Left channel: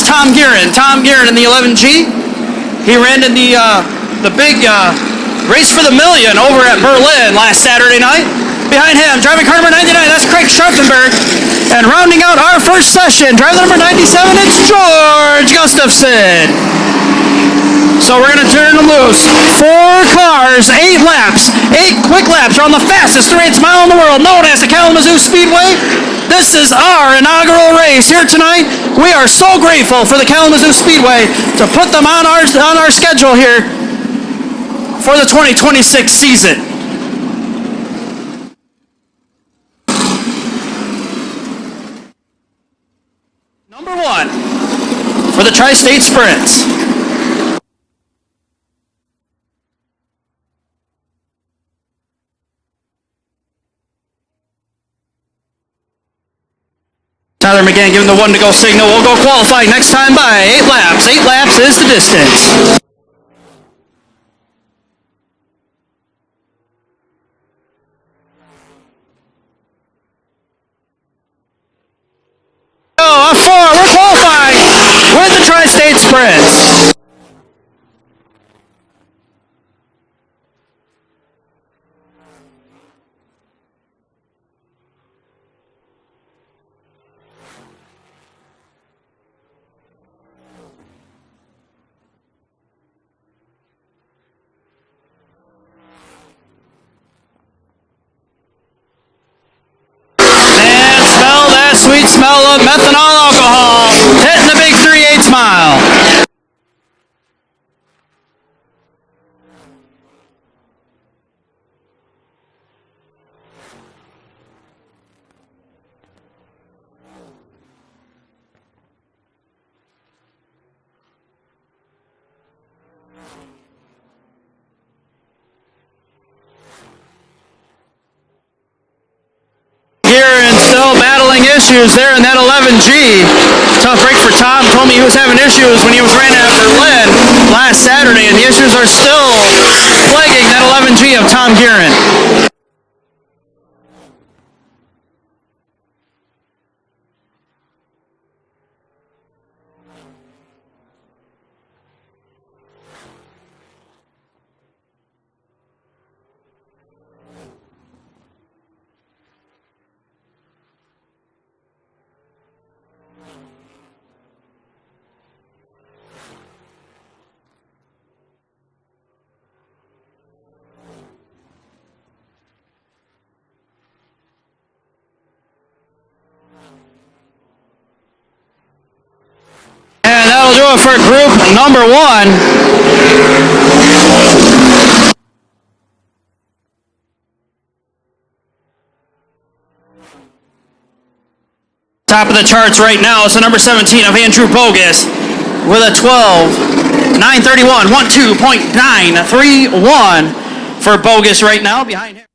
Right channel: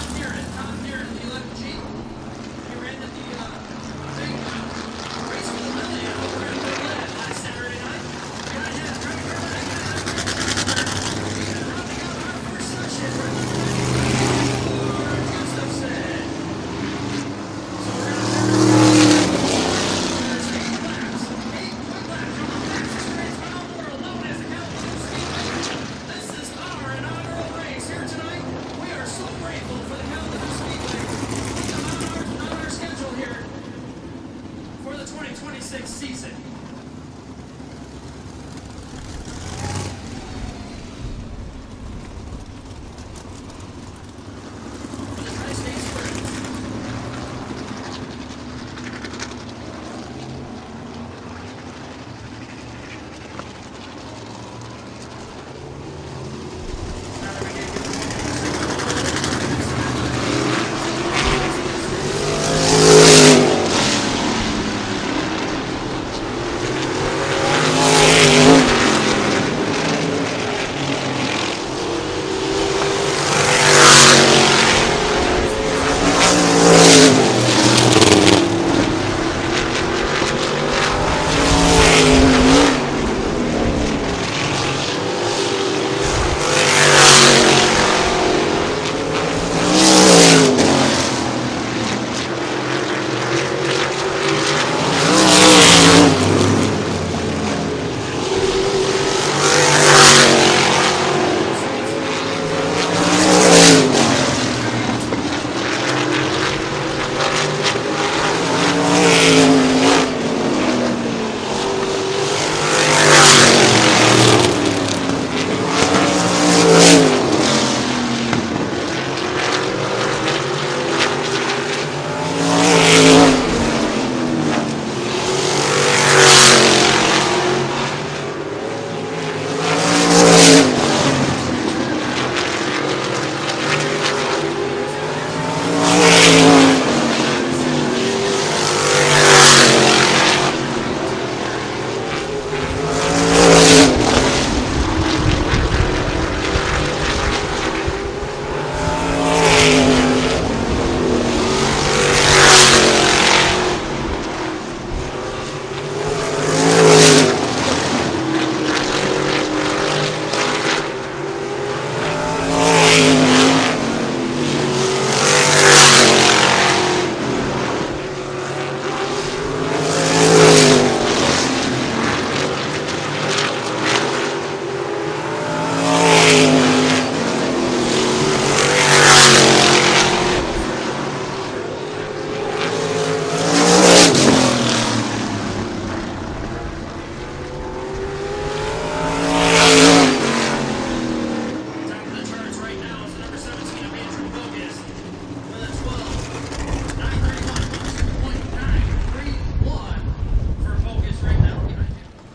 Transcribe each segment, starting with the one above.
that's Tom Guerin. Tom Guerin in the 11G. He ran in the big race for the million over at Berlin last Saturday night. Behind him, driving car number 99, that's Craig Scharfenberg. And rounding out our first session, driver number 97, it's George Gustafson. So we're going to turn them loose. 4 cars, 8 laps, 8 quick laps are on the fastest 3/8 mile in the world, known as the Kalamazoo Speedway. This is our inaugural race here tonight. We are so grateful for the Kalamazoo Speedway to put them on our schedule here for the 2026 season. Number 1 for the Tri-State Sprints. Tyler McGann giving the 1 to go signal. We'll go qualifying next time by 8 laps. 8 laps is the distance. Oh, F4, we're qualifying with the Tri-State Sprints. Smell of methanol alcohol hitting the big 3/8 mile. Issues there in that 11G. Tough break for Tom. Told me he was having issues when he was running at Berlin last Saturday, and the issues are still plaguing that 11G of Tom Guerin. Do it for group number 1. Top of the charts right now is the number 17 of Andrew Bogus with a 12.931, 12.931 for Bogus right now behind him.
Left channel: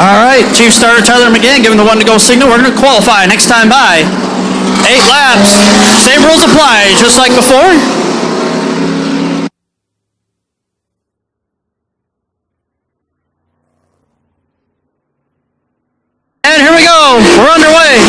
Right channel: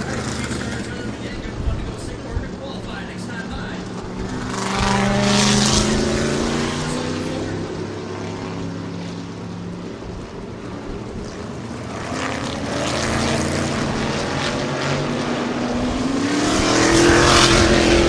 All right, Chief Starter Tyler McGann giving the 1 to go signal. We're going to qualify next time by 8 laps. Same rules apply, just like before. And here we go. We're underway.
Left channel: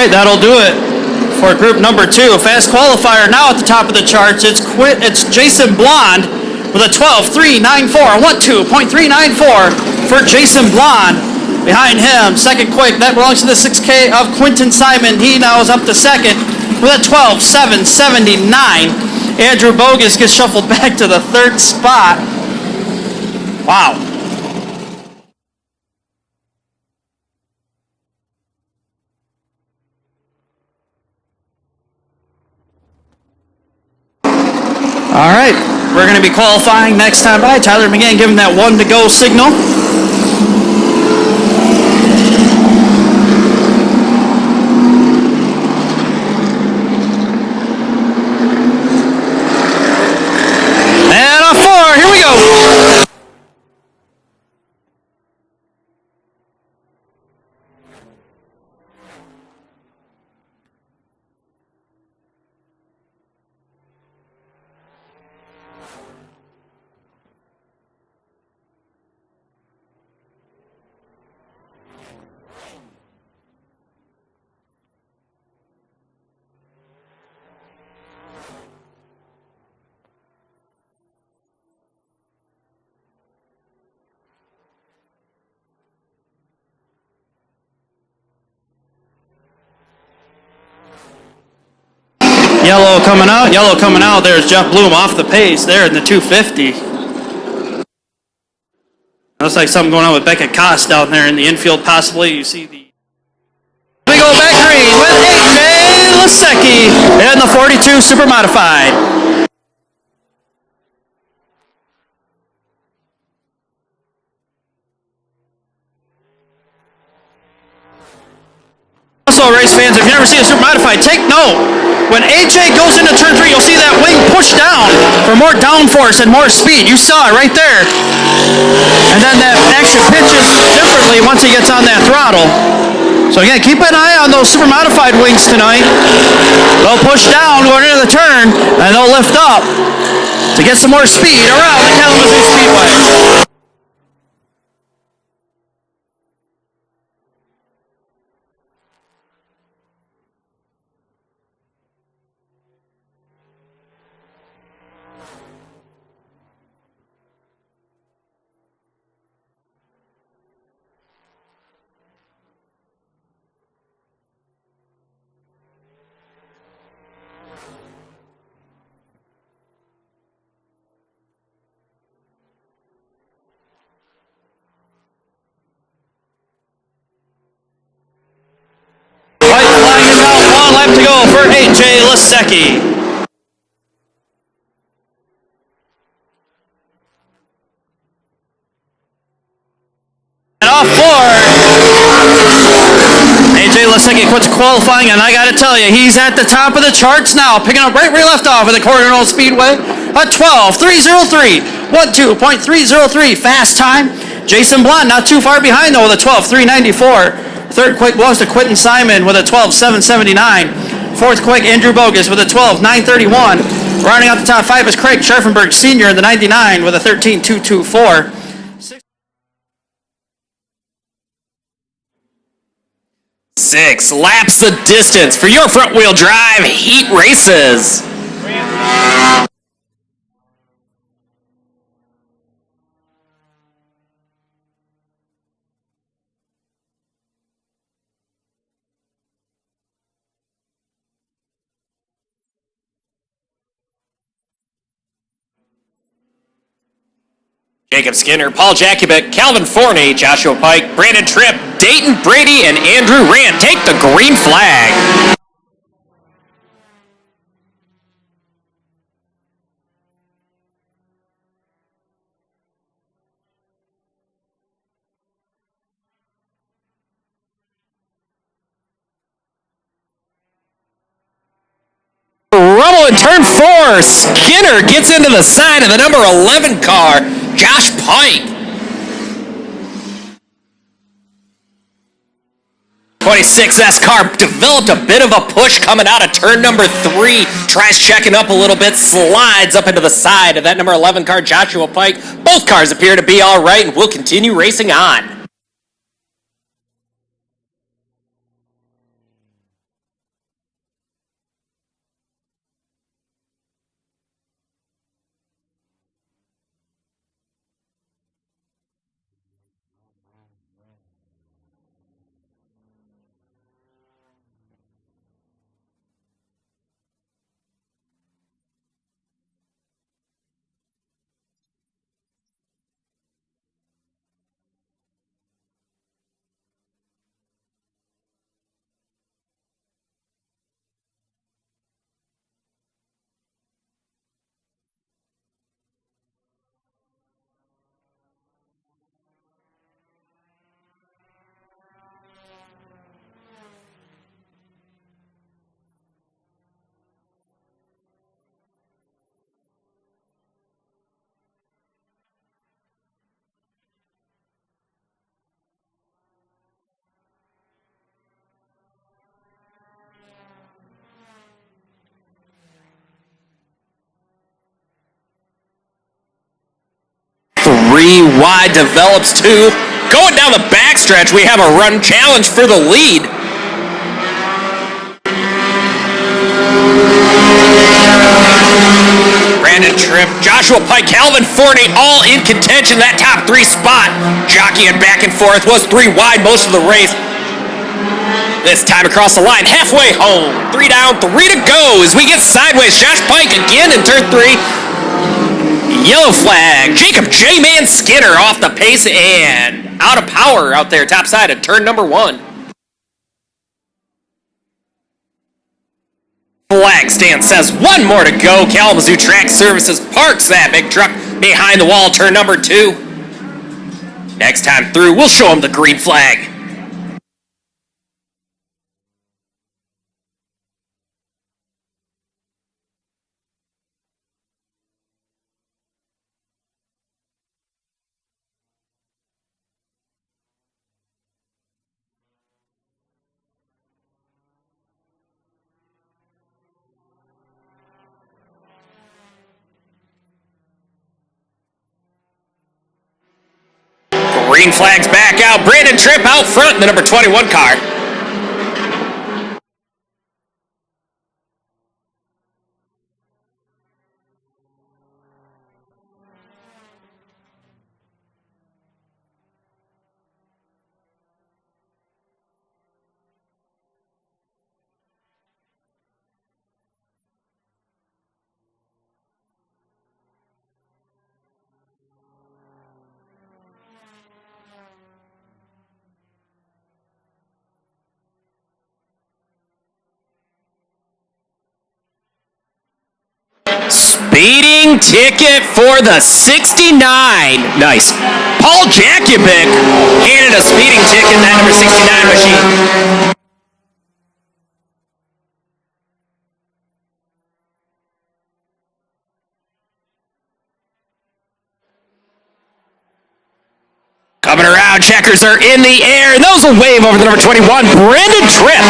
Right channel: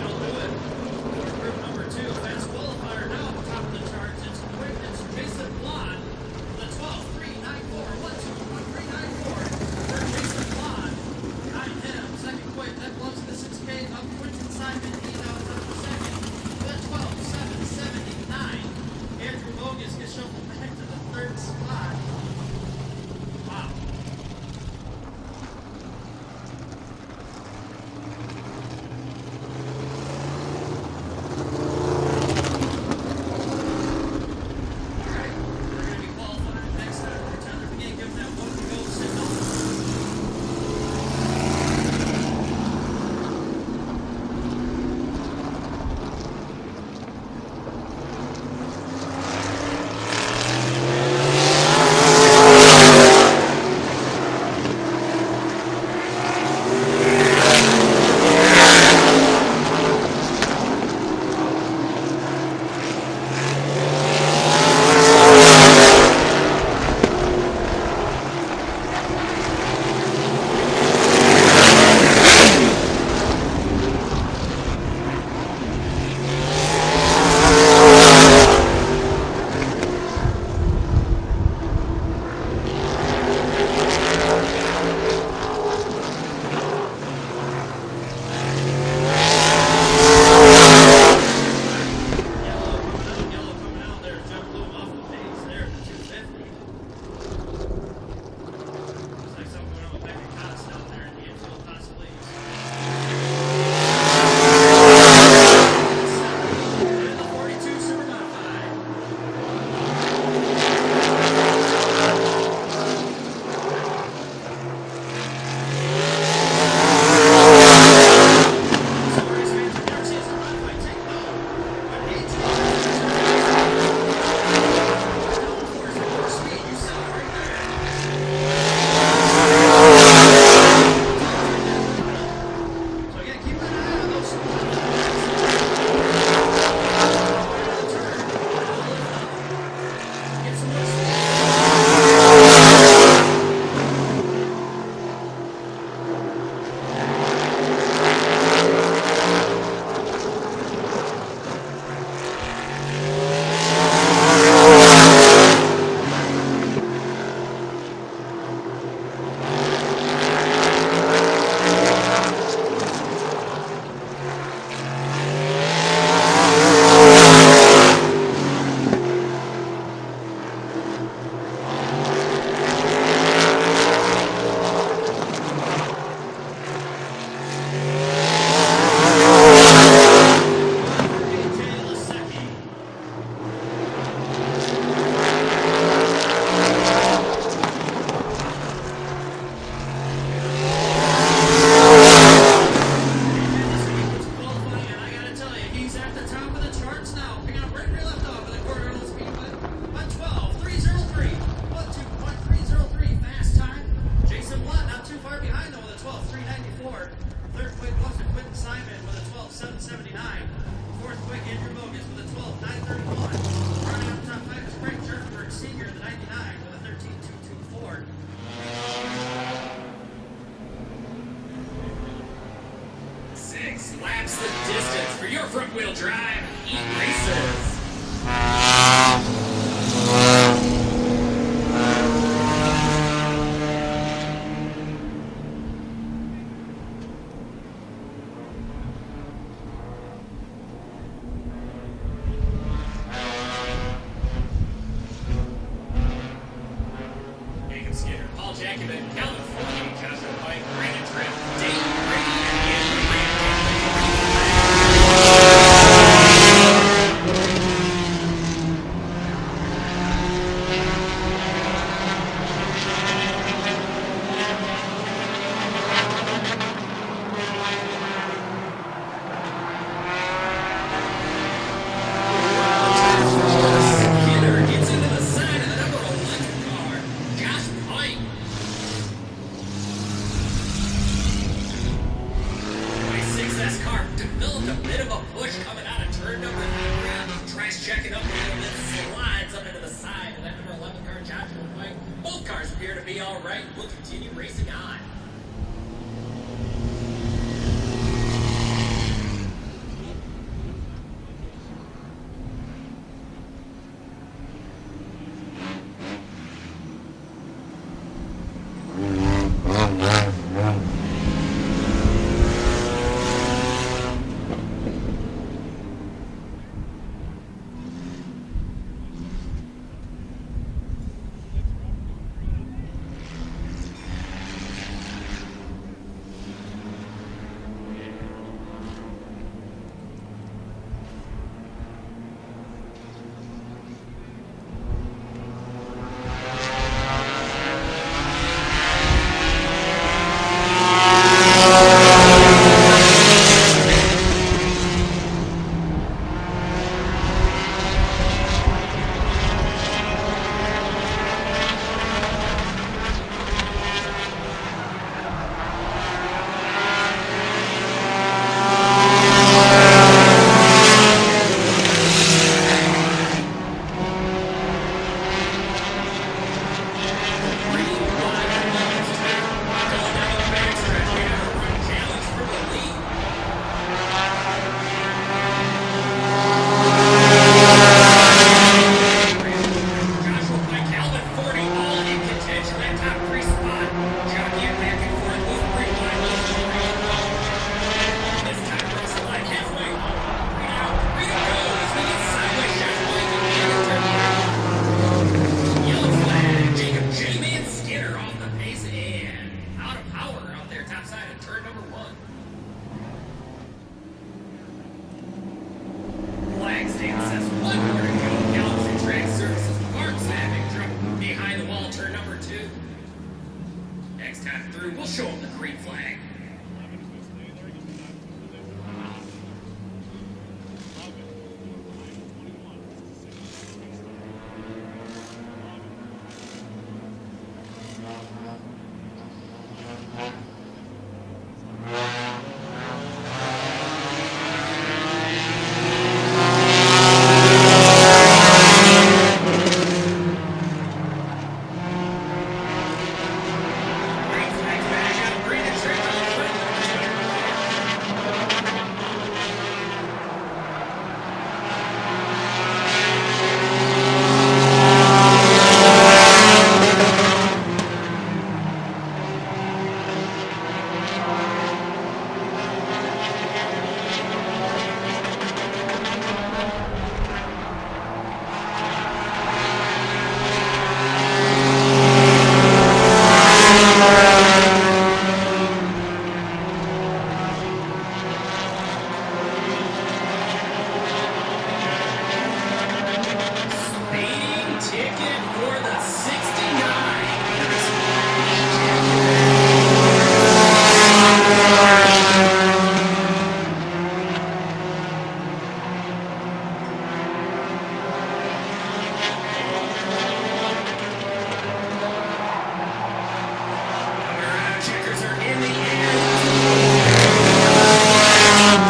right, that'll do it for group number 2. Fast qualifier now at the top of the charts. It's Jason Blonde with a 12.394. 12.394 for Jason Blonde. Behind him, second quick, that belongs to the 6K of Quentin Simon. He now is up to second with a 12.779. Andrew Bogus gets shuffled back to the third spot. Wow. All right, we're going to be qualifying next time by. Tyler McGann giving that 1 to go signal. And a 4, here we go. Yellow coming out. There's Jeff Bloom off the pace there in the 250. Looks like something going on with Beckett Koss down there in the infield possibly. You see big old back green with AJ Lasecki and the 42 Super Modified. Also, race fans, if you've never seen a Super Modified, take note. When AJ goes into turn 3, you'll see that wing push down for more downforce and more speed. You saw it right there. And then that action pitches differently once he gets on that throttle. So again, keep an eye on those Super Modified wings tonight. They'll push down going into the turn, and they'll lift up to get some more speed around the Kalamazoo Speedway. To go for AJ Lasecki. And off board. AJ Lasecki quits qualifying, and I got to tell you, he's at the top of the charts now, picking up right where he left off at the Coronado Speedway. A 12.303. 12.303 fast time. Jason Blonde not too far behind though with a 12.394. Third quick belongs to Quentin Simon with a 12.779. Fourth quick, Andrew Bogus with a 12.931. Rounding out the top 5 is Craig Scharfenberg Sr. in the 99 with a 13.224. 6 laps the distance for your front-wheel drive heat races. Jacob Skinner, Paul Jakubik, Calvin Forney, Joshua Pike, Brandon Tripp, Dayton Brady, and Andrew Rand take the green flag. Rubble in turn 4. Skinner gets into the side of the number 11 car, Josh Pike. 26S car developed a bit of a push coming out of turn number 3. Tries checking up a little bit, slides up into the side of that number 11 car, Joshua Pike. Both cars appear to be all right and will continue racing on. wide, develops 2. Going down the backstretch, we have a run challenge for the lead. Brandon Tripp, Joshua Pike, Calvin Forney, all in contention. That top 3 spot, jockeying back and forth, was 3 wide most of the race. This time across the line, halfway home. 3 down, 3 to go as we get sideways. Josh Pike again in turn 3. Yellow flag. Jacob J-Man Skinner off the pace and out of power out there top side of turn number 1. Flag stand says 1 more to go. Kalamazoo Track Services parks that big truck behind the wall, turn number 2. Next time through, we'll show them the green flag. Green flag's back out. Brandon Tripp out front in the number 21 car. Speeding ticket for the 69. Nice. Paul Jakubic handed a speeding ticket, that number 69 machine. Coming around, checkers are in the air, and those will wave over the number 21, Brandon Tripp.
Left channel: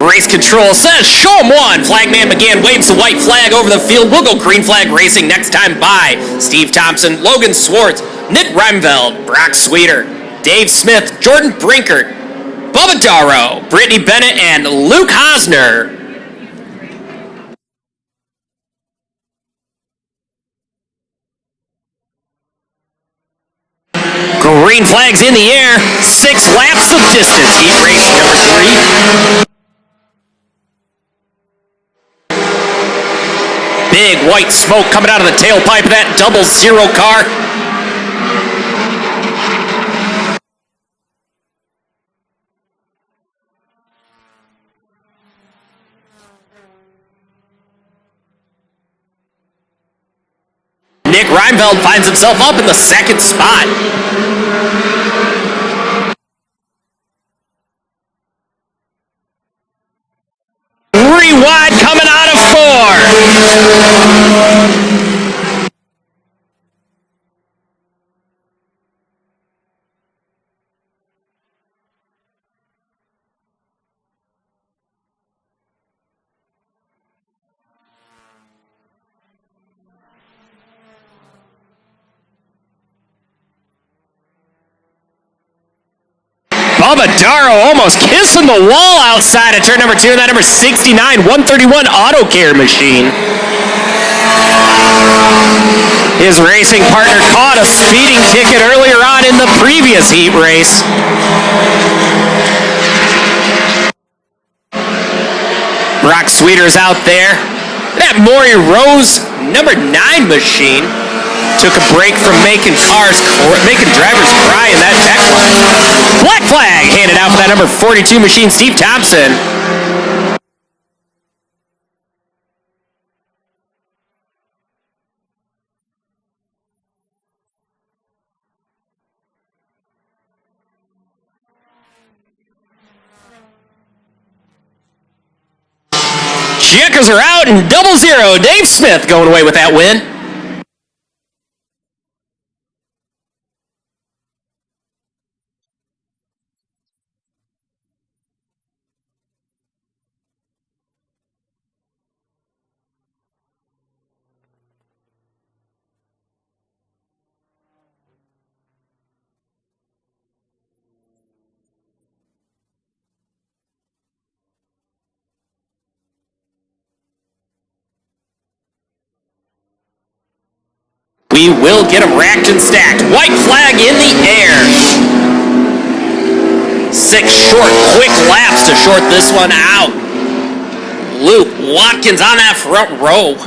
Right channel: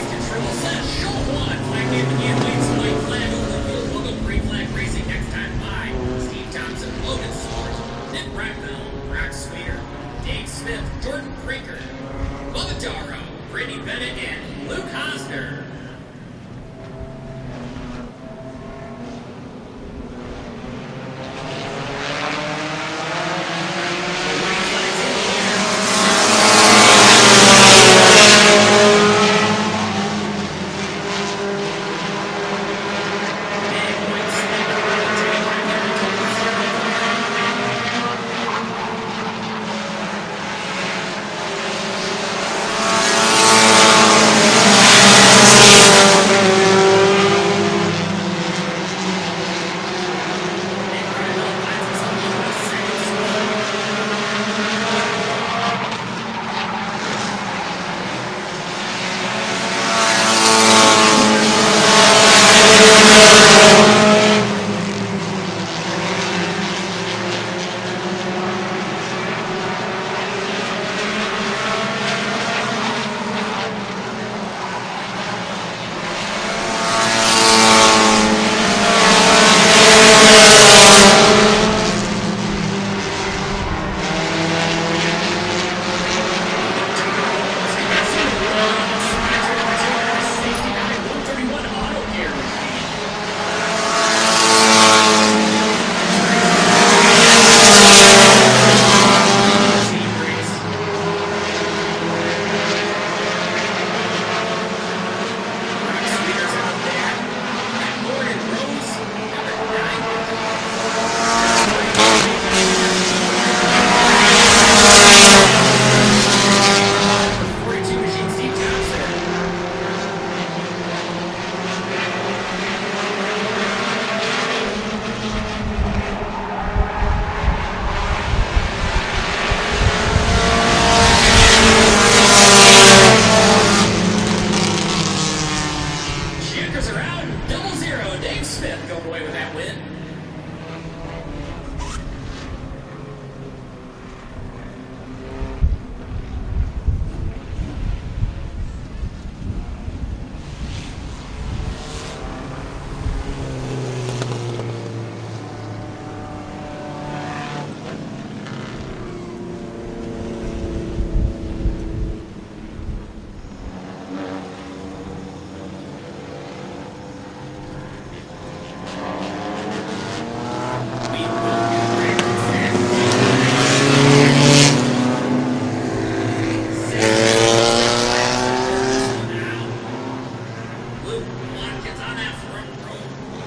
Race control says, show him 1. Flagman McGann waves the white flag over the field. We'll go green flag racing next time by Steve Thompson, Logan Swartz, Nick Reimveld, Brock Sweeter, Dave Smith, Jordan Brinkert, Bubba Darrow, Brittany Bennett, and Luke Hosner. Green flags in the air. 6 laps of distance. Heat race number 3. Big white smoke coming out of the tailpipe of that 00 car. Nick Reimveld finds himself up in the 2nd spot. Wide coming out of 4. Bubba Darrow almost kissing the wall outside of turn number 2, that number 69, 131 Auto Care machine. His racing partner caught a speeding ticket earlier on in the previous heat race. Brock Sweeter's out there. That Maury Rose number 9 machine. took a break from making drivers cry in that tackle. Black flag handed out for that number 42 machine, Steve Thompson. Checkers are out and 0-0. Dave Smith going away with that win. We will get them racked and stacked. White flag in the air. 6 short, quick laps to short this one out. Luke Watkins on that front row.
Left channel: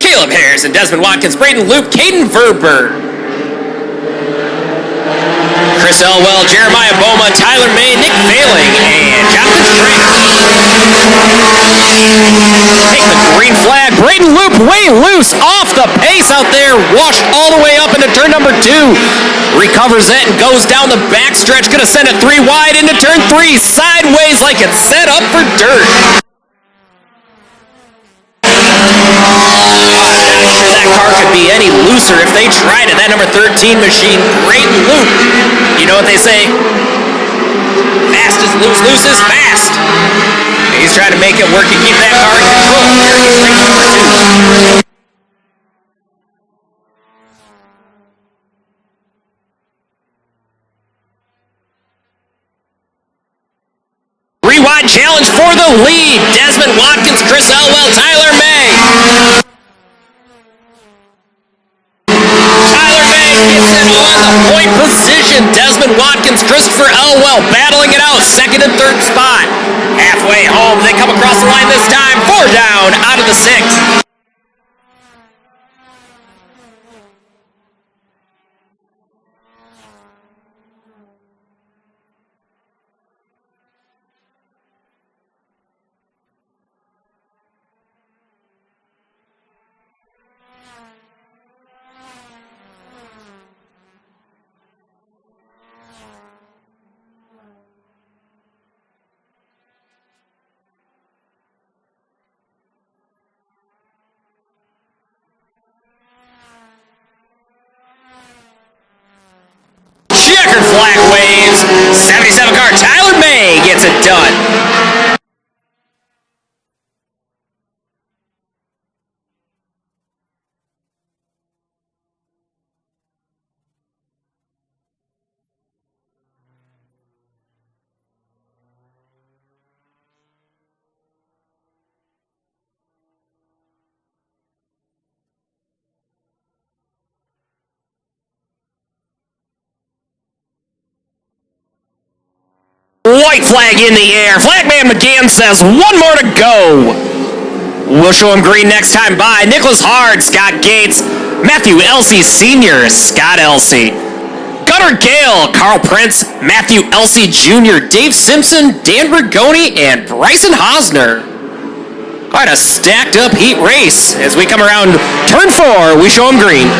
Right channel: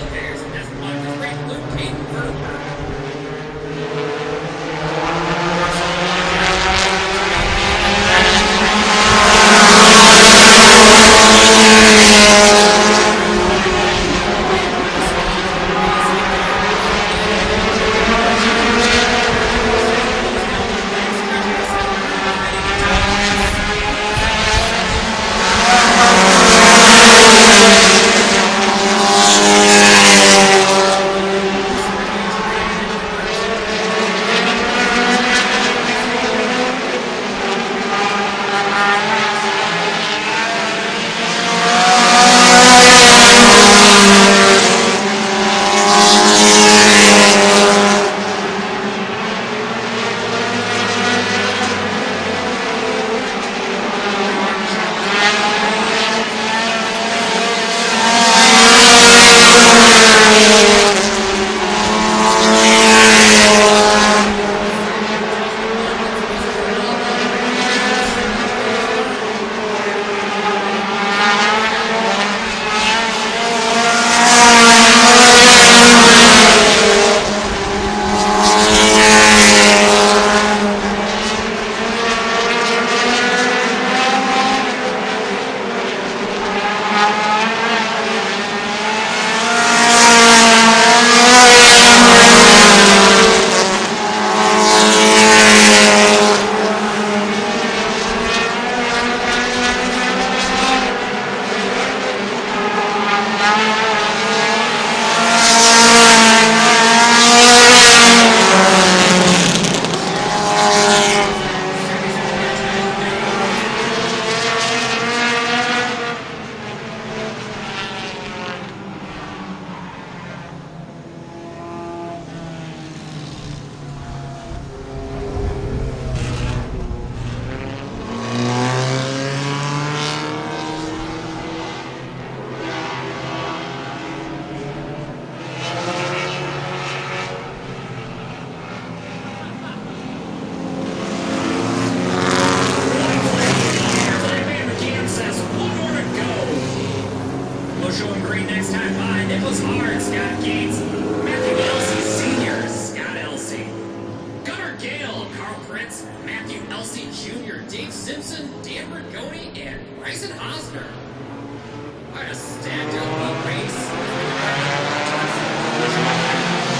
Caleb Harris and Desmond Watkins, Braden Luke, Caden Verber. Chris Elwell, Jeremiah Boma, Tyler May, Nick Failing, and Jonathan Take the green flag. Braden Luke way loose off the pace out there. Washed all the way up into turn number 2. Recovers it and goes down the backstretch. Gonna send it 3 wide into turn 3. Sideways like it's set up for dirt. That car could be any looser if they tried it. That number 13 machine, Braden Luke. You know what they say? Fast is loose, loose is fast. He's trying to make it work and keep that car in control. Rewind challenge for the lead. Desmond Watkins, Chris Elwell, Tyler May. Tyler May gets it on the point position. Desmond Watkins, Christopher Elwell battling it out. 2nd and 3rd spot. Halfway home, they come across the line this time. 4 down out of the 6. White flag in the air. Flagman McGann says 1 more to go. We'll show him green next time by. Nicholas Hard, Scott Gates, Matthew Elsey Sr., Scott Elsey. Gunnar Gale, Carl Prince, Matthew Elsey Jr., Dave Simpson, Dan Rigoni, and Bryson Hosner. Quite a stacked up heat race. As we come around turn 4, we show him green.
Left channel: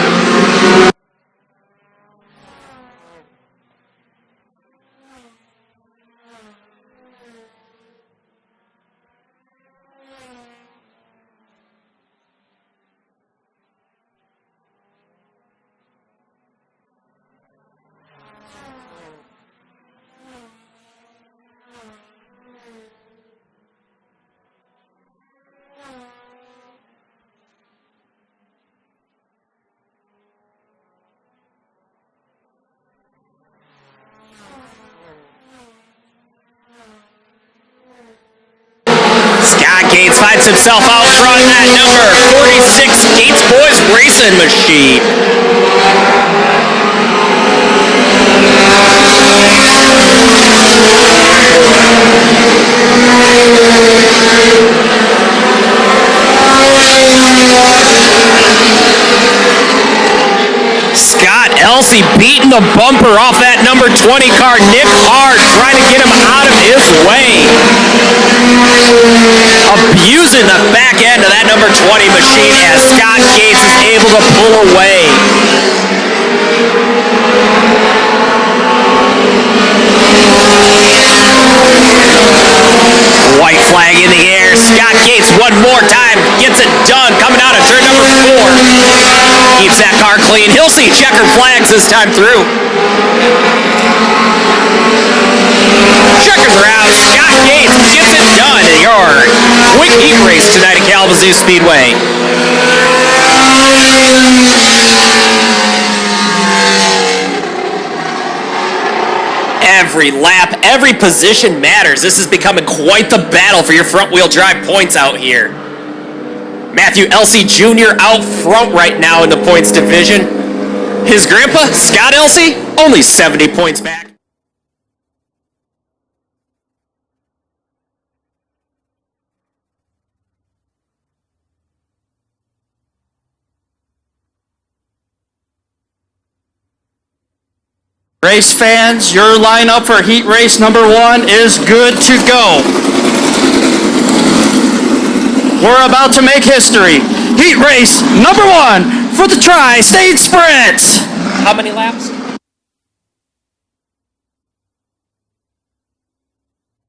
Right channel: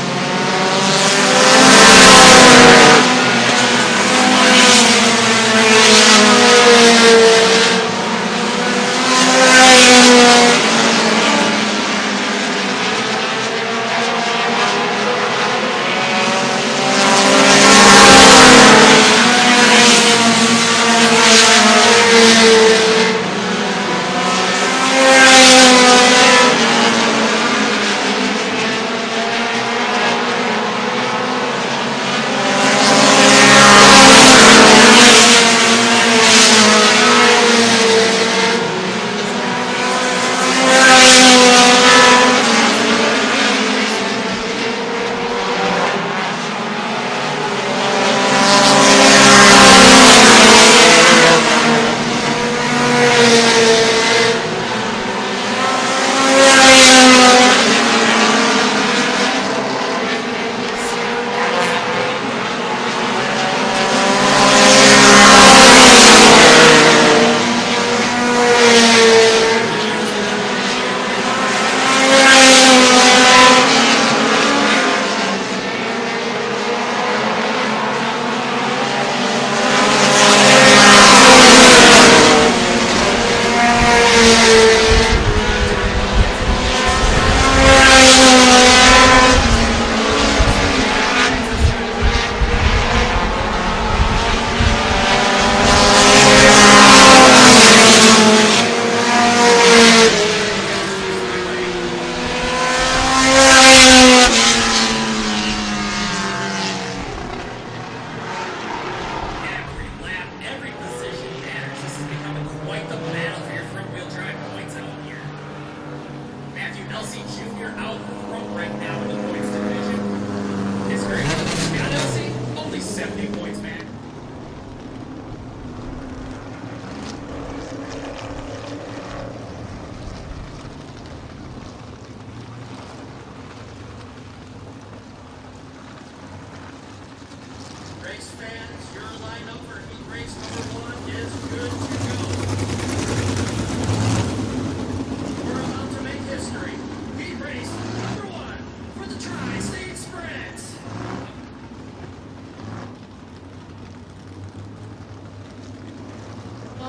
Himself out front, that number 46 Gates Boys Racing Machine. Elsey beating the bumper off that number 20 car. Nick Hart trying to get him out of his way. Abusing the back end of that number 20 machine as Scott Gates is able to pull away. White flag in the air. Scott Gates one more time gets it done coming out of turn number 4. Keeps that car clean. He'll see checkered flags this time through. Checkered route. Scott Gates gets it done in your quick heat race tonight at Kalamazoo Speedway. Every lap, every position matters. This is becoming quite the battle for your front-wheel drive points out here. Matthew Elsey Jr. out front right now in the points division. His grandpa, Scott Elsey, only 70 points back. Race fans, your lineup for heat race number 1 is good to go. We're about to make history. Heat race number 1 for the Tri-State Sprint. How many laps?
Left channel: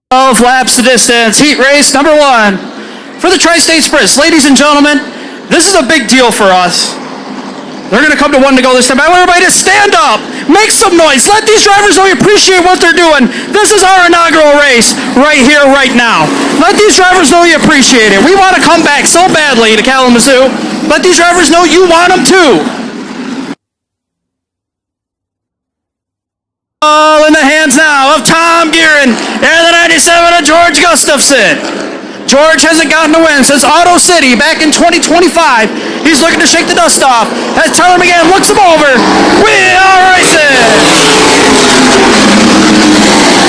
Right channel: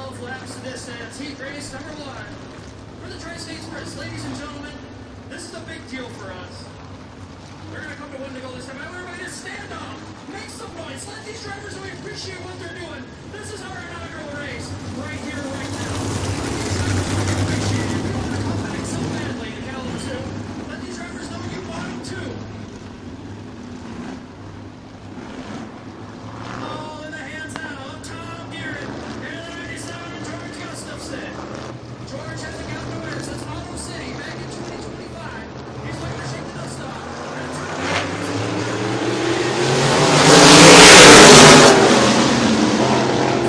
12 laps the distance. Heat race number 1 for the Tri-State Sprint. Ladies and gentlemen, this is a big deal for us. They're going to come to 1 to go this time. I want everybody to stand up. Make some noise. Let these drivers know you appreciate what they're doing. This is our inaugural race right here, right now. Let these drivers know you appreciate it. We want to come back so badly to Kalamazoo. Let these drivers know you want them too. All in the hands now of Tom Gearin and the 97 of George Gustafson. George hasn't gotten a win since Auto City back in 2025. He's looking to shake the dust off. As Tyler McGann looks him over. We are racing!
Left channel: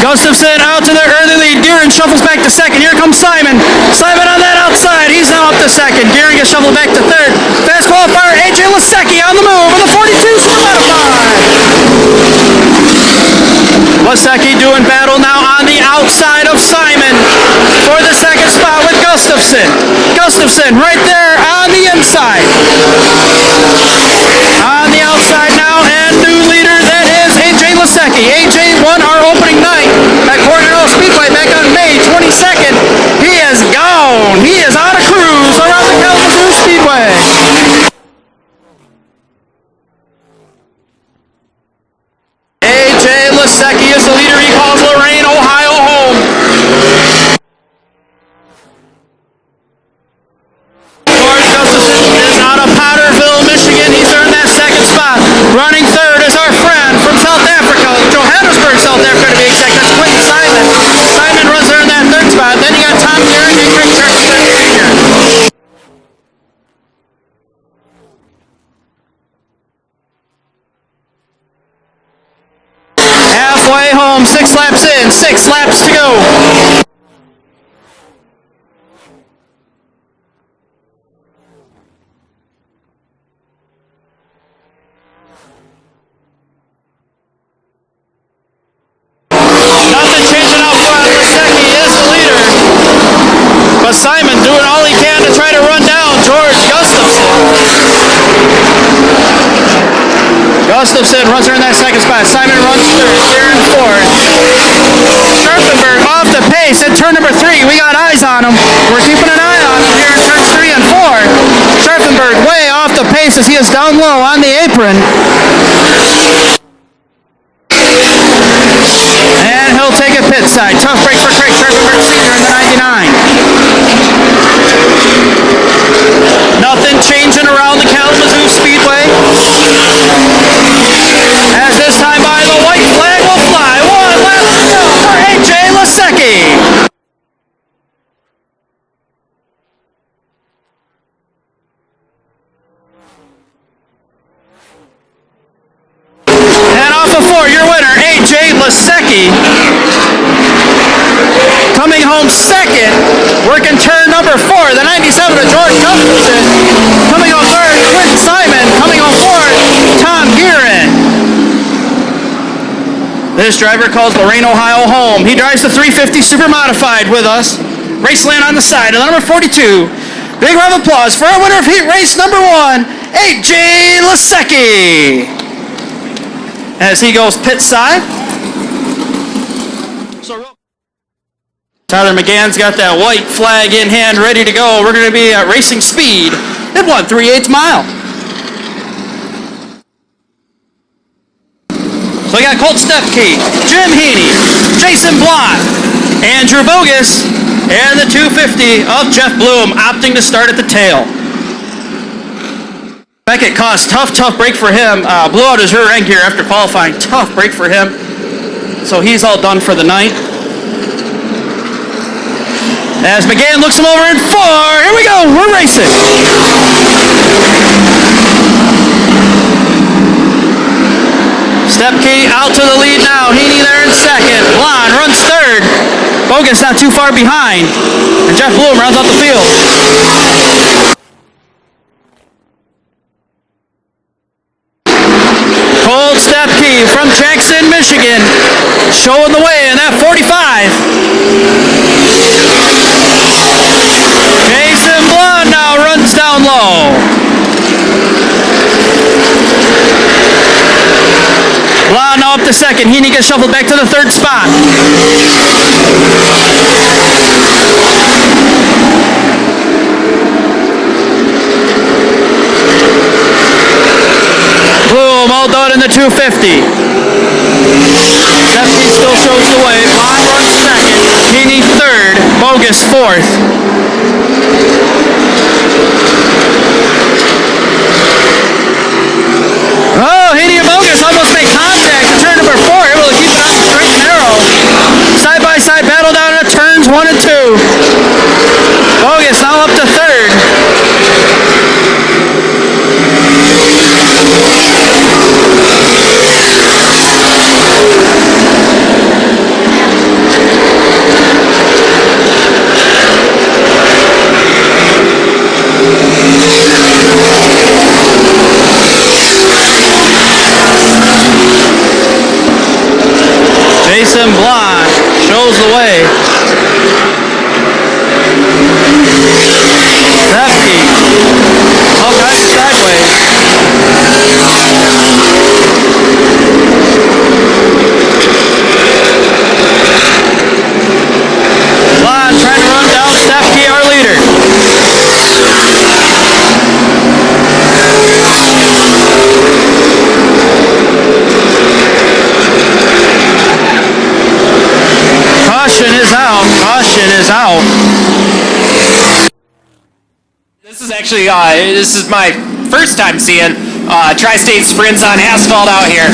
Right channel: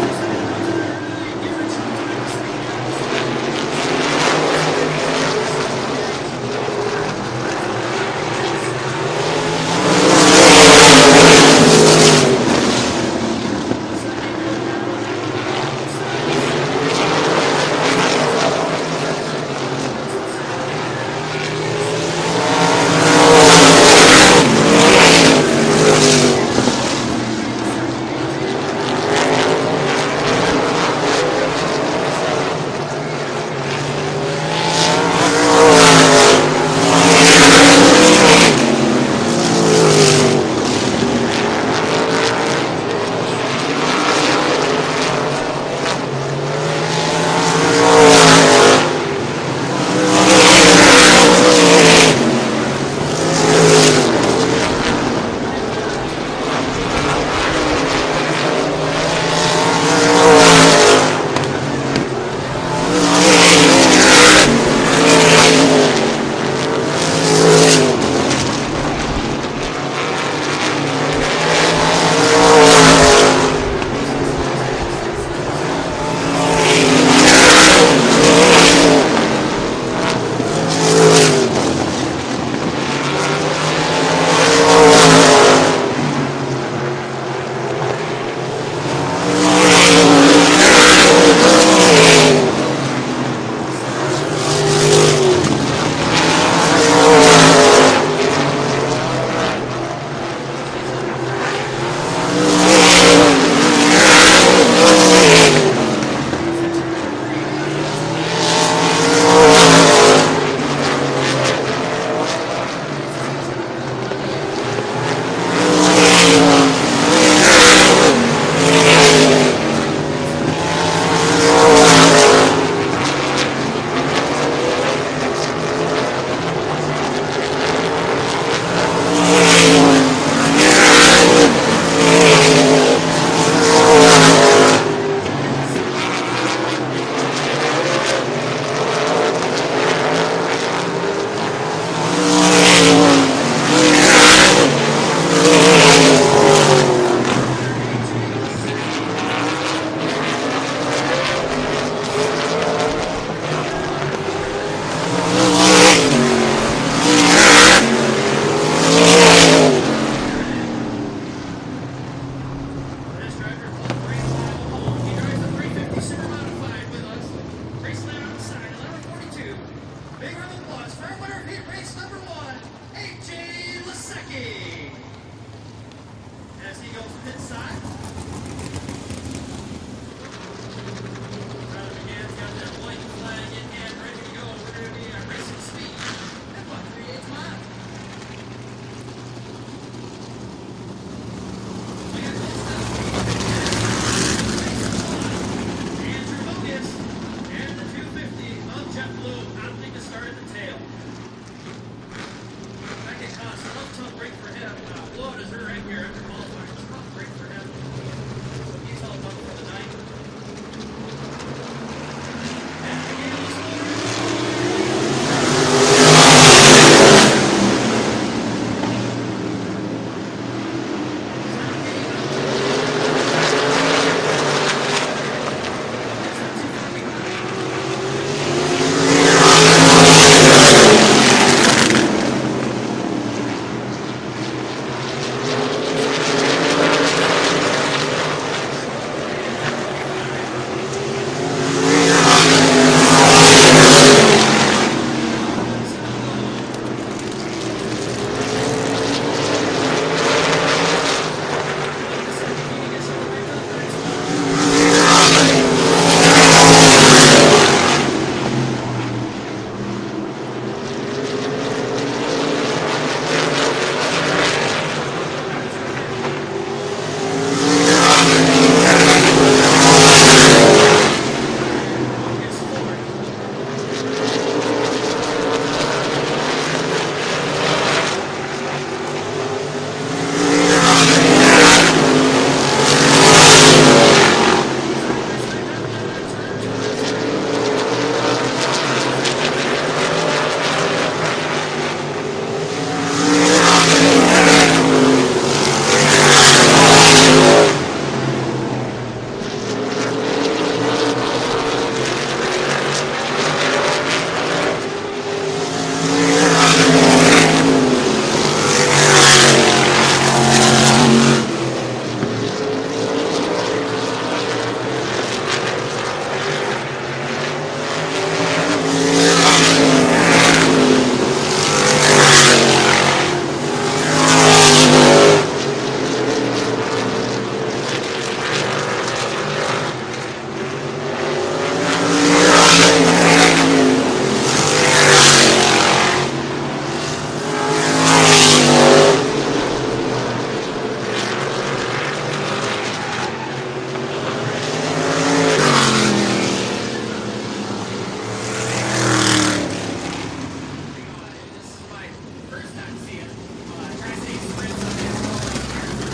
Gustafson out to the early lead. Gearin shuffles back to second. Here comes Simon. Simon on that outside. He's now up to second. Gearin gets shuffled back to third. Fast qualifier AJ Lasecki on the move with a 42 Lasecki doing battle now on the outside of Simon for the second spot with Gustafson. Gustafson right there on the inside. On the outside now, and new leader, that is AJ Lasecki. AJ won our opening night at Kalamazoo Speedway back on May 22nd. He is gone. He is on a cruise around the Kalamazoo Speedway. AJ Lasecki is the leader. He calls Lorain, Ohio home. George Gustafson is out of Potterville, Michigan. He's earned that second spot. Running third is our friend from South Africa, Johannesburg, South Africa to be exact. That's Quentin Simon. Simon runs there in that third spot. Then you got Tom Gearin and Rick Jefferson Jr. Halfway home, 6 laps in, 6 laps to go. Nothing changing up front. Lasecki is the leader. But Simon doing all he can to try to run down George Gustafson. Gustafson runs her in that second spot. Simon runs third, Gearin fourth. Scharfenberg off the pace at turn number 3. We got eyes on him. We're keeping an eye on him here in turns 3 and 4. Scharfenberg way off the pace as he is down low on the apron. And he'll take a pit side. Tough break for Craig Scharfenberg Sr. in the 99. Nothing changing around the Kalamazoo Speedway. As this time by the white flag will fly. 1 lap to go for AJ Lasecki. And off of 4, your winner, AJ Lasecki. Coming home second, working turn number 4, the 97 of George Gustafson. Coming on third, Quentin Simon. Coming on fourth, Tom Gearin. This driver calls Lorain, Ohio home. He drives the 350 Super Modified with us. Raceland on the side of the number 42. Big round of applause for our winner of heat race number 1, AJ Lasecki. As he goes pit side. Tyler McGann's got that white flag in hand ready to go. We're going to be at racing speed at 1/3/8 mile. So we got Colt Stepke, Jim Heaney, Jason Blott, Andrew Bogus, and the 250 of Jeff Bloom opting to start at the tail. Beckett Koss, tough break for him. Blew out his rear end gear after qualifying. Tough break for him. So he's all done for the night. As McGann looks him over in 4. Here we go. We're racing. Stepke out to the lead now. Heaney there in second. Blonde runs third. Bogus not too far behind. And Jeff Bloom rounds out the field. Colt Stepke from Jackson, Michigan, showing the way in that 45. Jason Blonde now runs down low. Blonde now up to second. Heaney gets shuffled back to the third spot. Bloom all done in the 250. Stepke still shows the way. Blonde runs second. Heaney third. Bogus fourth. Oh, Heaney and Bogus almost make contact in turn number 4. Able to keep it on the straight and narrow. Side-by-side battle down at turns 1 and 2. Bogus now up to third. Jason Blonde shows the way. Stepke all kinds of sideways. Blonde trying to run down Stepke, our leader. Caution is out. Caution is out. This is actually, this is my first time seeing Tri-State sprints on asphalt out here.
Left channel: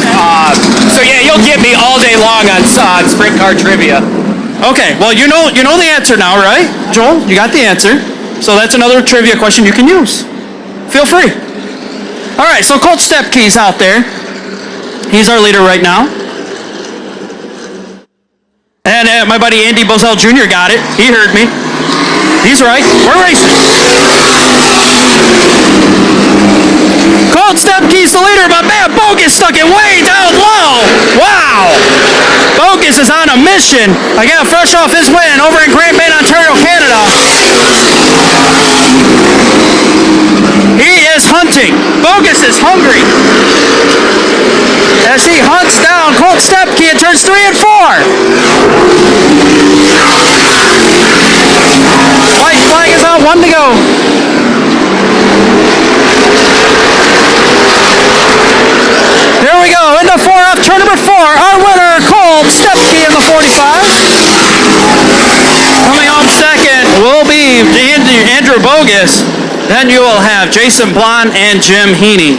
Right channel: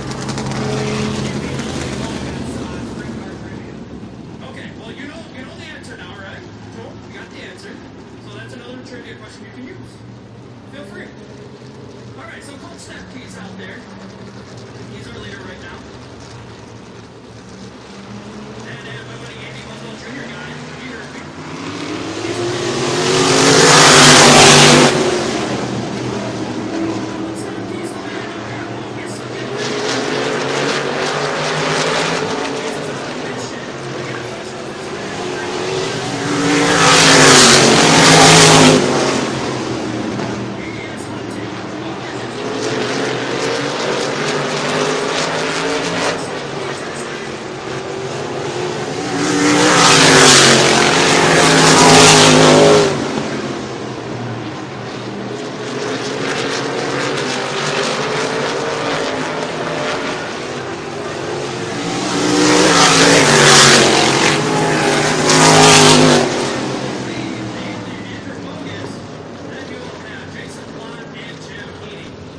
So yeah, you'll get me all day long on sprint car trivia. Okay, well, you know the answer now, right? Joel, you got the answer. So that's another trivia question you can use. Feel free. All right, so Colt Stepke's out there. He's our leader right now. And my buddy Andy Bozell Jr. got it. He heard me. He's right. We're racing. Colt Stepke's the leader, but man, Bogus stuck it way down low. Wow. Bogus is on a mission. I got fresh off his win over in Grand Bay, Ontario, Canada. He is hunting. Bogus is hungry. As he hunts down Colt Stepke in turns 3 and 4. White flag is out, 1 to go. Here we go, into 4 off turn number 4. Our winner, Colt Stepke in the 45. Coming home second will be Andrew Bogus. Then you will have Jason Blonde and Jim Heaney.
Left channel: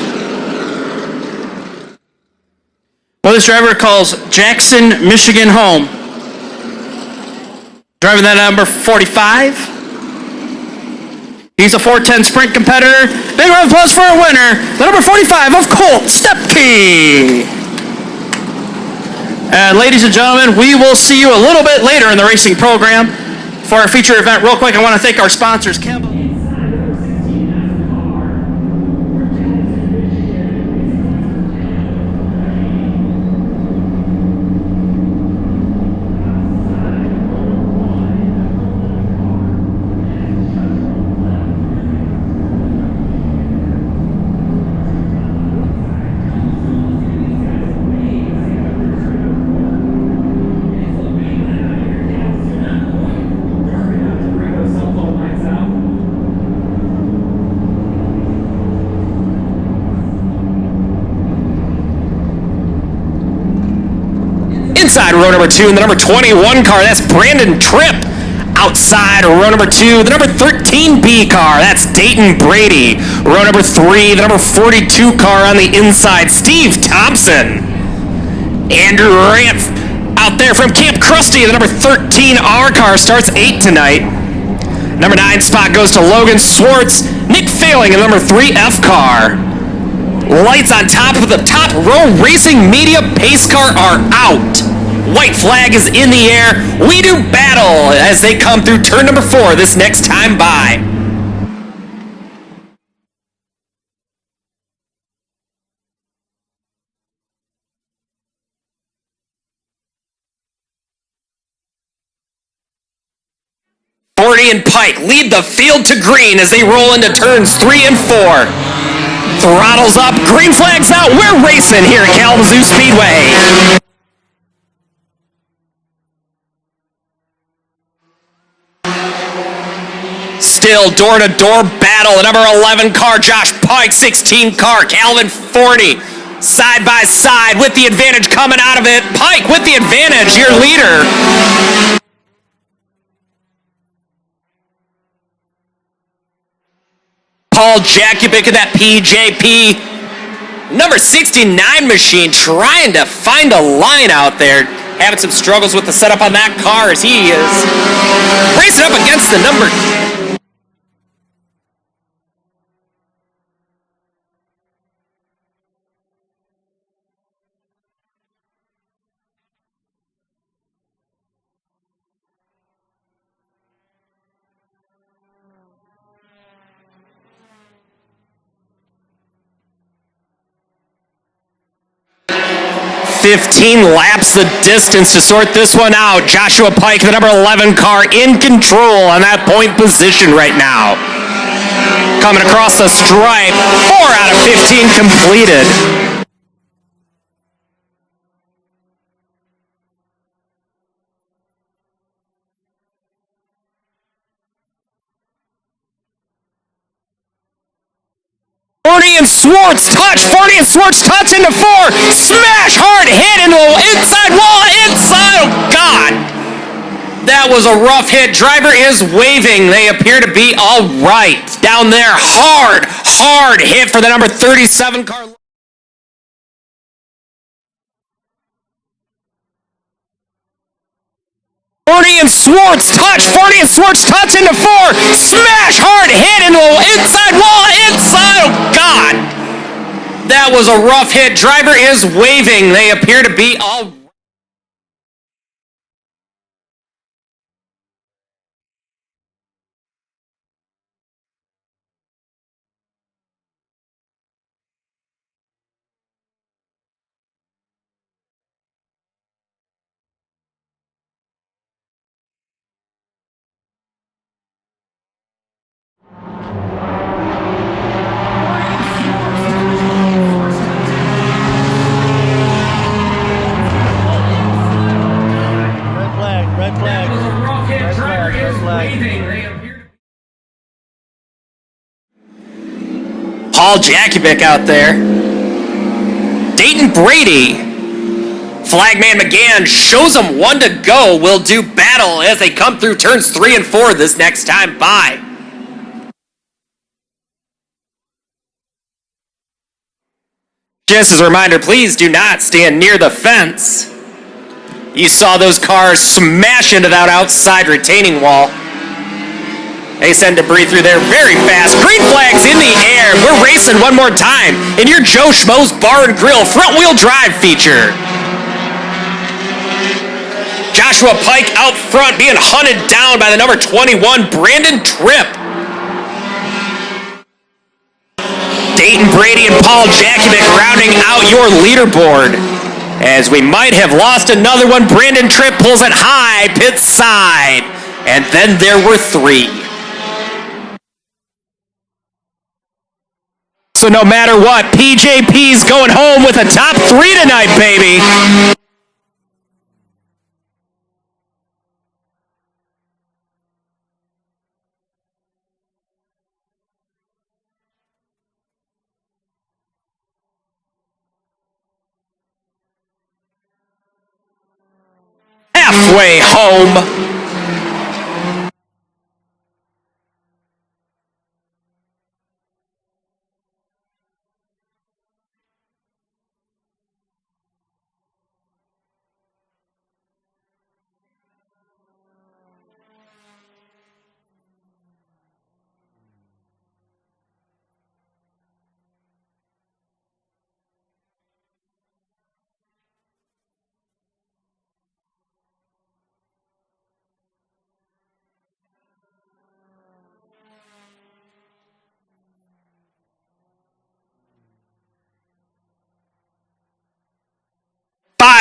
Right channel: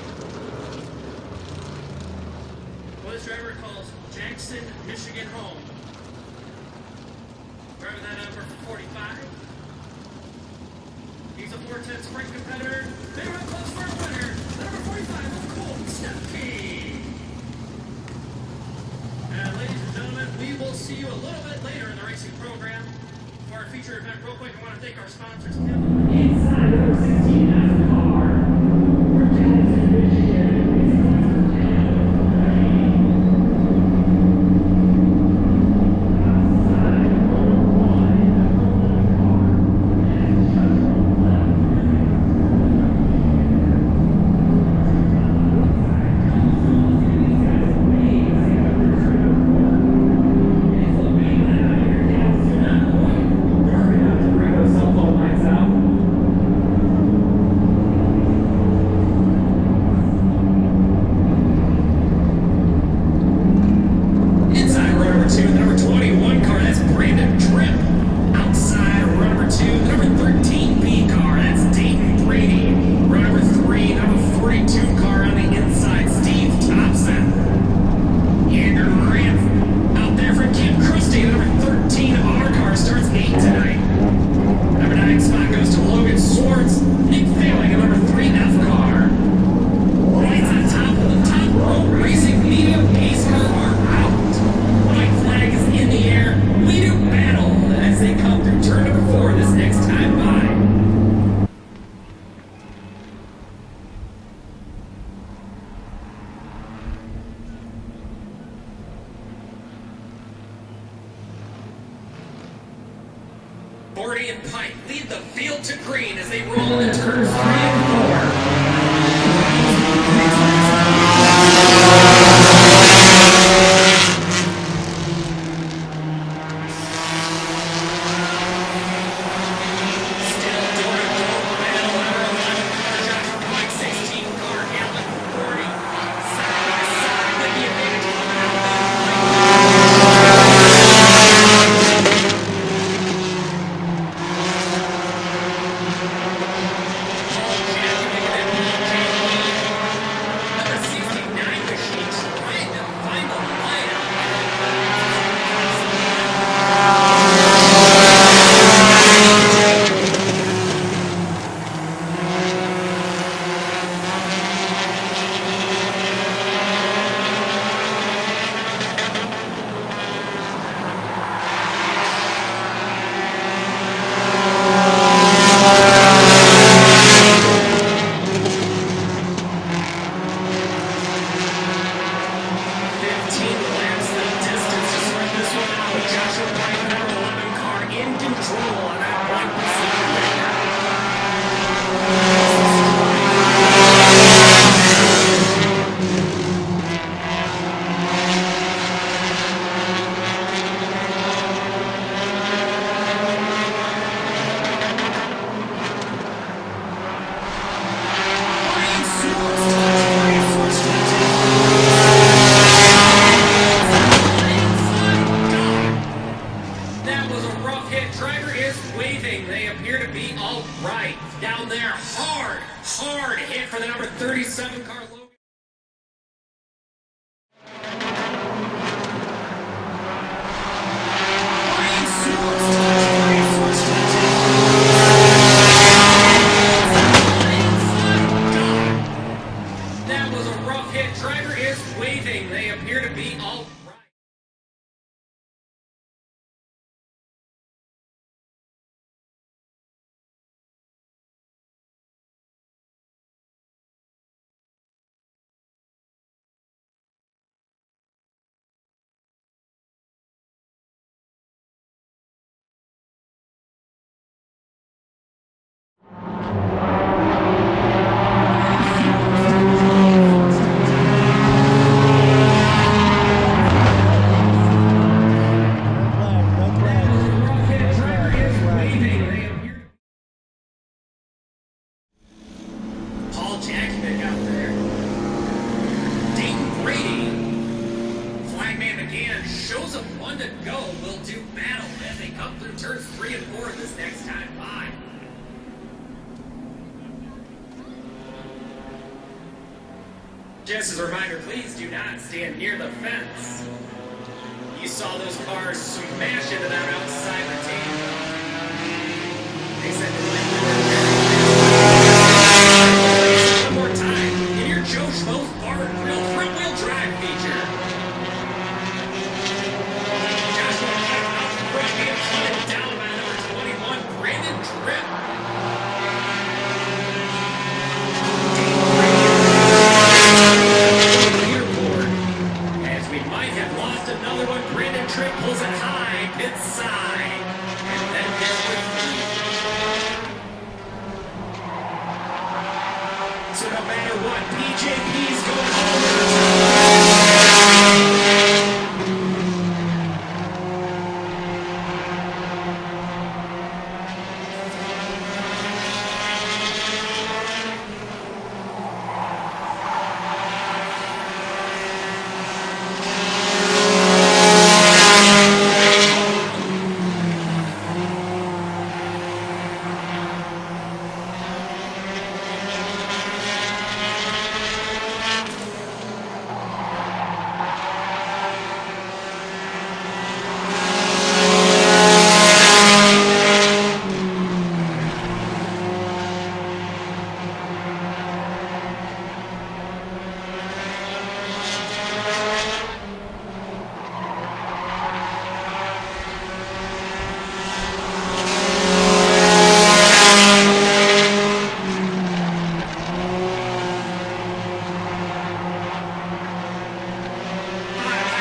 Well, this driver calls Jackson, Michigan home. Driving that number 45. He's a 410 sprint competitor. Big round of applause for our winner, the number 45 of Colt Stepke. And ladies and gentlemen, we will see you a little bit later in the racing program for our feature event. Real quick, I want to thank our sponsors, Inside row number 2, the number 21 car, that's Brandon Tripp. Outside row number 2, the number 13B car, that's Dayton Brady. Row number 3, the number 42 car on the inside, Steve Thompson. Andrew Ranf out there from Camp Krusty, the number 13R car starts 8 tonight. Number 9 spot goes to Logan Swartz. Nick Failing in the number 3F car. Lights on top of the top row racing media pace car are out. White flag is in the air. We do battle as they come through turn number 4 this next time by. Forty and Pike lead the field to green as they roll into turns 3 and 4. Throttles up, green flags out. We're racing here at Kalamazoo Speedway. Still door-to-door battle. The number 11 car, Josh Pike, 16 car, Calvin Forney. Side by side with the advantage coming out of it. Pike with the advantage, your leader. Paul Jakubic of that PJP. Number 69 machine trying to find a line out there. Having some struggles with the setup on that car as he is racing up against the number. 15 laps the distance to sort this one out. Joshua Pike, the number 11 car, in control on that point position right now. Coming across the stripe, 4 out of 15 completed. Forney and Swartz touch. Forney and Swartz touch into 4. Smash hard hit into the inside wall. Inside. Oh, God. That was a rough hit. Driver is waving. They appear to be all right. Down there. Hard hit for the number 37 car. Forney and Swartz touch. Forney and Swartz touch into 4. Smash hard hit into the inside wall. Inside. Oh, God. That was a rough hit. Driver is waving. They appear to be all right. Paul Jakubic out there. Dayton Brady. Flagman McGann shows them 1 to go. Will do battle as they come through turns 3 and 4 this next time by. Just as a reminder, please do not stand near the fence. You saw those cars smash into that outside retaining wall. They send debris through there very fast. Green flags in the air. We're racing one more time in your Joe Schmo's Bar and Grill front-wheel drive feature. Joshua Pike out front being hunted down by the number 21, Brandon Tripp. Dayton Brady and Paul Jakubic rounding out your leaderboard. As we might have lost another one, Brandon Tripp pulls it high, pit side. And then there were 3. So no matter what, PJP's going home with a top 3 tonight, baby. halfway home.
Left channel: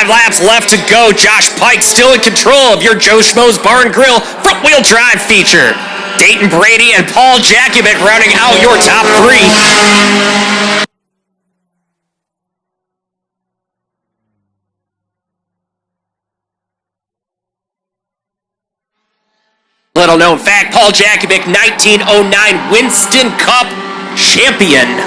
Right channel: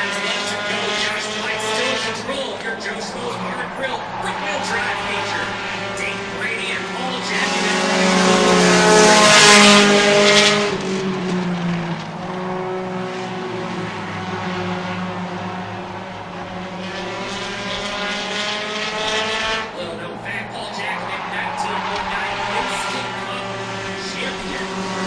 Laps left to go. Josh Pike still in control of your Joe Schmo's Bar and Grill front-wheel drive feature. Dayton Brady and Paul Jakubic rounding out your top three. Little known fact, Paul Jakubic, 1909 Winston Cup champion.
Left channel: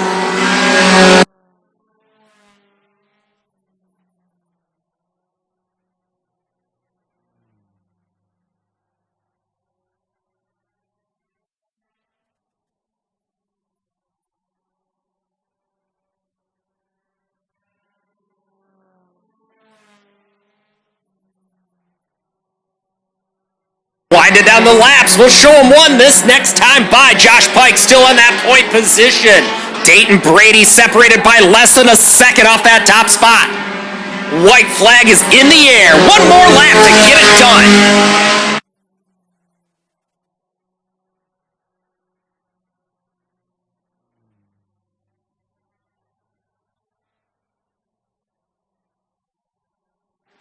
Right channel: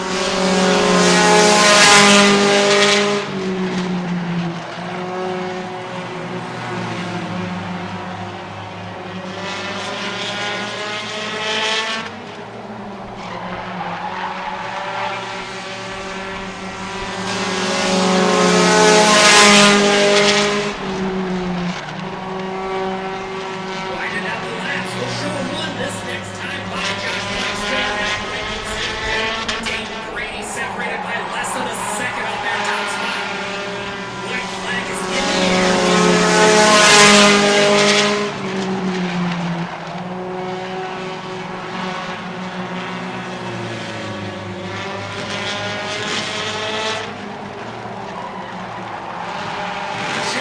Winding down the laps, we'll show him one this next time by. Josh Pike still in that point position. Dayton Brady separated by less than a second off that top spot. White flag is in the air. One more lap to get it done.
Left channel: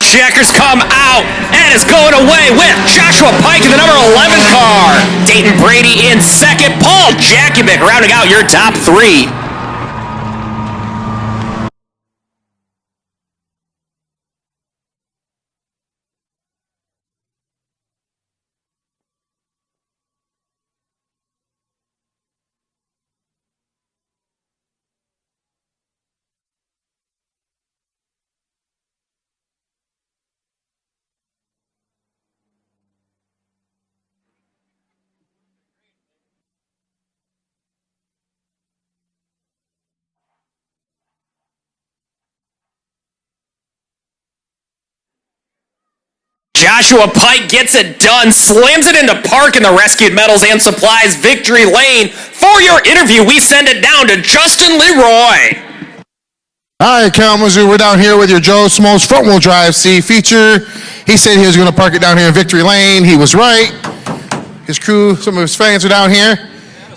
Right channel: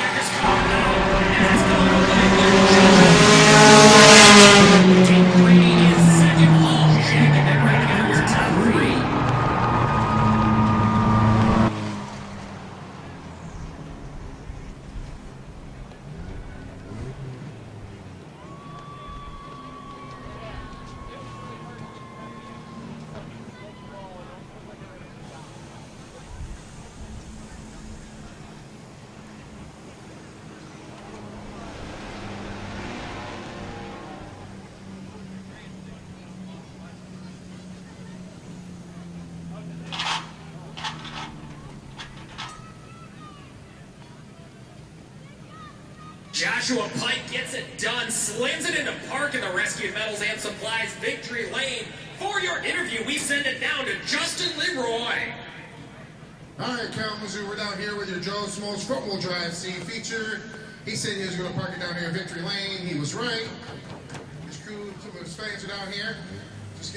Checkers come out and is going away with Joshua Pike in the number 11 car. Dayton Brady in second. Paul Jakubic rounding out your top three. Joshua Pike gets it done, slams it into park in the rescued metals and supplies victory lane. For your interview, we send it down to Justin Leroy. Hi, Kalamazoo. We're down here with your Joe Schmo's front-wheel drive C feature. He said he was going to park it down here in victory lane. He was right. His crew, some of his fans are down here.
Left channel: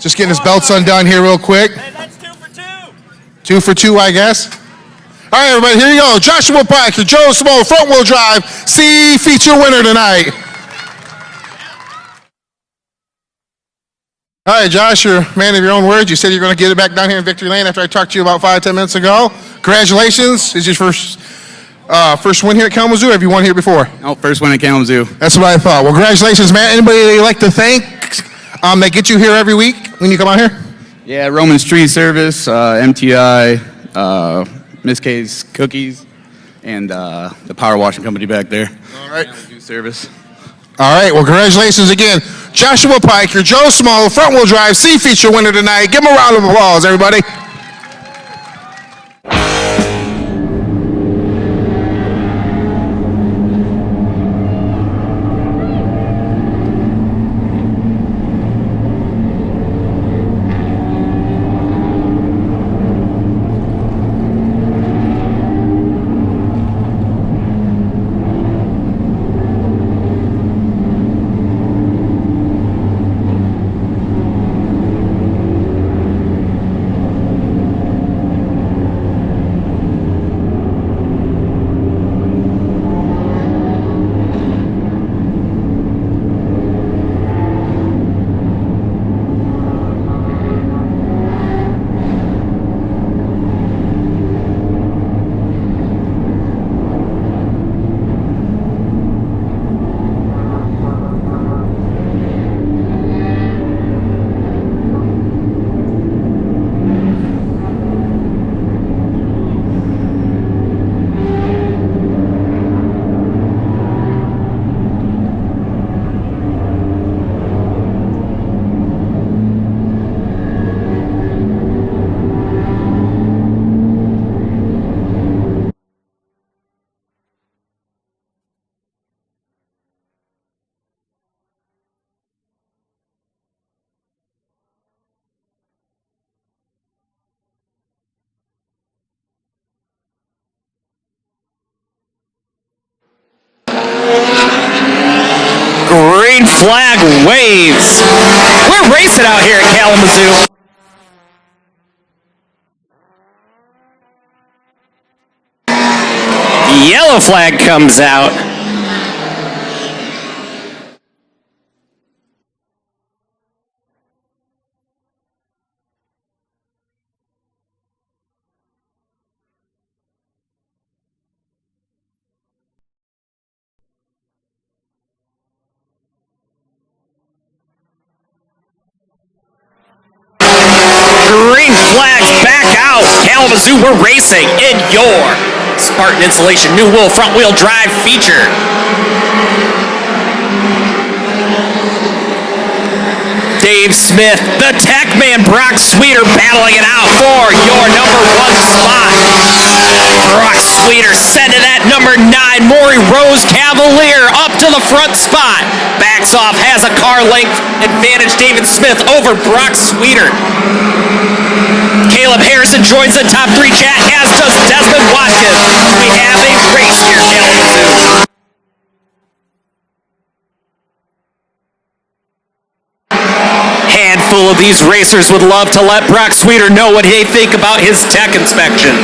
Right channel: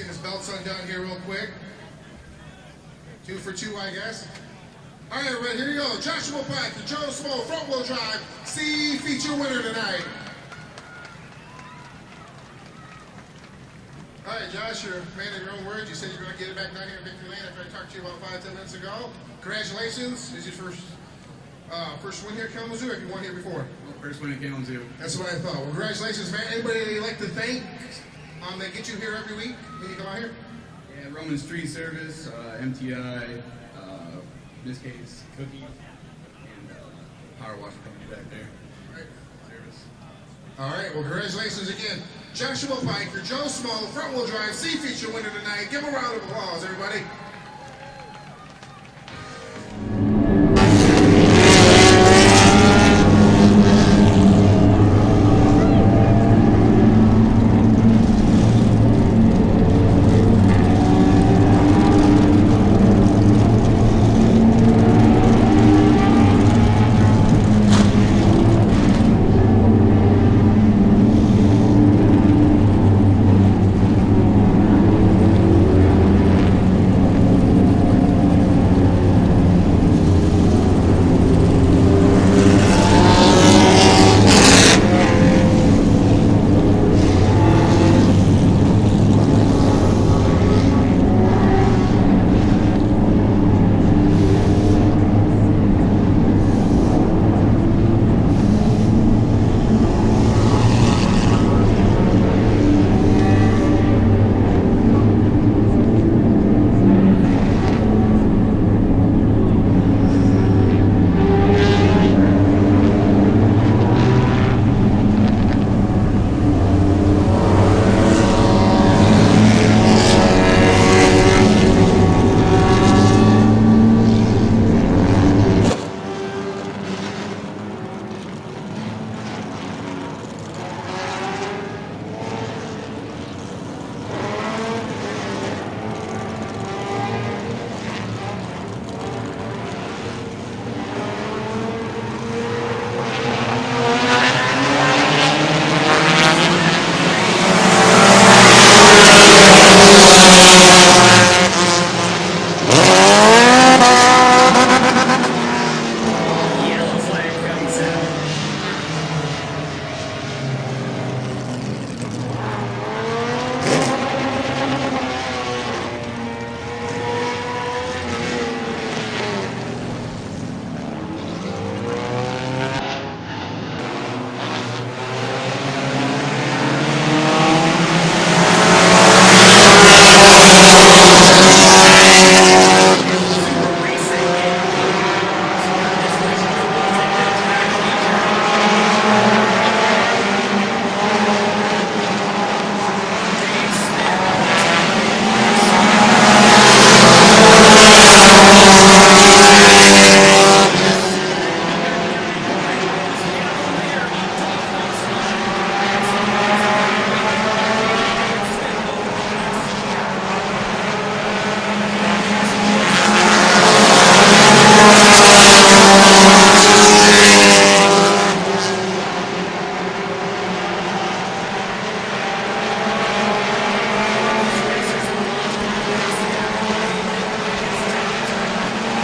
Just getting his belts undone here real quick. Hey, that's 2 for 2. 2 for 2, I guess. All right, everybody, here you go. Joshua Pike, your Joe Schmo front-wheel drive C feature winner tonight. All right, Josh, you're a man of your own words. You said you're going to get it back down here in victory lane after I talked to you about 5-10 minutes ago. Congratulations. Is your first win here at Kalamazoo, or have you won here before? Oh, first win at Kalamazoo. That's what I thought. Well, congratulations, man. Anybody that you'd like to thank that get you here every week when you come out here? Yeah, Roman's Tree Service, MTI, Miss K's Cookies, and the power washing company back there. All right. Service. All right. Well, congratulations again. Joshua Pike, your Joe Schmo front-wheel drive C feature winner tonight. Give him a round of applause, everybody. flag waves. We're racing out here at Kalamazoo. Yellow flag comes out. Green flags back out. Kalamazoo, we're racing in your Spartan Insulation New Wool front wheel drive feature. Dave Smith, the tech man, Brock Sweeter battling it out for your number 1 spot. Brock Sweeter sent to that number 9, Maury Rose Cavalier up to the front spot. Backs off, has a car length advantage. David Smith over Brock Sweeter. Caleb Harrison joins the top 3 chat, as does Desmond Watkins. We have a race here at Kalamazoo. Handful of these racers would love to let Brock Sweeter know what they think about his tech inspection.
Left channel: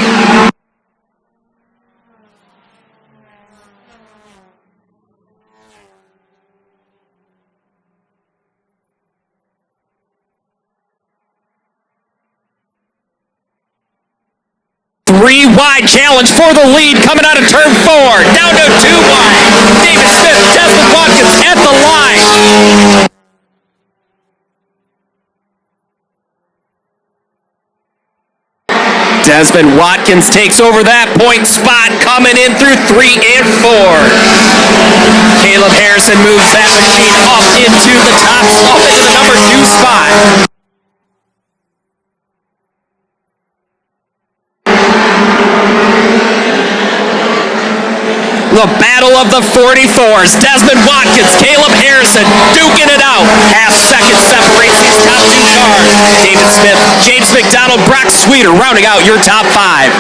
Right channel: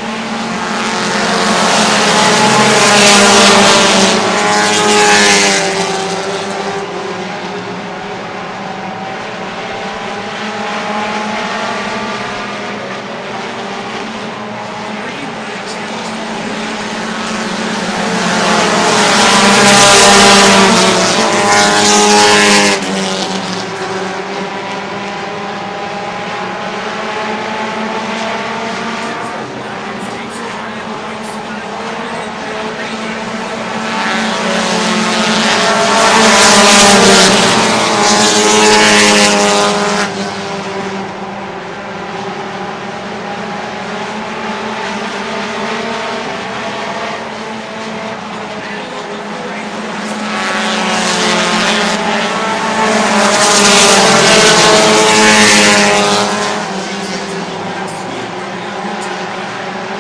Three wide challenge for the lead coming out of turn 4. Down to 2 wide. David Smith, Desmond Watkins at the line. Desmond Watkins takes over that point spot, coming in through 3 and 4. Caleb Harrison moves that machine up into the top spot, into the number 2 spot. The battle of the 44s. Desmond Watkins, Caleb Harrison duking it out. Half-second separates these top 2 cars. David Smith, James McDonald, Brock Sweeter rounding out your top 5.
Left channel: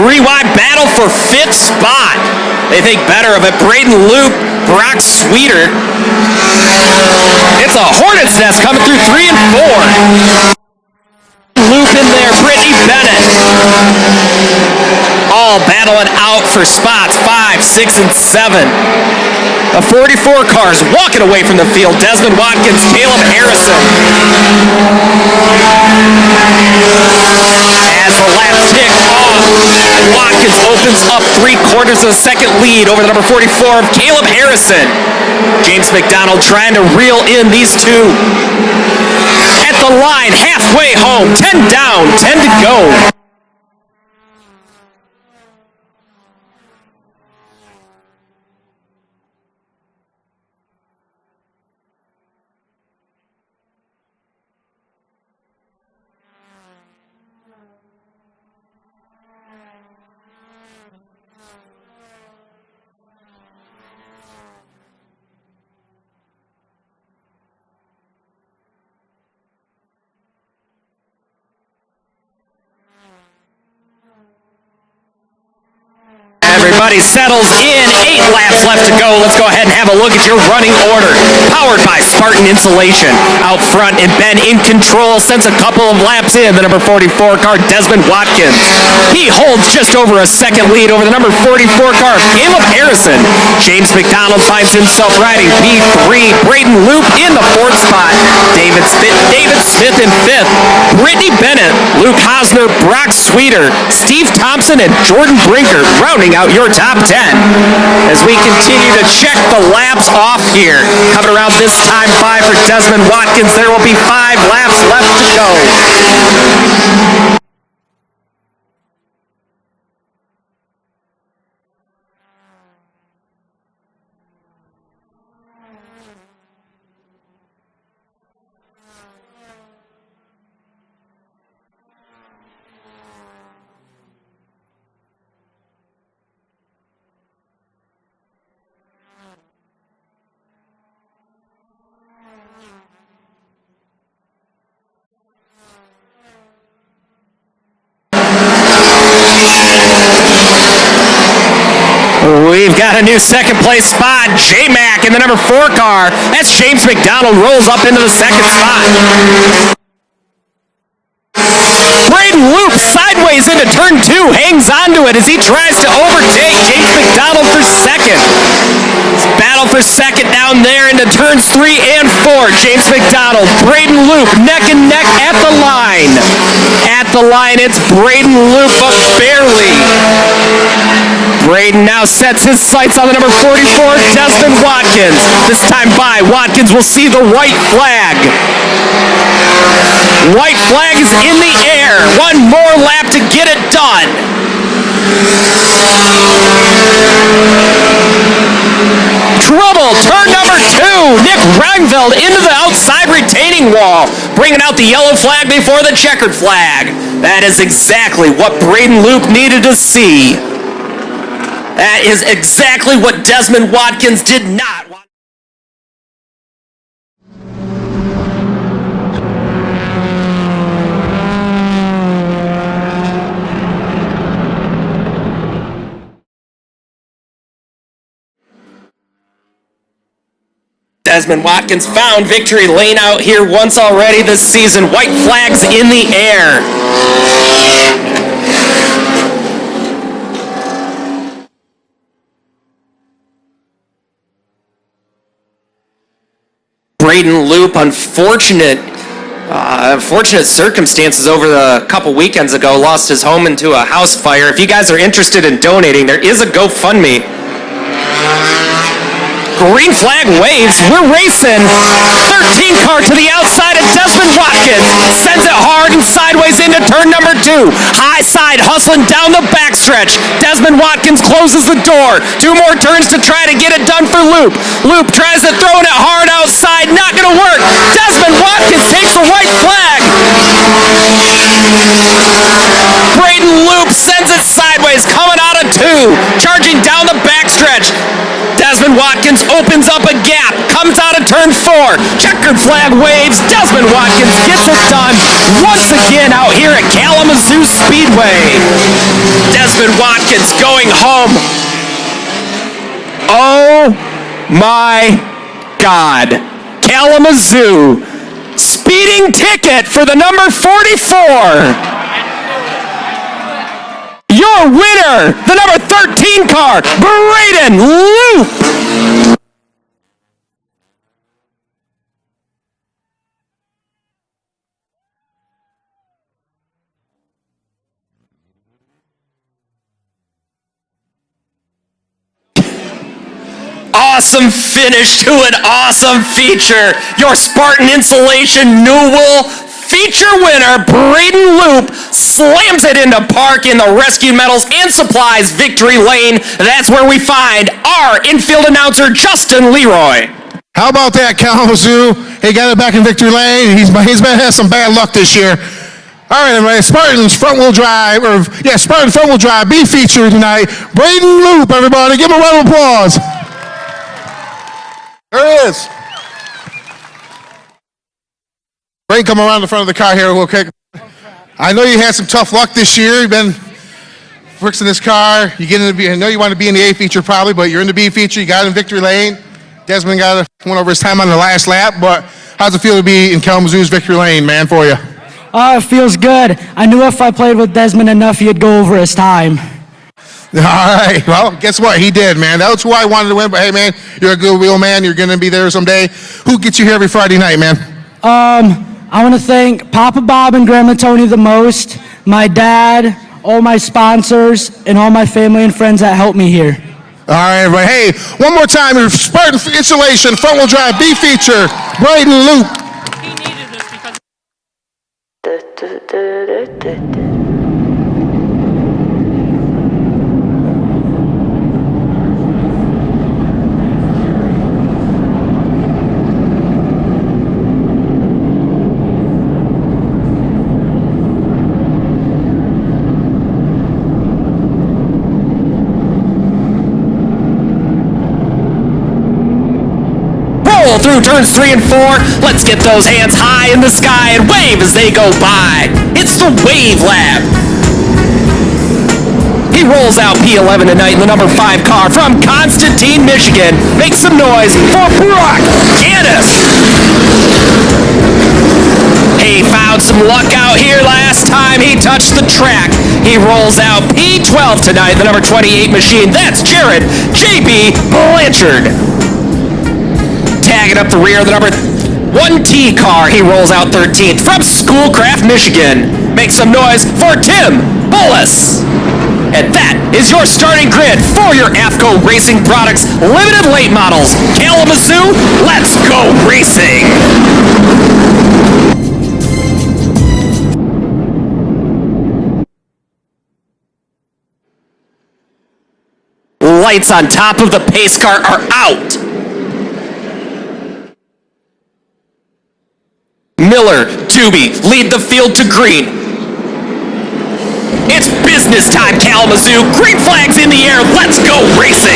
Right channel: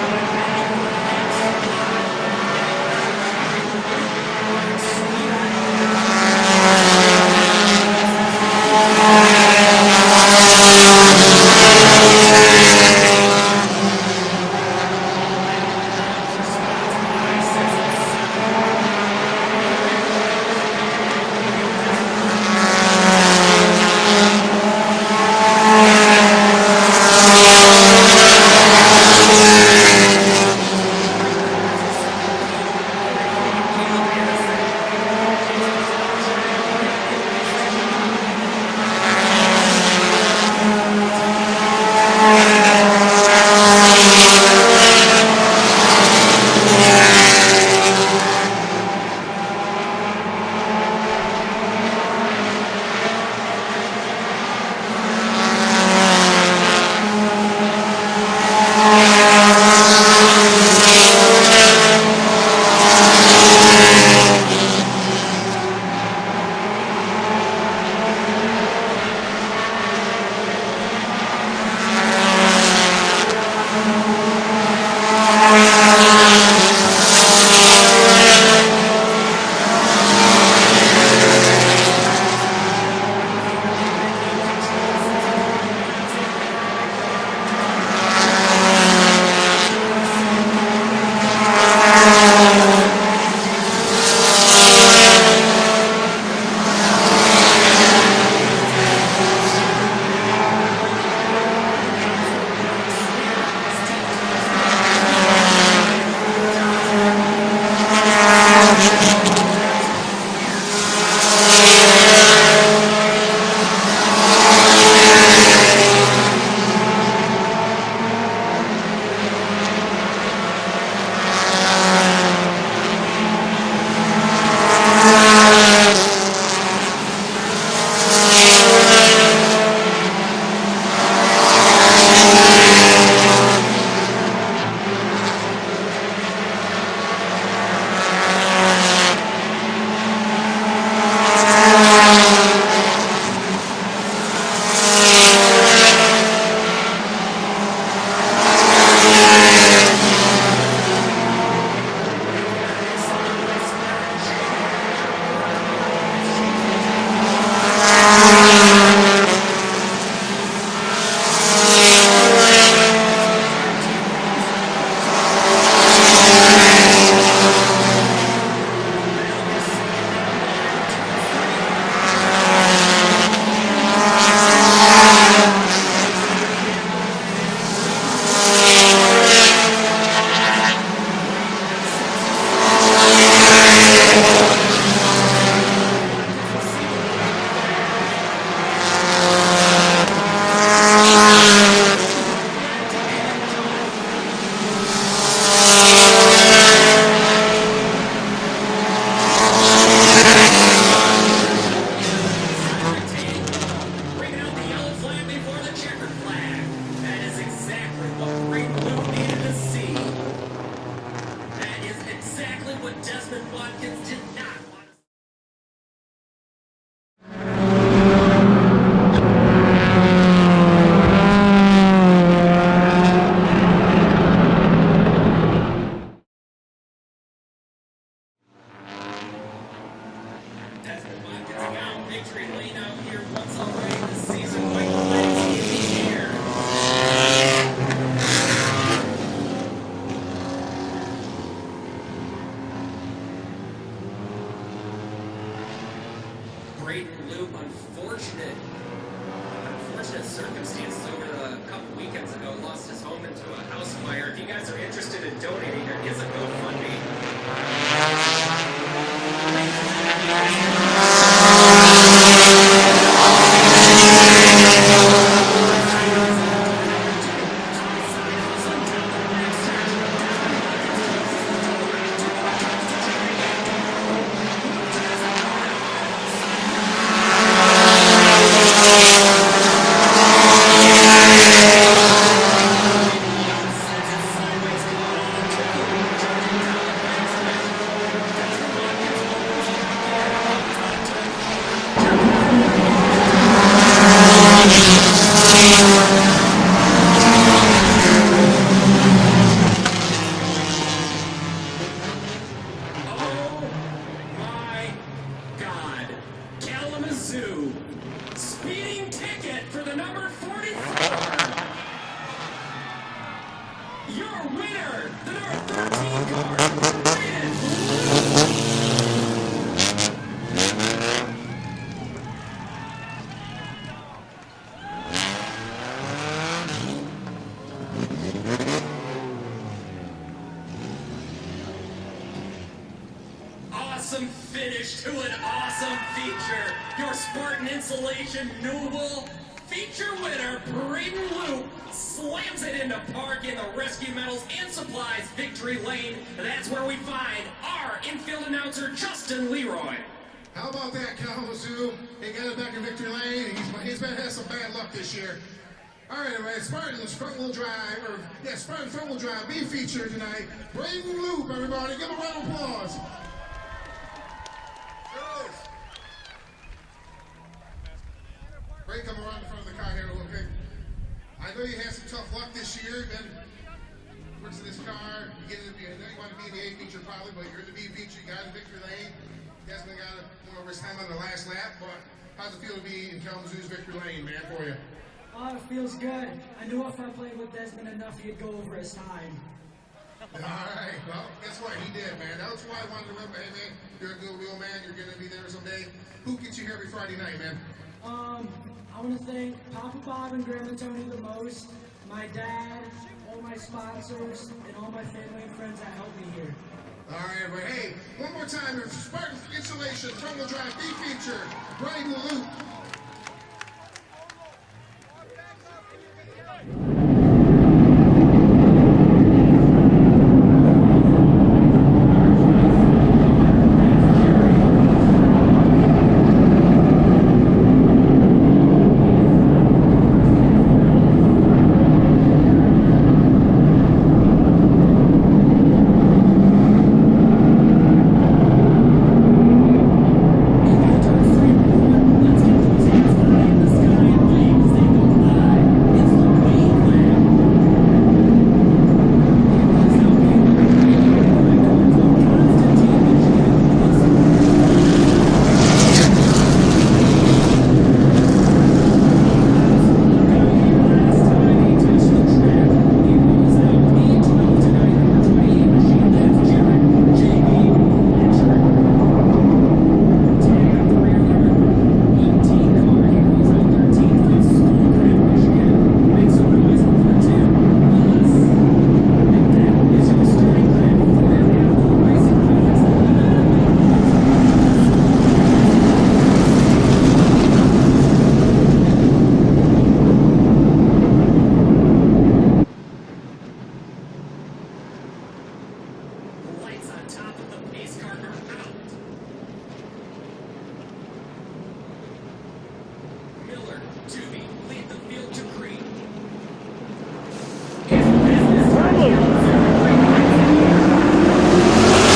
Three-wide battle for 5th spot. They think better of it. Braden Loop, Brock Sweeter. It's a hornet's nest coming through 3 and 4. Loop in there, Brittany Bennett. All battling out for spots 5, 6, and 7. The 44 cars walking away from the field. Desmond Watkins, Caleb Harrison. As the laps tick off, Watkins opens up 3/4 of a second lead over the number 44 of Caleb Harrison. James McDonald trying to reel in these two. At the line, halfway home, 10 down, 10 to go. Everybody settles in. 8 laps left to go. Let's go ahead and have a look at your running order. Powered by Spartan Insulation. Out front and Ben in control since a couple of laps in. The number 44 car, Desmond Watkins. He holds just over a second lead over the number 44 car, Caleb Harrison. James McDonald finds himself riding P3. Braden Loop in the 4th spot. David Smith in 5th. Brittany Bennett, Luke Hosner, Brock Sweeter, Steve Thompson, and Jordan Brinker rounding out your top 10. As we continue to check the laps off here. Coming around this time 5 for Desmond Watkins. There will be 5 laps left to go. We've got a new second place spot. J-Mac in the number 4 car. That's James McDonald rolls up into the second spot. Braden Loop sideways into turn 2, hangs onto it as he tries to overtake James McDonald for second. Battle for second down there into turns 3 and 4. James McDonald, Braden Loop, neck and neck at the line. At the line, it's Braden Loop, but barely. Braden now sets his sights on the number 44, Desmond Watkins. This time by, Watkins will see the white flag. White flag is in the air. One more lap to get it done. Trouble, turn number 2. Nick Reinfeld into the outside retaining wall, bringing out the yellow flag before the checkered flag. That is exactly what Braden Loop needed to see. That is exactly what Desmond Watkins did not want. Desmond Watkins found victory lane out here once already this season. White flags in the air. Braden Loop, unfortunate circumstances over the couple weekends ago, lost his home into a house fire. If you guys are interested in donating, there is a GoFundMe. Green flag waves, we're racing. 13 car to the outside of Desmond Watkins. Sends it hard and sideways into turn number 2. High side hustling down the backstretch. Desmond Watkins closes the door. 2 more turns to try to get it done for Loop. Loop tries to throw it hard outside, not gonna work. Desmond Watkins takes the white flag. Braden Loop sends it sideways, coming out of 2. Charging down the backstretch. Desmond Watkins opens up a gap, comes out of turn 4. Checkered flag waves. Desmond Watkins gets it done once again out here at Kalamazoo Speedway. Desmond Watkins going home. Oh my God. Kalamazoo. Speeding ticket for the number 44. Your winner, the number 13 car, Braden Loop. Awesome finish to an awesome feature. Your Spartan Insulation Newell feature winner, Braden Loop, slams it into park in the Rescue Metals and Supplies victory lane. That's where we find our infield announcer, Justin Leroy. How about that, Kalamazoo? He got it back in victory lane. He's had some bad luck this year. All right, everybody, Spartan's front-wheel drive, Spartan front-wheel drive B feature tonight. Braden Loop, everybody. Give him a round of applause. There he is. Braden, come around the front of the car here real quick. I know you had some tough luck this year. You've been fixing this car. You get in the I know you want to be in the A feature probably, but you're in the B feature. You got in victory lane. Desmond went over his time on the last lap, but how's it feel to be in Kalamazoo's victory lane, man, for you? Oh, it feels good. I knew if I played with Desmond enough, he'd go over his time. All right. Well, guess what? He did, man. That's who I wanted to win. But hey, man, you're a good wheel man. You're going to be there someday. Who gets you here every Friday night, man? I want to thank Papa Bob and Grandma Tony the most, my dad, all my sponsors, and all my family and friends that helped me here. All right, everybody. Hey, one more time, your Spartan Insulation front-wheel drive B feature, Braden Loop. He needed this because... Through turns 3 and 4, let's get those hands high in the sky and wave as they go by. It's the Wave Lab. He rolls rolls out P11 tonight in the number 5 car from Constantine, Michigan. Make some noise for Brock Gannis. He found some luck out here last time he touched the track. He rolls out P12 tonight, the number 28 machine. That's Jared J.B. Blanchard. Tagging up the rear of the number 1T car, he rolls out 13th from Schoolcraft, Michigan. Make some noise for Tim Bullis. And that is your starting grid for your AFCO Racing Products limited late models. Kalamazoo, let's go racing. Lights on top of the pace car are out. Miller, Doobie lead the field to green. It's business time, Kalamazoo. Green flags in the air. Let's go racing.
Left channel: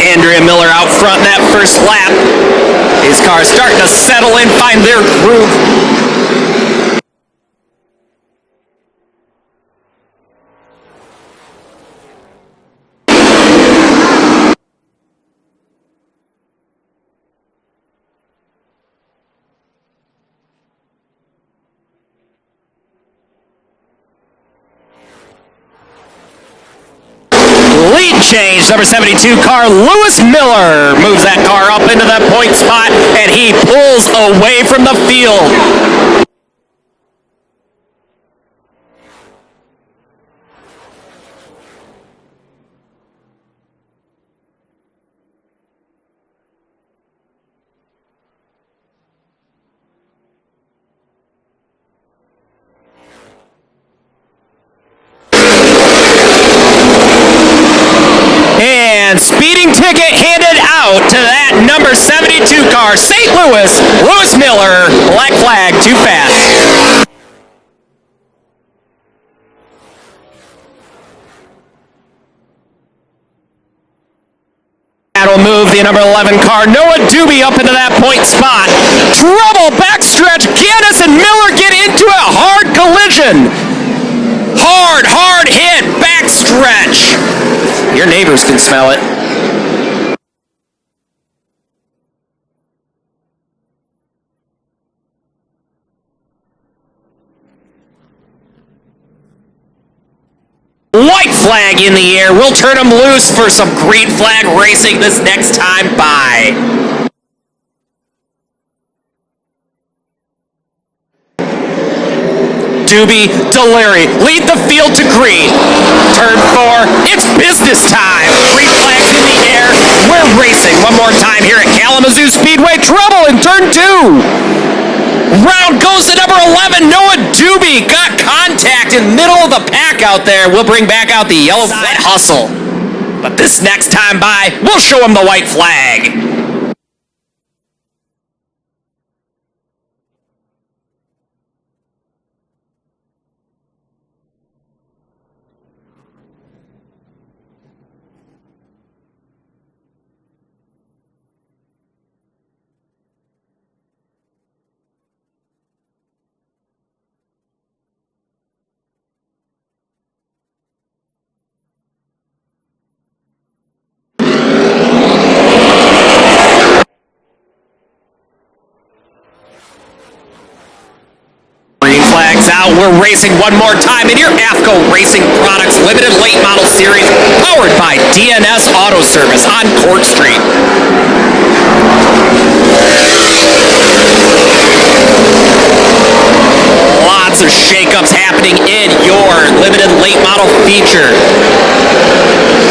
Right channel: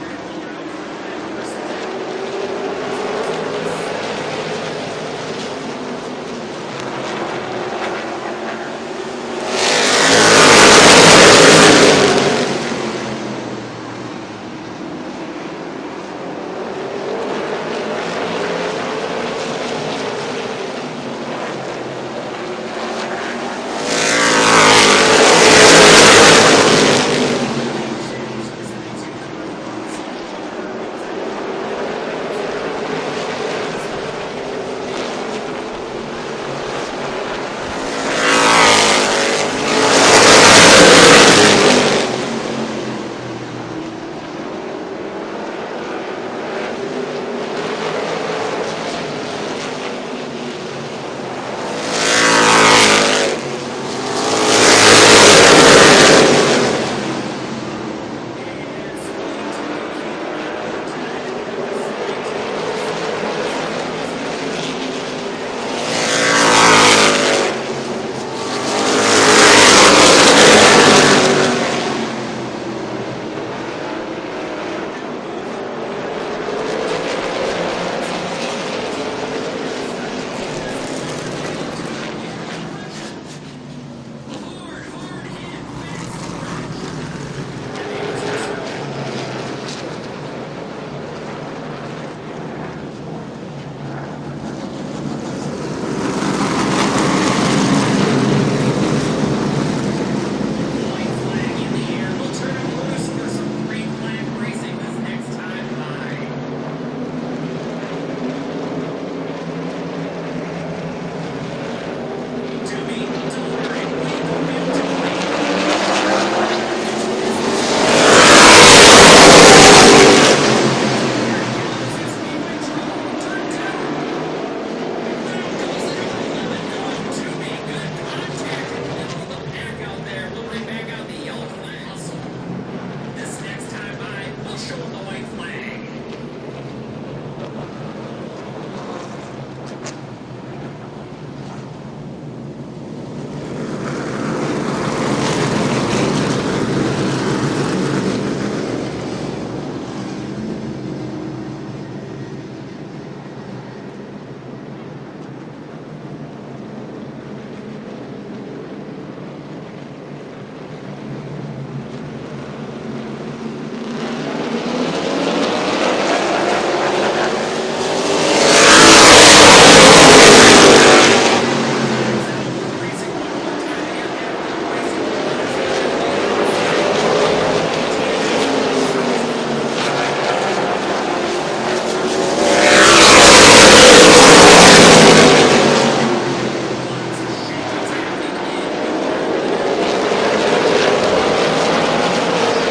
Andrea Miller out front in that first lap. His car's starting to settle in, find their groove. Change, number 72 car, Lewis Miller moves that car up into that point spot, and he pulls away from the field. Speeding ticket handed out to that number 72 car, St. Louis, Lewis Miller, black flag, too fast. That'll move the number 11 car, Noah Doobie, up into that point spot. Trouble, backstretch, Gannis and Miller get into a hard collision. Hard hit, backstretch. Your neighbors can smell it. White flag in the air. We'll turn them loose for some green flag racing this next time by. Doobie, Delary lead the field to green. Turn 4, it's business time. Green flags in the air. We're racing one more time here at Kalamazoo Speedway. Trouble in turn 2. Round goes to number 11, Noah Doobie. Got contact in the middle of the pack out there. We'll bring back out the yellow flag hustle. But this next time by, we'll show him the white flag. Out, we're racing one more time in your AFCO Racing Products Limited Late Model Series, powered by DNS Auto Service on Court Street. Lots of shakeups happening in your limited late model feature.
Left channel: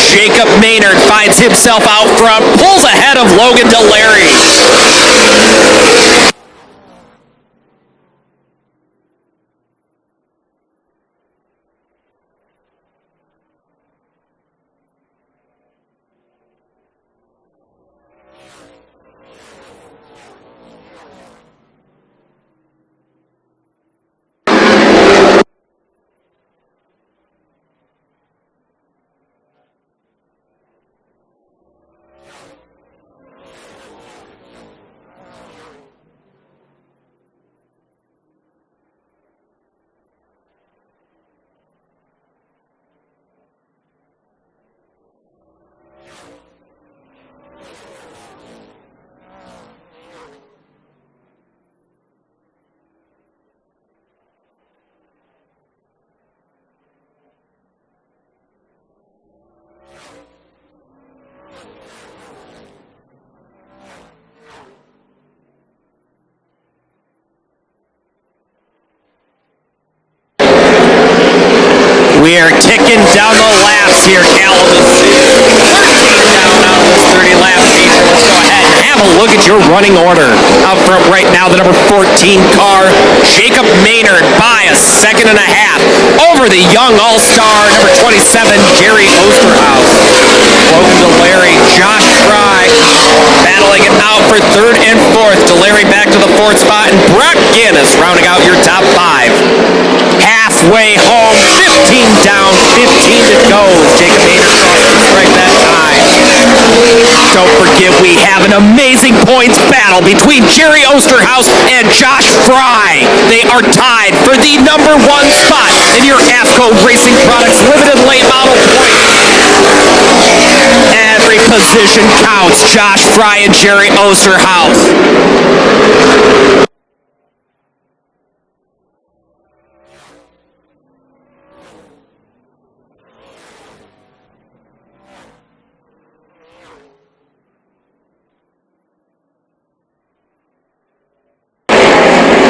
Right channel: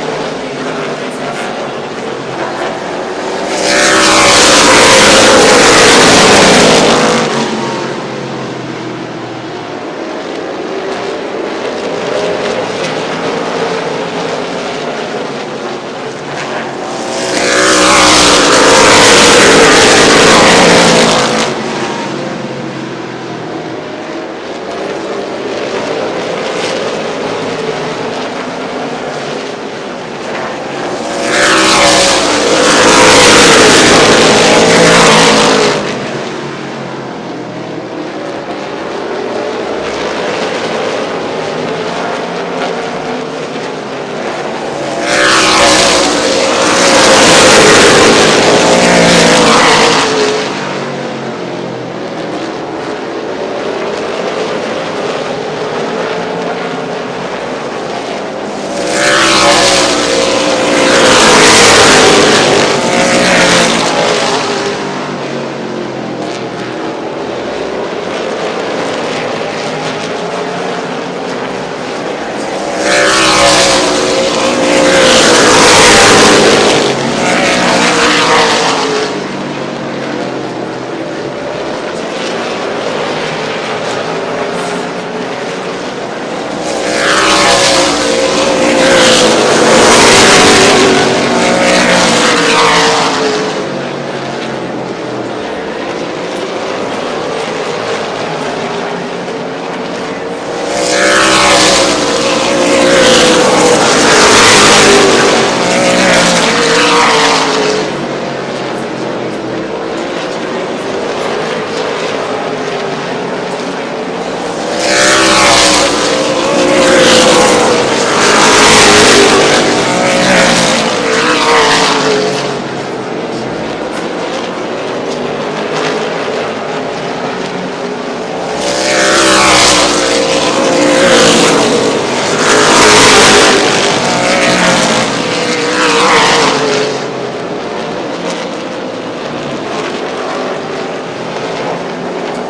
Jacob Maynard finds himself out front, pulls ahead of Logan Delary. We are ticking down the laps here, Kalamazoo. Down on this 30-lap feature. Let's go ahead and have a look at your running order. Out front right now, the number 14 car, Jacob Maynard, by a second and a half over the young all-star, number 27, Jerry Osterhaus. Logan DeLary, Josh Fry, battling it out for third and fourth. DeLary back to the fourth spot, and Brock Guinness rounding out your top five. Halfway home, 15 down, 15 to go. Jacob Maynard right that time. Don't forget, we have an amazing points battle between Jerry Osterhaus and Josh Fry. They are tied for the number one spot in your AFCO Racing Products Limited Late Model. Every position counts. Josh Fry and Jerry Osterhaus.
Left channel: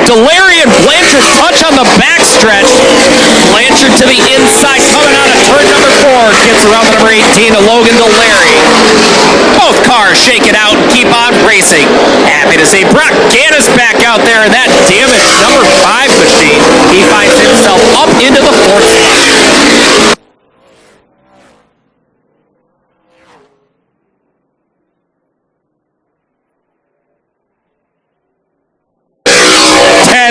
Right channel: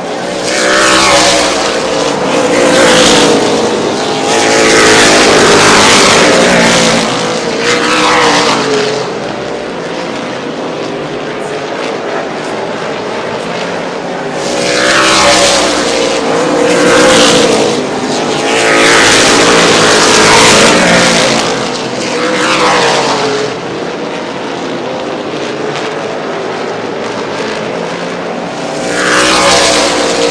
DeLary and Blanchard touch on the backstretch. Blanchard to the inside, coming out of turn number 4. Gets around the number 18 to Logan DeLary. Both cars shake it out and keep on racing. Happy to see Brock Guinness back out there in that damaged number 5 machine. He finds himself up into the 4th spot.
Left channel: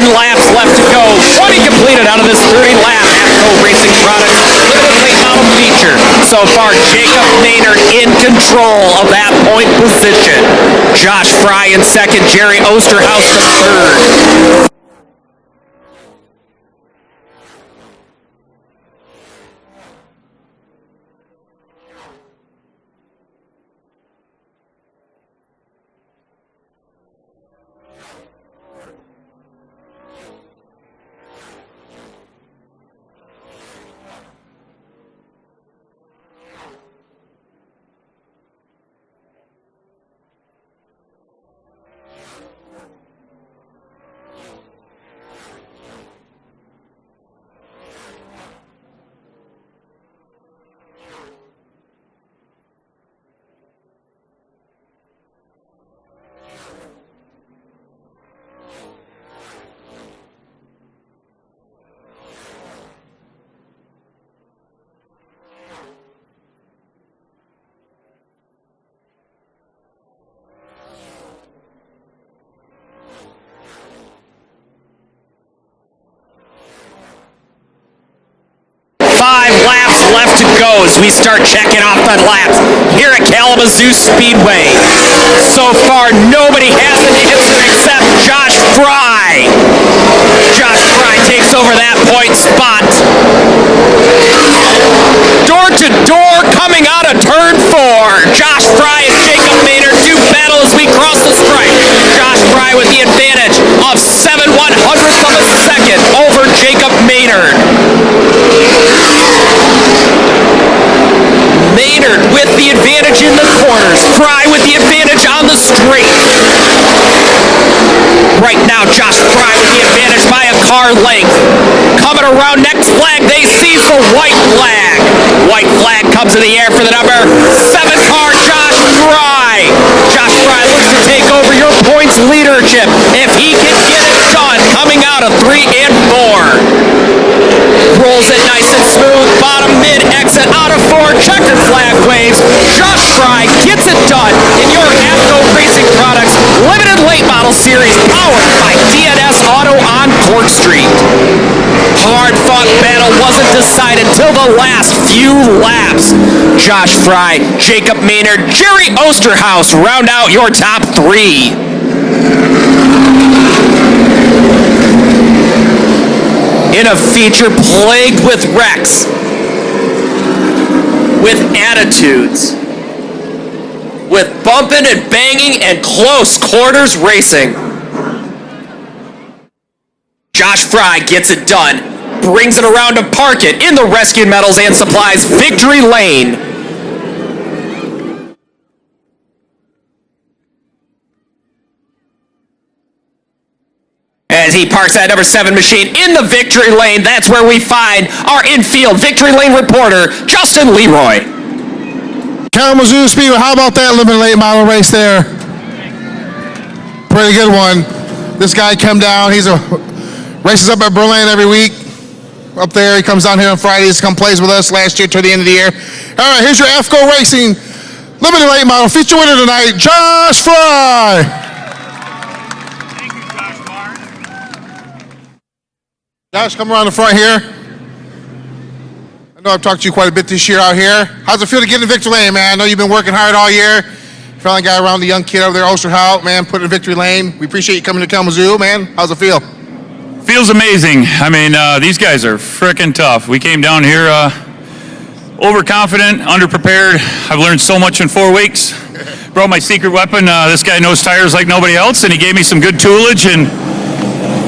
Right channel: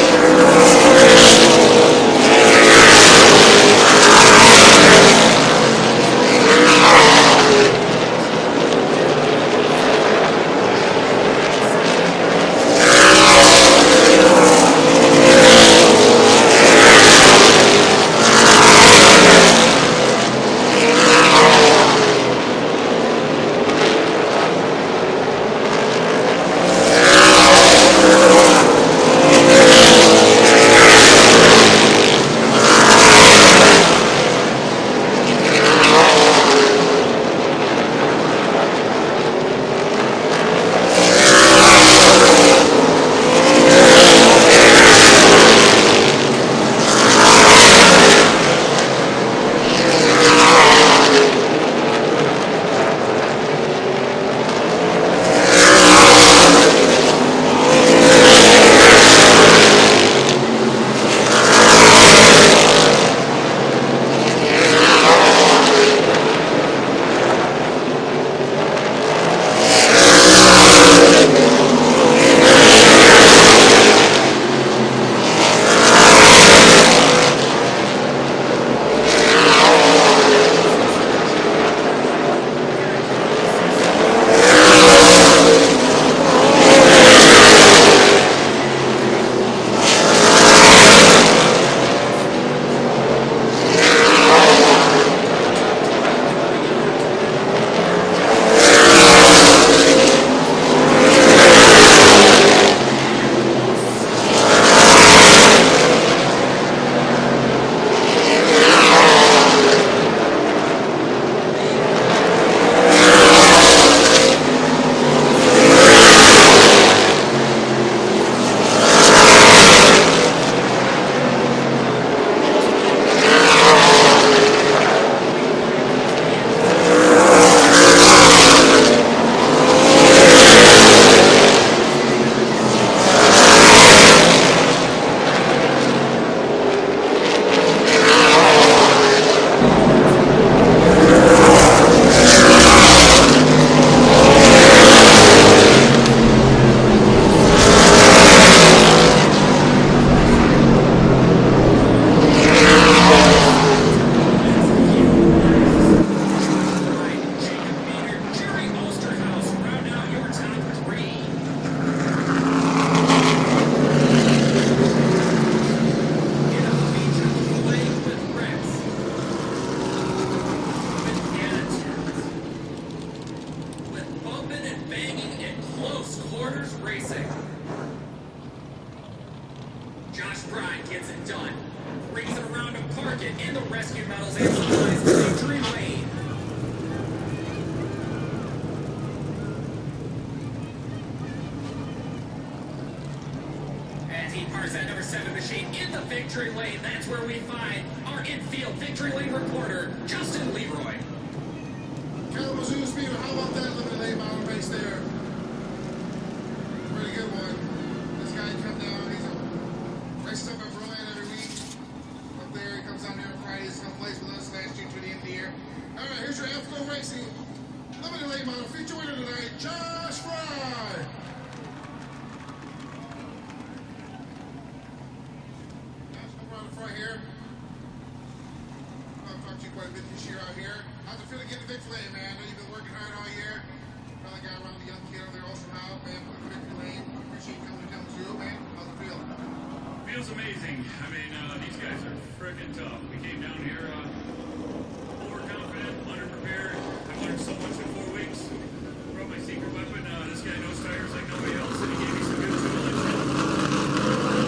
Laps left to go. 20 completed out of this 30-lap AFCO Racing Products late model feature. So far, Jacob Maynard in control of that point position. Josh Fry in second, Jerry Osterhaus in third. We start checking off the laps here at Kalamazoo Speedway. So far, nobody has the wheels except Josh Fry. Josh Fry takes over that point spot. Door to door, coming out of turn 4. Josh Fry and Jacob Maynard do battle as we cross the stripe. Josh Fry with the advantage of 7/100ths of a second over Jacob Maynard. Maynard with the advantage in the corners. Fry with the advantage on the straight. Right now, Josh Fry with the advantage by a car length. Coming around next flag, they seize the white flag. White flag comes in the air for the number 7 car, Josh Fry. Josh Fry looks to take over your points leadership if he can get it done. Coming out of 3 and 4. Rolls it nice and smooth. Bottom mid exit out of 4. Checkered flag waves. Josh Fry gets it done in your AFCO Racing Products Limited Late Model Series, powered by DNS Auto on Court Street. Hard-fought battle wasn't decided till the last few laps. Josh Fry, Jacob Maynard, Jerry Osterhaus round out your top 3. In a feature plagued with wrecks, with attitudes, with bumping and banging and close quarters racing. Josh Fry gets it done, brings it around to park it in the Rescue Metals and Supplies victory lane. as he parks that number 7 machine in the victory lane. That's where we find our infield victory lane reporter, Justin Leroy. Kalamazoo Speedway, how about that limited late model race there? Pretty good one. This guy come down, races up at Berlin every week. Up there, he comes down here on Fridays, come plays with us last year to the end of the year. All right, here's your FGO Racing limited late model feature winner tonight, Josh Fry. Thank you, Josh Martin. Josh, come around the front here. I know I've talked to you quite a bit this year out here. How's it feel to get in victory lane, man? I know you've been working hard all year. Finally got around the young kid over there, Osterhout, man, put in victory lane. We appreciate you coming to Kalamazoo, man. How's it feel? Feels amazing. I mean, these guys are frickin' tough. We came down here overconfident, underprepared. I've learned so much in 4 weeks. Brought my secret weapon. This guy knows tires like nobody else, and he gave me some good toolage and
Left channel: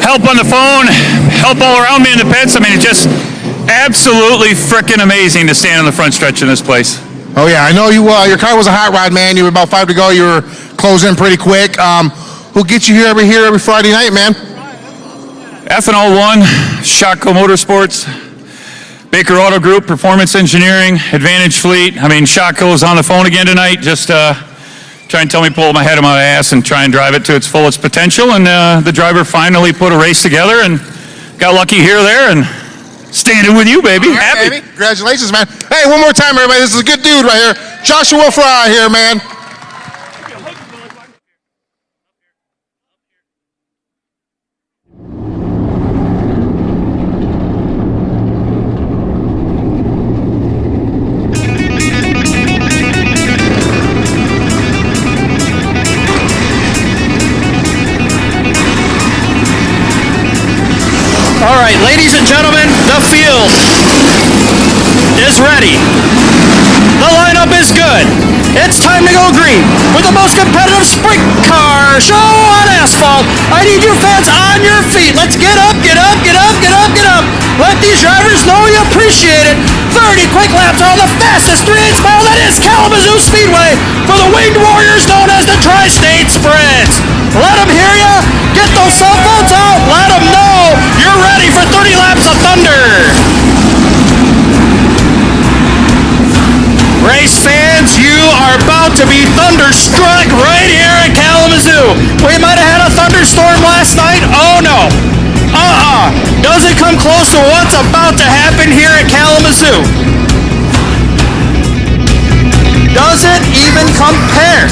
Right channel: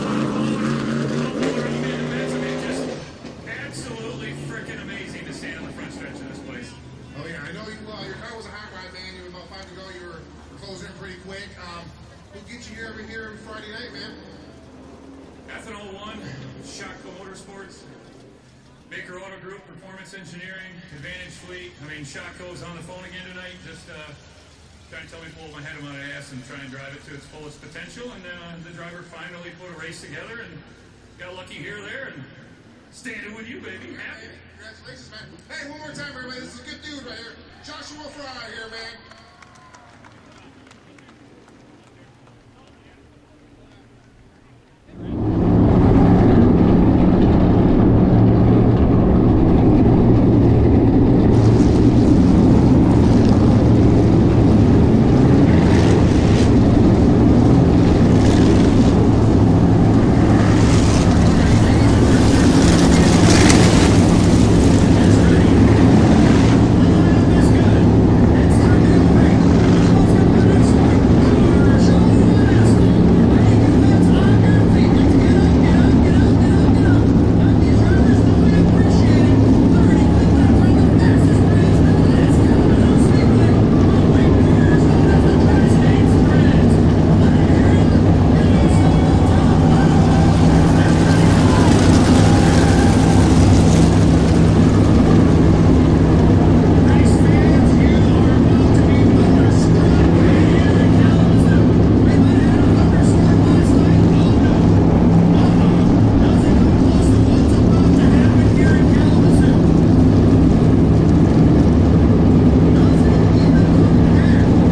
help on the phone, help all around me in the pits. I mean, it's just absolutely frickin' amazing to stand on the front stretch in this place. Oh, yeah, I know you. Your car was a hot rod, man. You were about 5 to go. You were closing pretty quick. Who'll get you here every Friday night, man? Ethanol 1, Shotco Motorsports, Baker Auto Group, Performance Engineering, Advantage Fleet. I mean, Shotco's on the phone again tonight. Just try and tell me, pull my head on my ass and try and drive it to its fullest potential. And the driver finally put a race together and got lucky here or there and standing with you, baby. All right, Happy. baby. Congratulations, man. Hey, one more time, everybody. This is a good dude right here. Joshua Fry here, man. Ladies and gentlemen, the field is ready. The lineup is good. It's time to go green with the most competitive sprint car show on asphalt. I need you fans on your feet. Let's get up, get up, get up, get up, get up. Let these drivers know you appreciate it. 30 quick laps are the fastest 3/8 mile that is Kalamazoo Speedway for the winged warriors known as the Tri-State Sprints. Let them hear you. Get those cell phones out. Let them know you're ready for 30 laps of thunder. Race fans, you are about to be thunderstruck right here at Kalamazoo. We might have had a thunderstorm last night. Oh no. Doesn't come close to what's about to happen here at Kalamazoo. Doesn't even compare.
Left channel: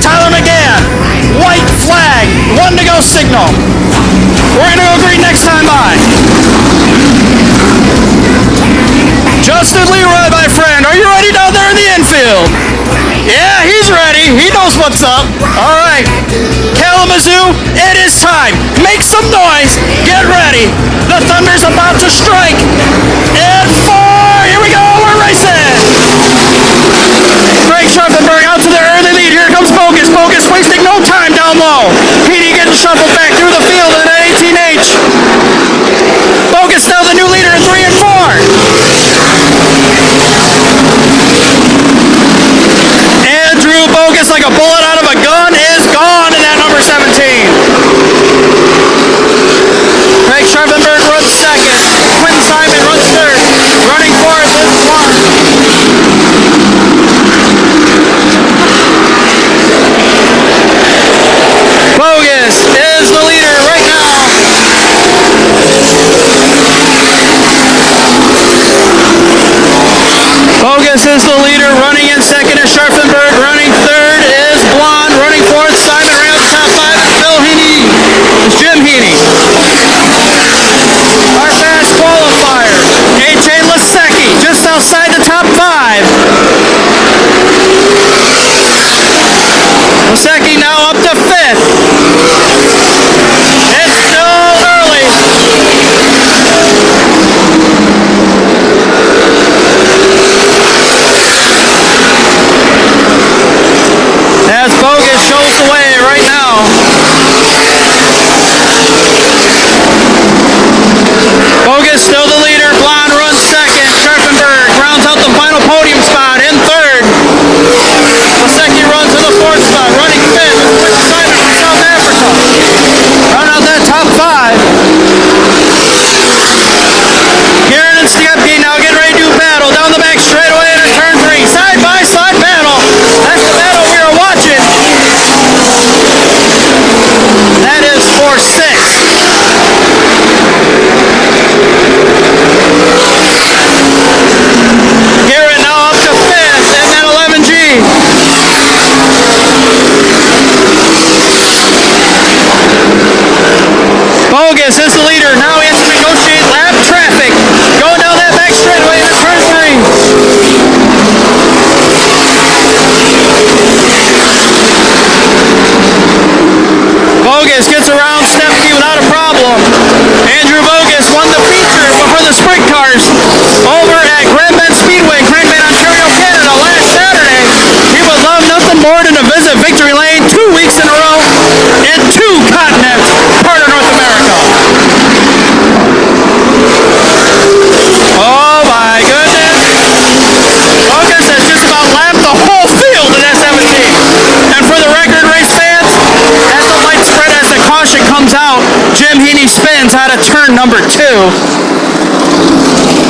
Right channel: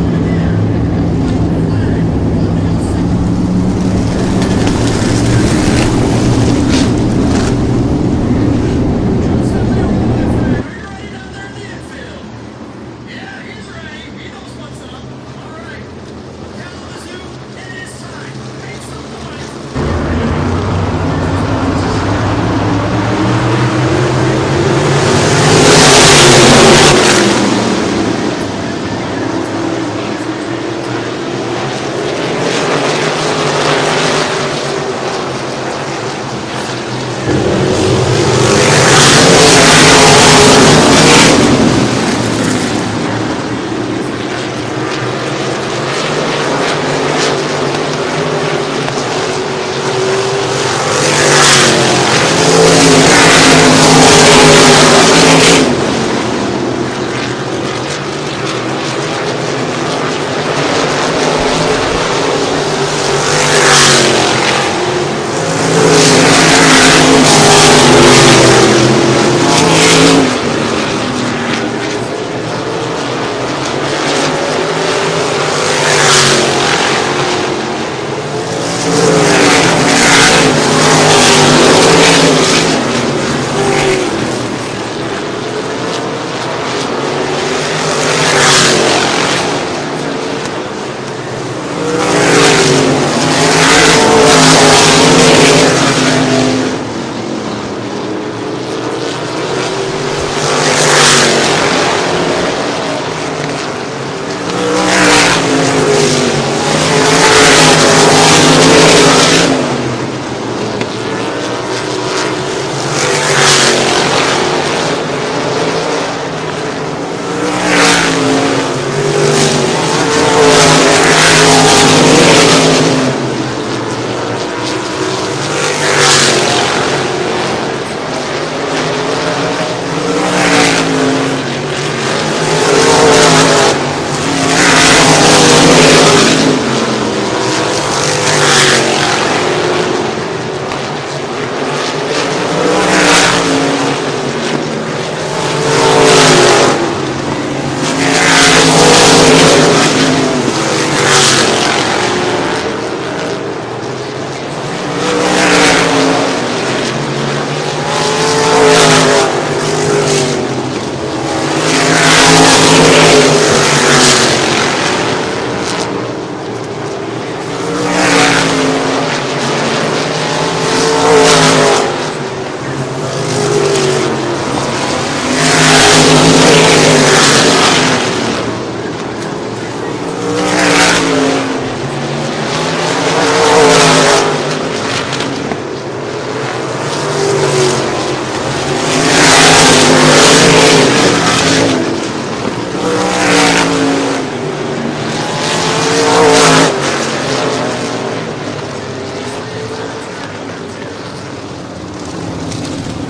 Tyler McGann, white flag, 1 to go signal. We're gonna go green next time by. Justin Leroy, my friend, are you ready down there in the infield? Yeah, he's ready. He knows what's up. All right, Kalamazoo, it is time. Make some noise. Get ready. The thunder's about to strike. And 4, here we go, we're racing. Greg Schaffenberg out to the early lead. Here comes Bogus. Bogus wasting no time down low. Petey getting shuffled back through the field in an 18H. Bogus now the new leader in 3 and 4. Andrew Bogus, like a bullet out of a gun, is gone in that number 17. Craig Schaffenberg runs second. Quentin Simon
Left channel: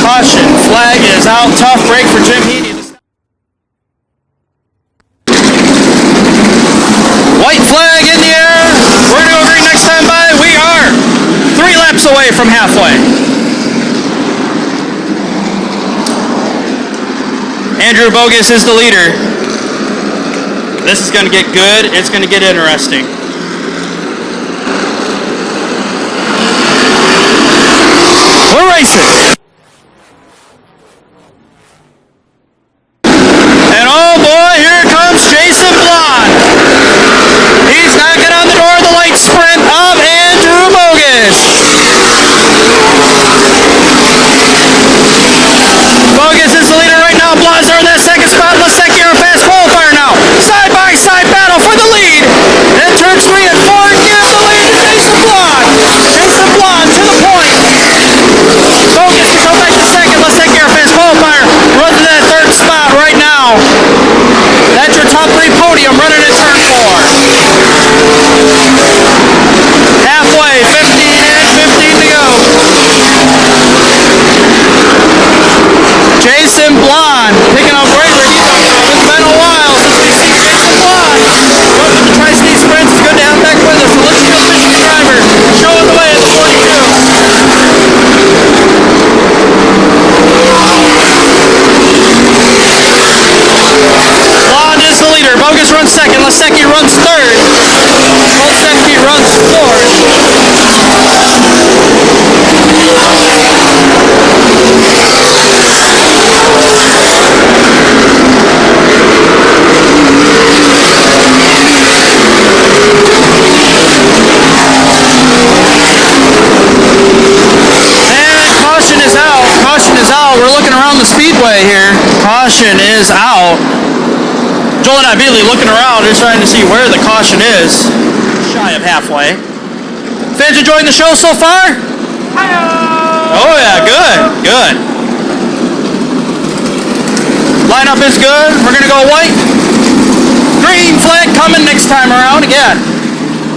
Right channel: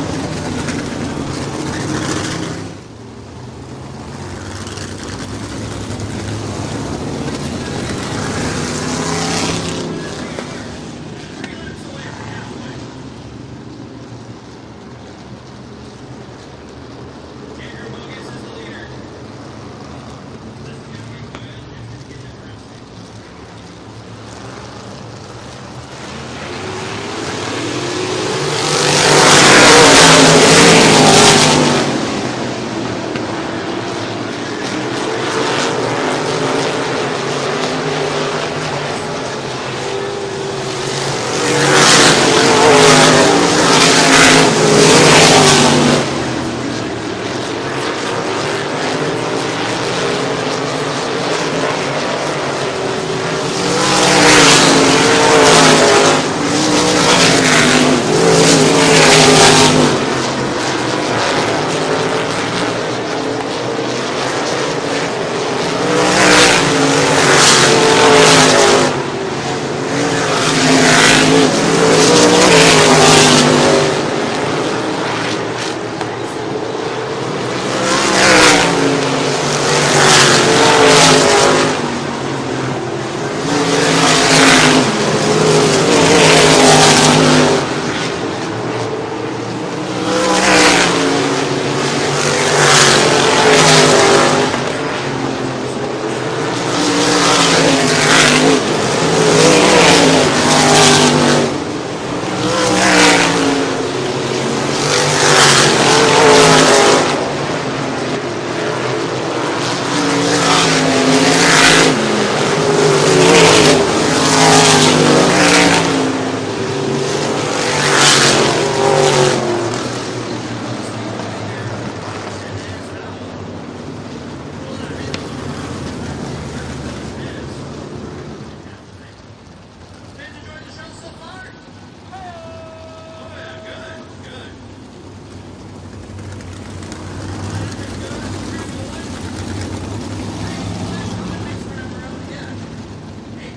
Caution, flag is out. Tough break for Jim Heaney. White flag in the air. We're going to agree next time by. We are 3 laps away from halfway. Andrew Bogus is the leader. This is going to get good. It's going to get interesting. We're racing. And oh boy, here comes Jason Blonde. He's knocking on the door of the light sprint of Andrew Bogus. Bogus is the leader right now. Blonde's there in that second spot. Lasecki are a fast qualifier now. Side by side battle for the lead. And turns 3 and 4 give the lead to Jason Blonde. Jason Blonde to the point. Bogus to go back to second. Lasecki are a fast qualifier. Runs to that third spot right now. That's your top 3 podium running in turn 4. Halfway, 15 in, 15 to go. Jason Blonde picking up bravery. It's been a while since we've seen Jason Blonde. Welcome to Tri-State Sprints. It's good to have him back with us. So let's go Michigan driver showing the way at the 42. Blonde is the leader. Bogus runs second. Lasecki runs third. Lasecki runs fourth. And caution is out. Caution is out. We're looking around the speedway here. Caution is out. Joel and I immediately looking around, just trying to see where the caution is. Shy of halfway. Fans enjoying the show so far? Oh yeah, good, good. Lineup is good. We're gonna go white. Green flag coming next time around again.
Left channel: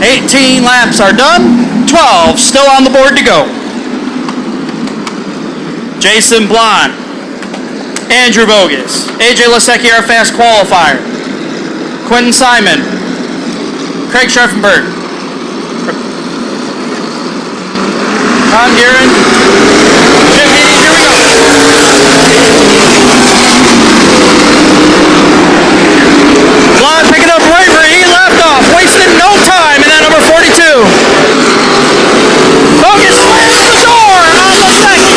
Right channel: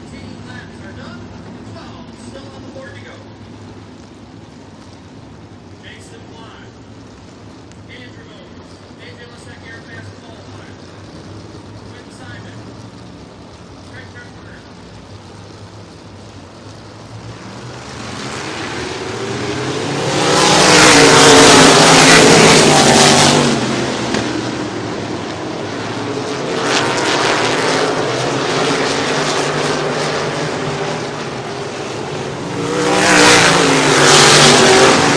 18 laps are done. 12 still on the board to go. Jason Blonde, Andrew Bogus, AJ Lasecki, our fast qualifier. Quentin Simon, Craig Scharfenberg, Tom Guerin, Jim Heaney, here we go. Blonde picking up bravery, he left off, wasted no time in that number 42. Bogus slams the door on Lasecki.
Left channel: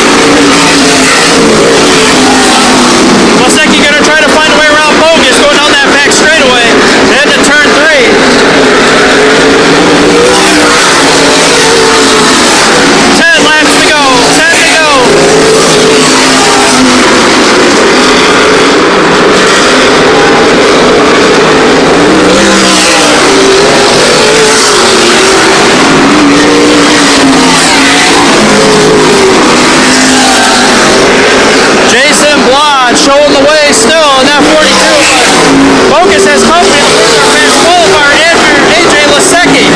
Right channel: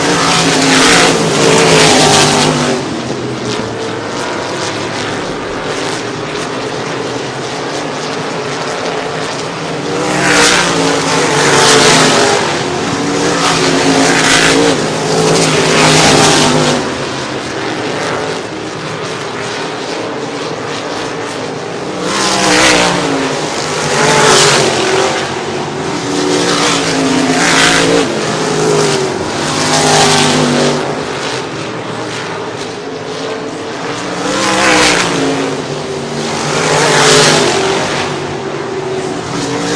Lasecki gonna try to find a way around Bogus going down that back straightaway into turn 3. 10 laps to go, 10 to go. Jason Blonde showing the way still in that 42. Bogus has confidence for the fast qualifier, AJ Lasecki.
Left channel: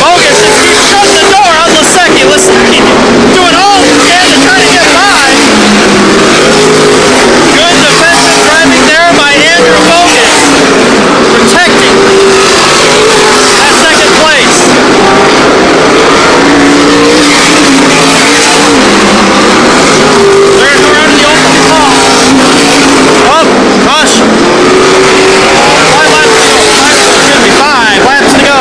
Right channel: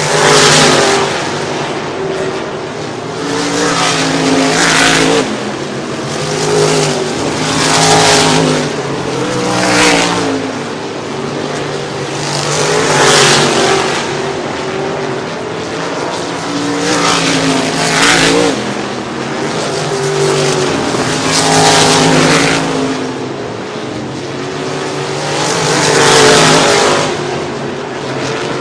Bogus just keeps shutting the door on Lasecki. Lasecki doing all he can to try to get by. Good defensive driving there by Andrew Bogus. Protecting that second place. They're around the open wall. Up, caution. 5 laps to go. 5 laps to go.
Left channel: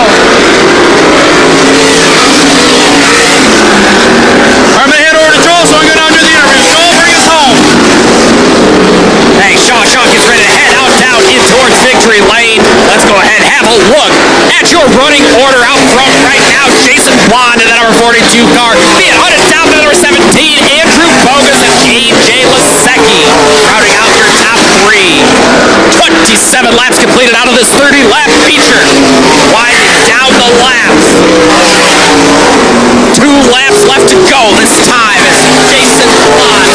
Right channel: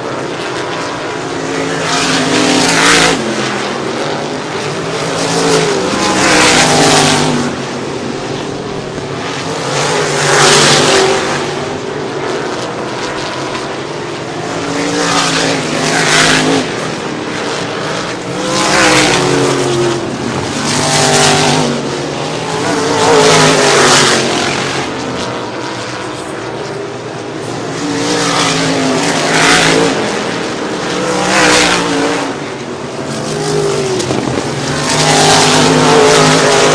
I'm gonna head over to Joel so I can go down to the interview. Joel, bring us home. Hey, Shaw gets ready to head down in towards victory lane. Let's go ahead and have a look at your running order out front right now. Jason Blonde in that number 42 car. Being hunted down to number 17, Andrew Bogus and AJ Lasecki. Rounding out your top 3. 27 laps completed out of this 30-lap feature. Winding down the laps. 2 laps left to go this time as Jason Blonde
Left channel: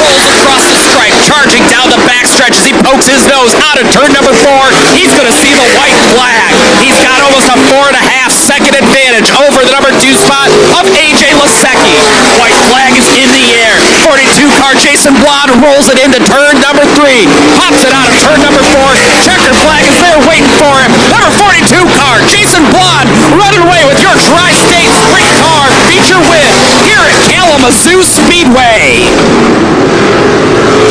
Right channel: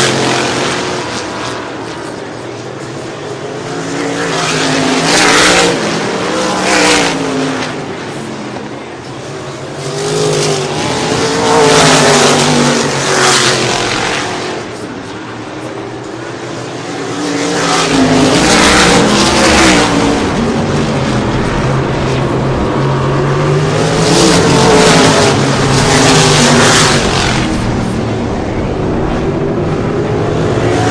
rolls across the stripe, charging down the backstretch as he pokes his nose out of turn number 4. He's going to see the white flag. He's got almost a 4.5-second advantage over the number 2 spot of AJ Lasecki. White flag is in the air. 42 car Jason Blonde rolls it into turn number 3. Pops it out of turn number 4. Checker flag is there waiting for him. Number 42 car Jason Blonde running away with your Tri-State Sprint Car feature win here at Kalamazoo Speedway.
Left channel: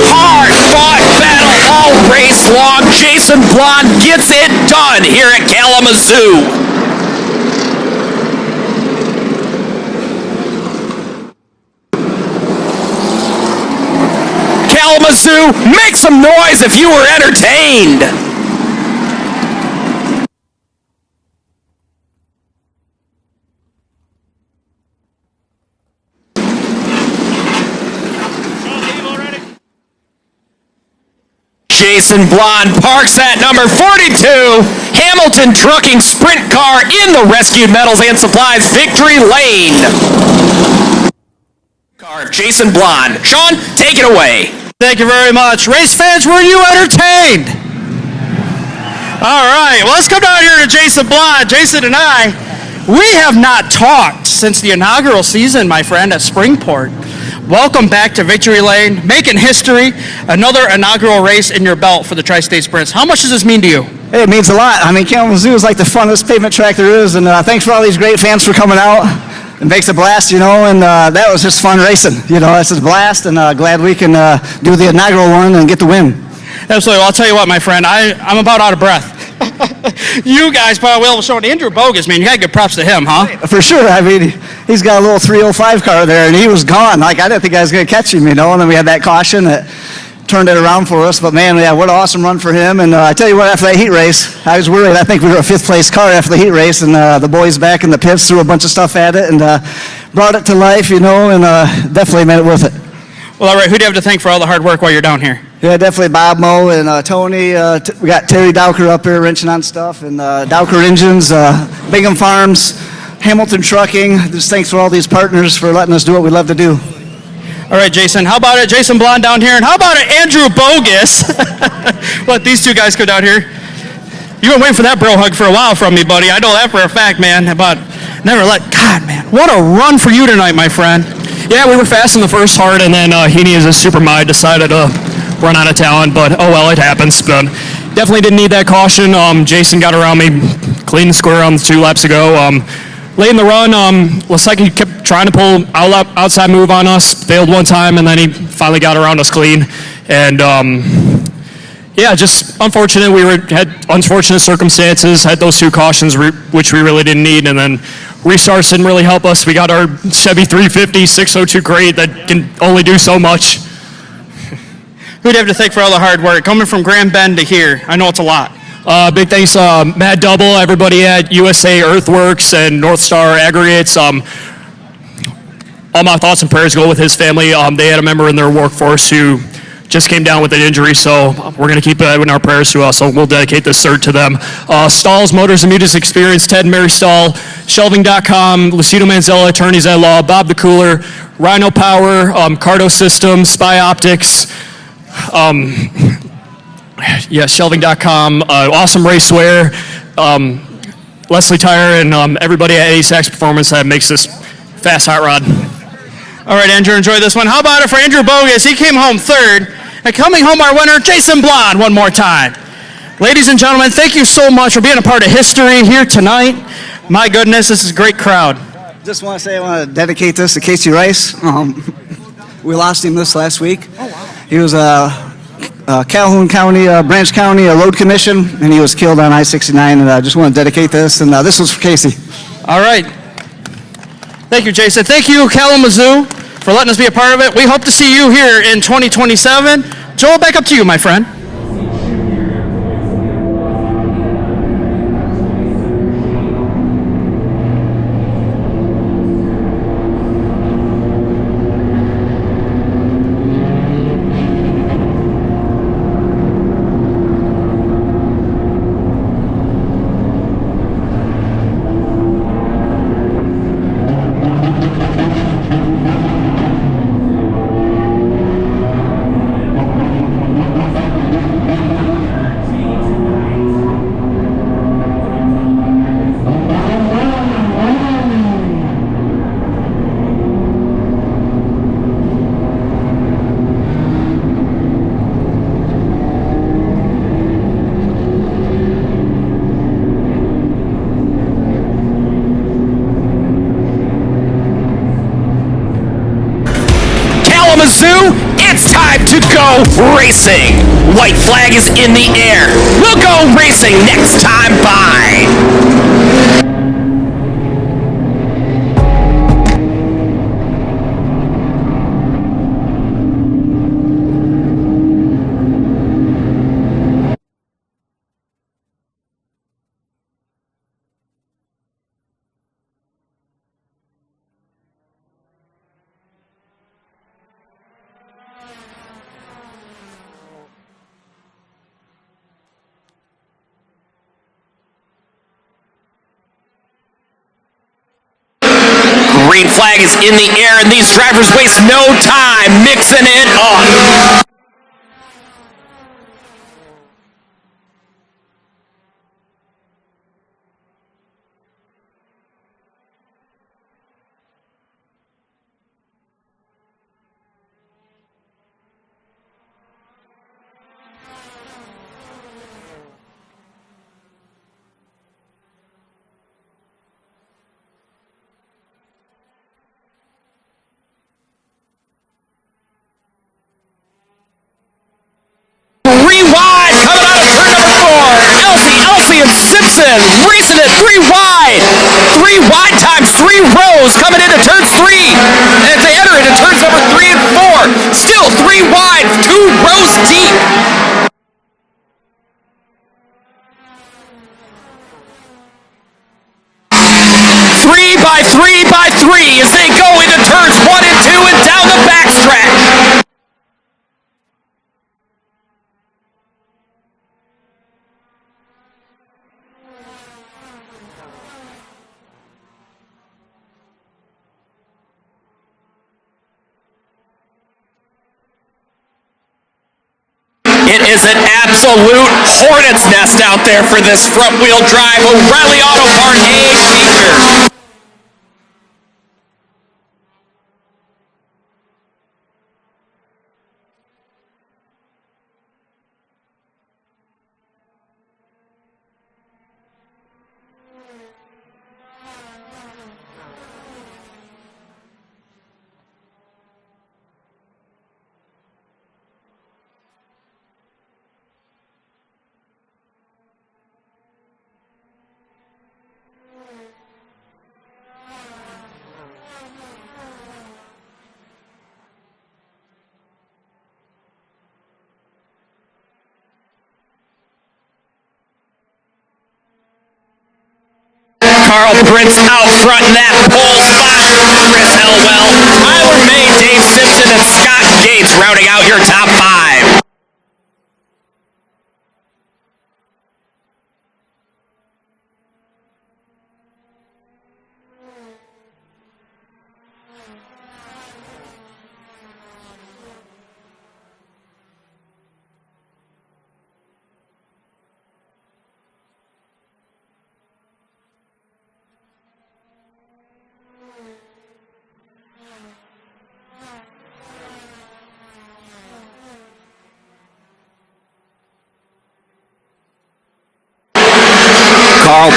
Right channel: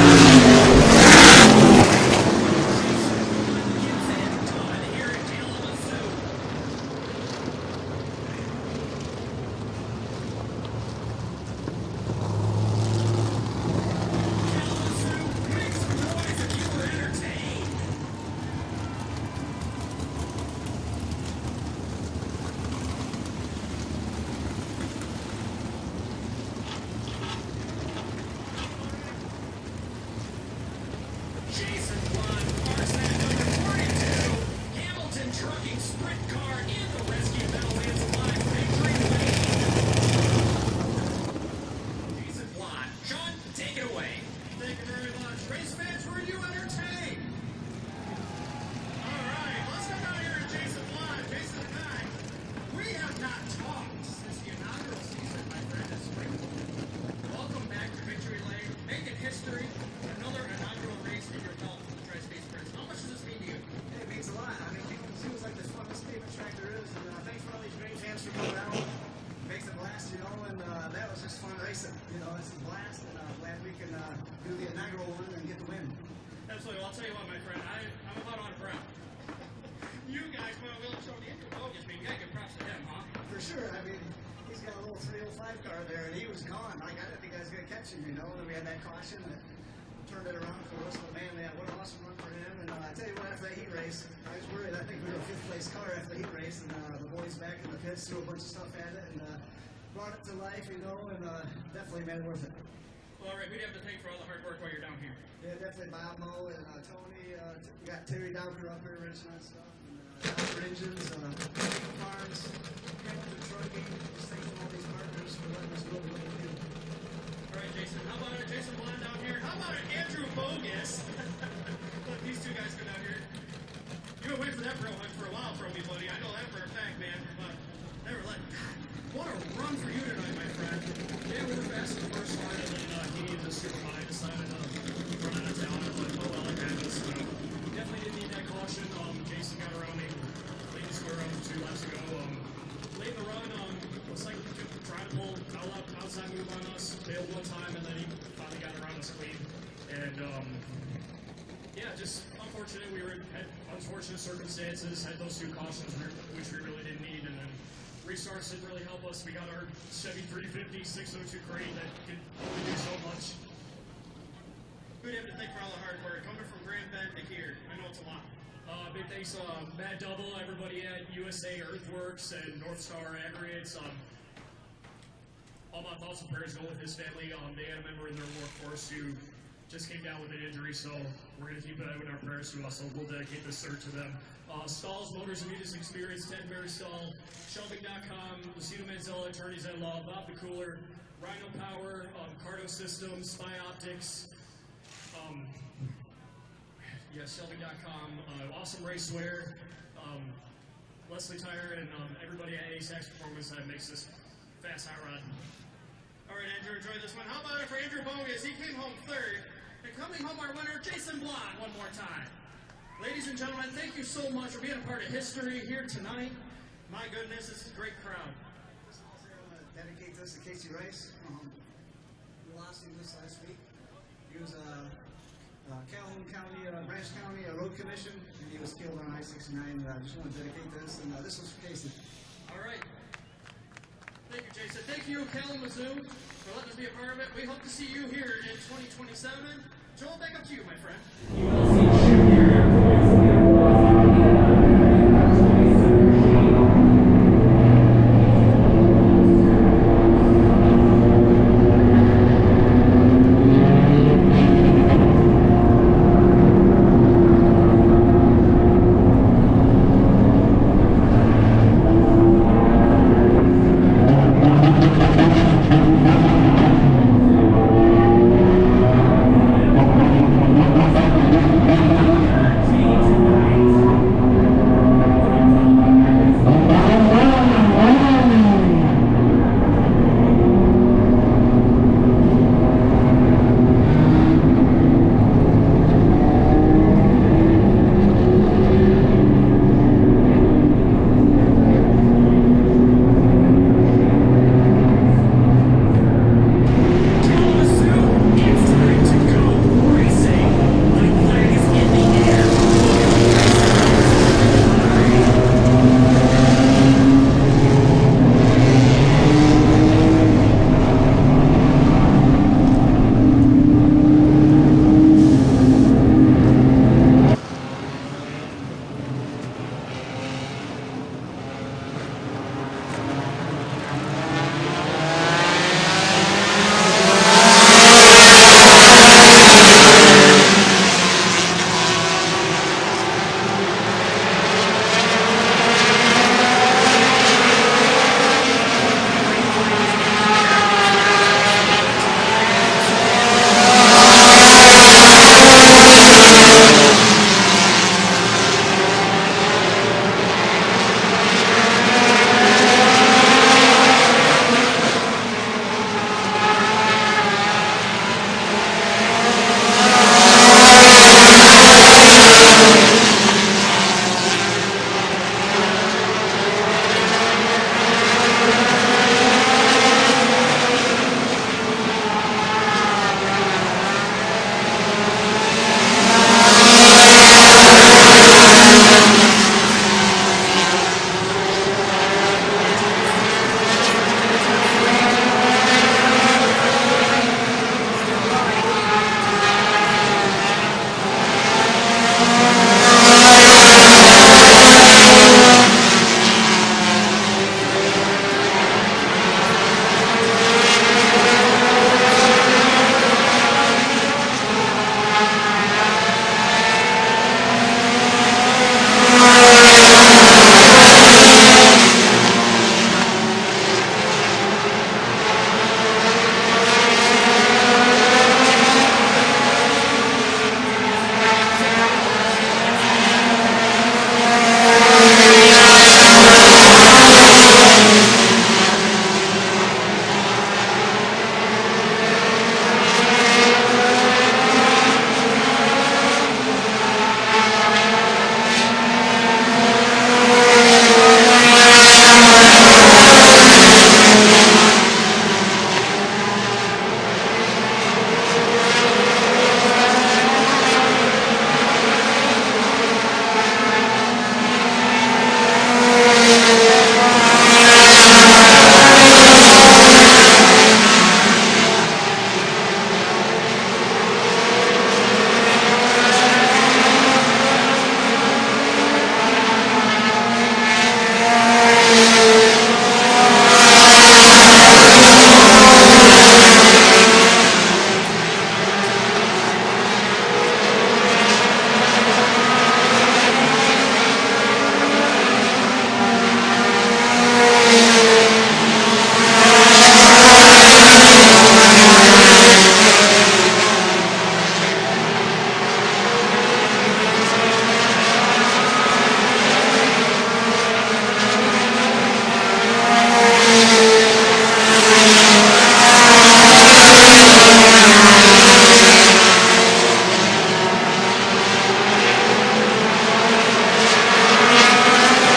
Hard-fought battle all race long. Jason Blonde gets it done here at Kalamazoo. Kalamazoo, make some noise if you were entertained. Jason Blonde parks at number 42. Hamilton Trucking Sprint Car in the Rescued Metals and Supplies Victory Lane. Jason Blonde. Sean, take it away. Thank you very much. Race fans, were you entertained? All right, well, let's come down here to Jason Blonde. Jason and I, we have not talked since the inaugural season, my friend, at Springport. Welcome back to Victory Lane, making history, another inaugural race in your belt for the Tri-State Sprints. How much does this mean to you? Hey, it means a lot. I mean, Kalamazoo is like the funnest pavement track there is, and thanks for all these great fans for coming out. It makes a blast, you know, and that was just fun racing. You know, it's a blast, and glad we can do the inaugural one and get the win. Absolutely. Well, I'll tell you what, my friend, I'm about out of breath. You guys probably will show Andrew Bogus, man. You got to give props to him, huh? For sure. I mean, he's got a little 305 car there, and he was gone. Like, I didn't think I was going to catch him, you know, and then we had that caution that turned it around for us. But, man, yeah, what an awesome run for him. And I tell you what, after that heat race, I was worried. I think we were a 5th place car after the heat race, and the boys back in the pits threw a bunch of stuff at it and brought it to life, you know, and definitely made it worth it. Well, all right, who do you have to thank for all the hard work while you're down here? Yeah, definitely Bob Moe and Tony. We got Terry Dowker up here wrenching on stuff, and Dowker Engines, Bingham Farms, Hamilton Trucking. Just thanks for all these partners for letting us do what we love to do. All right, Jason, how about it? Jason Blonde down here, and how about it, Andrew Bogus? Let these two guys go down here. You've been waiting for that bro hug for a while from me, buddy. I know that for a fact, man, but never let, God, man, what a run for you tonight, my friend. Yeah, we were fast in the first hard, and then Heaney, as a super mind, decided to run out of talent, but oh well, it happens. But definitely didn't need that caution. Jason got around me clean and square on the 2 laps ago. Late in the run, Lasecki kept trying to pull outside move on us, failed one time, and then he finally got around us clean. And yeah, just unfortunate. Had unfortunate circumstances, had those 2 cautions, which we really didn't need, and then restarts didn't really help us. We got our Chevy 350 602 crate that can only do so much. Who'd have to thank for all the hard work coming from Grand Bend to here? I know it's a lot. Big thanks, Matt Double, everybody at USA Earthworks and North Star Aggregates. All my thoughts and prayers go with his family. They had a member in their workforce who just came down with an injury, so we're going to keep it in our prayers too. So we'll dedicate this third to them. Stalls, Motors and Music Experience, Ted and Mary Stahl, Shelving.com, Lucido Manzella, Attorneys at Law, Bob the Cooler, Rhino Power, Cardo Systems, Spy Optics, Shelving.com, Awesome Racewear, Leslie Tire, and everybody at ASAX Performance that makes this fast hot rod. All right, Andrew, enjoy this one. How about it for Andrew Bogus? He came home third. And coming home, our winner, Jason Blonde, one more time. Ladies and gentlemen, thank you so much for being a part of history here tonight. My goodness, this is a great crowd. Just want to say I want to dedicate this to Casey Rice. We lost him this last week. Oh, wow. He was Calhoun County, Branch County Road Commission, and he was killed on I-69, and I just want to dedicate this, and this was for Casey. All right. Thank you, Jason. Thank you, Kalamazoo, for letting us be a part of it. We hope to see you here in 2027. Joel, back up to you, my friend. racing. White flag is in the air. We'll go racing next time by. Green flag is in the air, and these drivers waste no time mixing it up. Racing it 3 wide. 3 wide times 3 rows coming into turns 3. And as they enter into turns number 3 and 4. Still 3 wide, 2 rows deep. Three by three as they go into turns 1 and 2 and down the backstretch. It is an absolute hornet's nest out there for this front-wheel drive O'Reilly Auto Parts feature. Prince out front in that pole spot. Chris Elwell, Tyler May, Dave Simpson, and Scott Gates rounding out your top 5.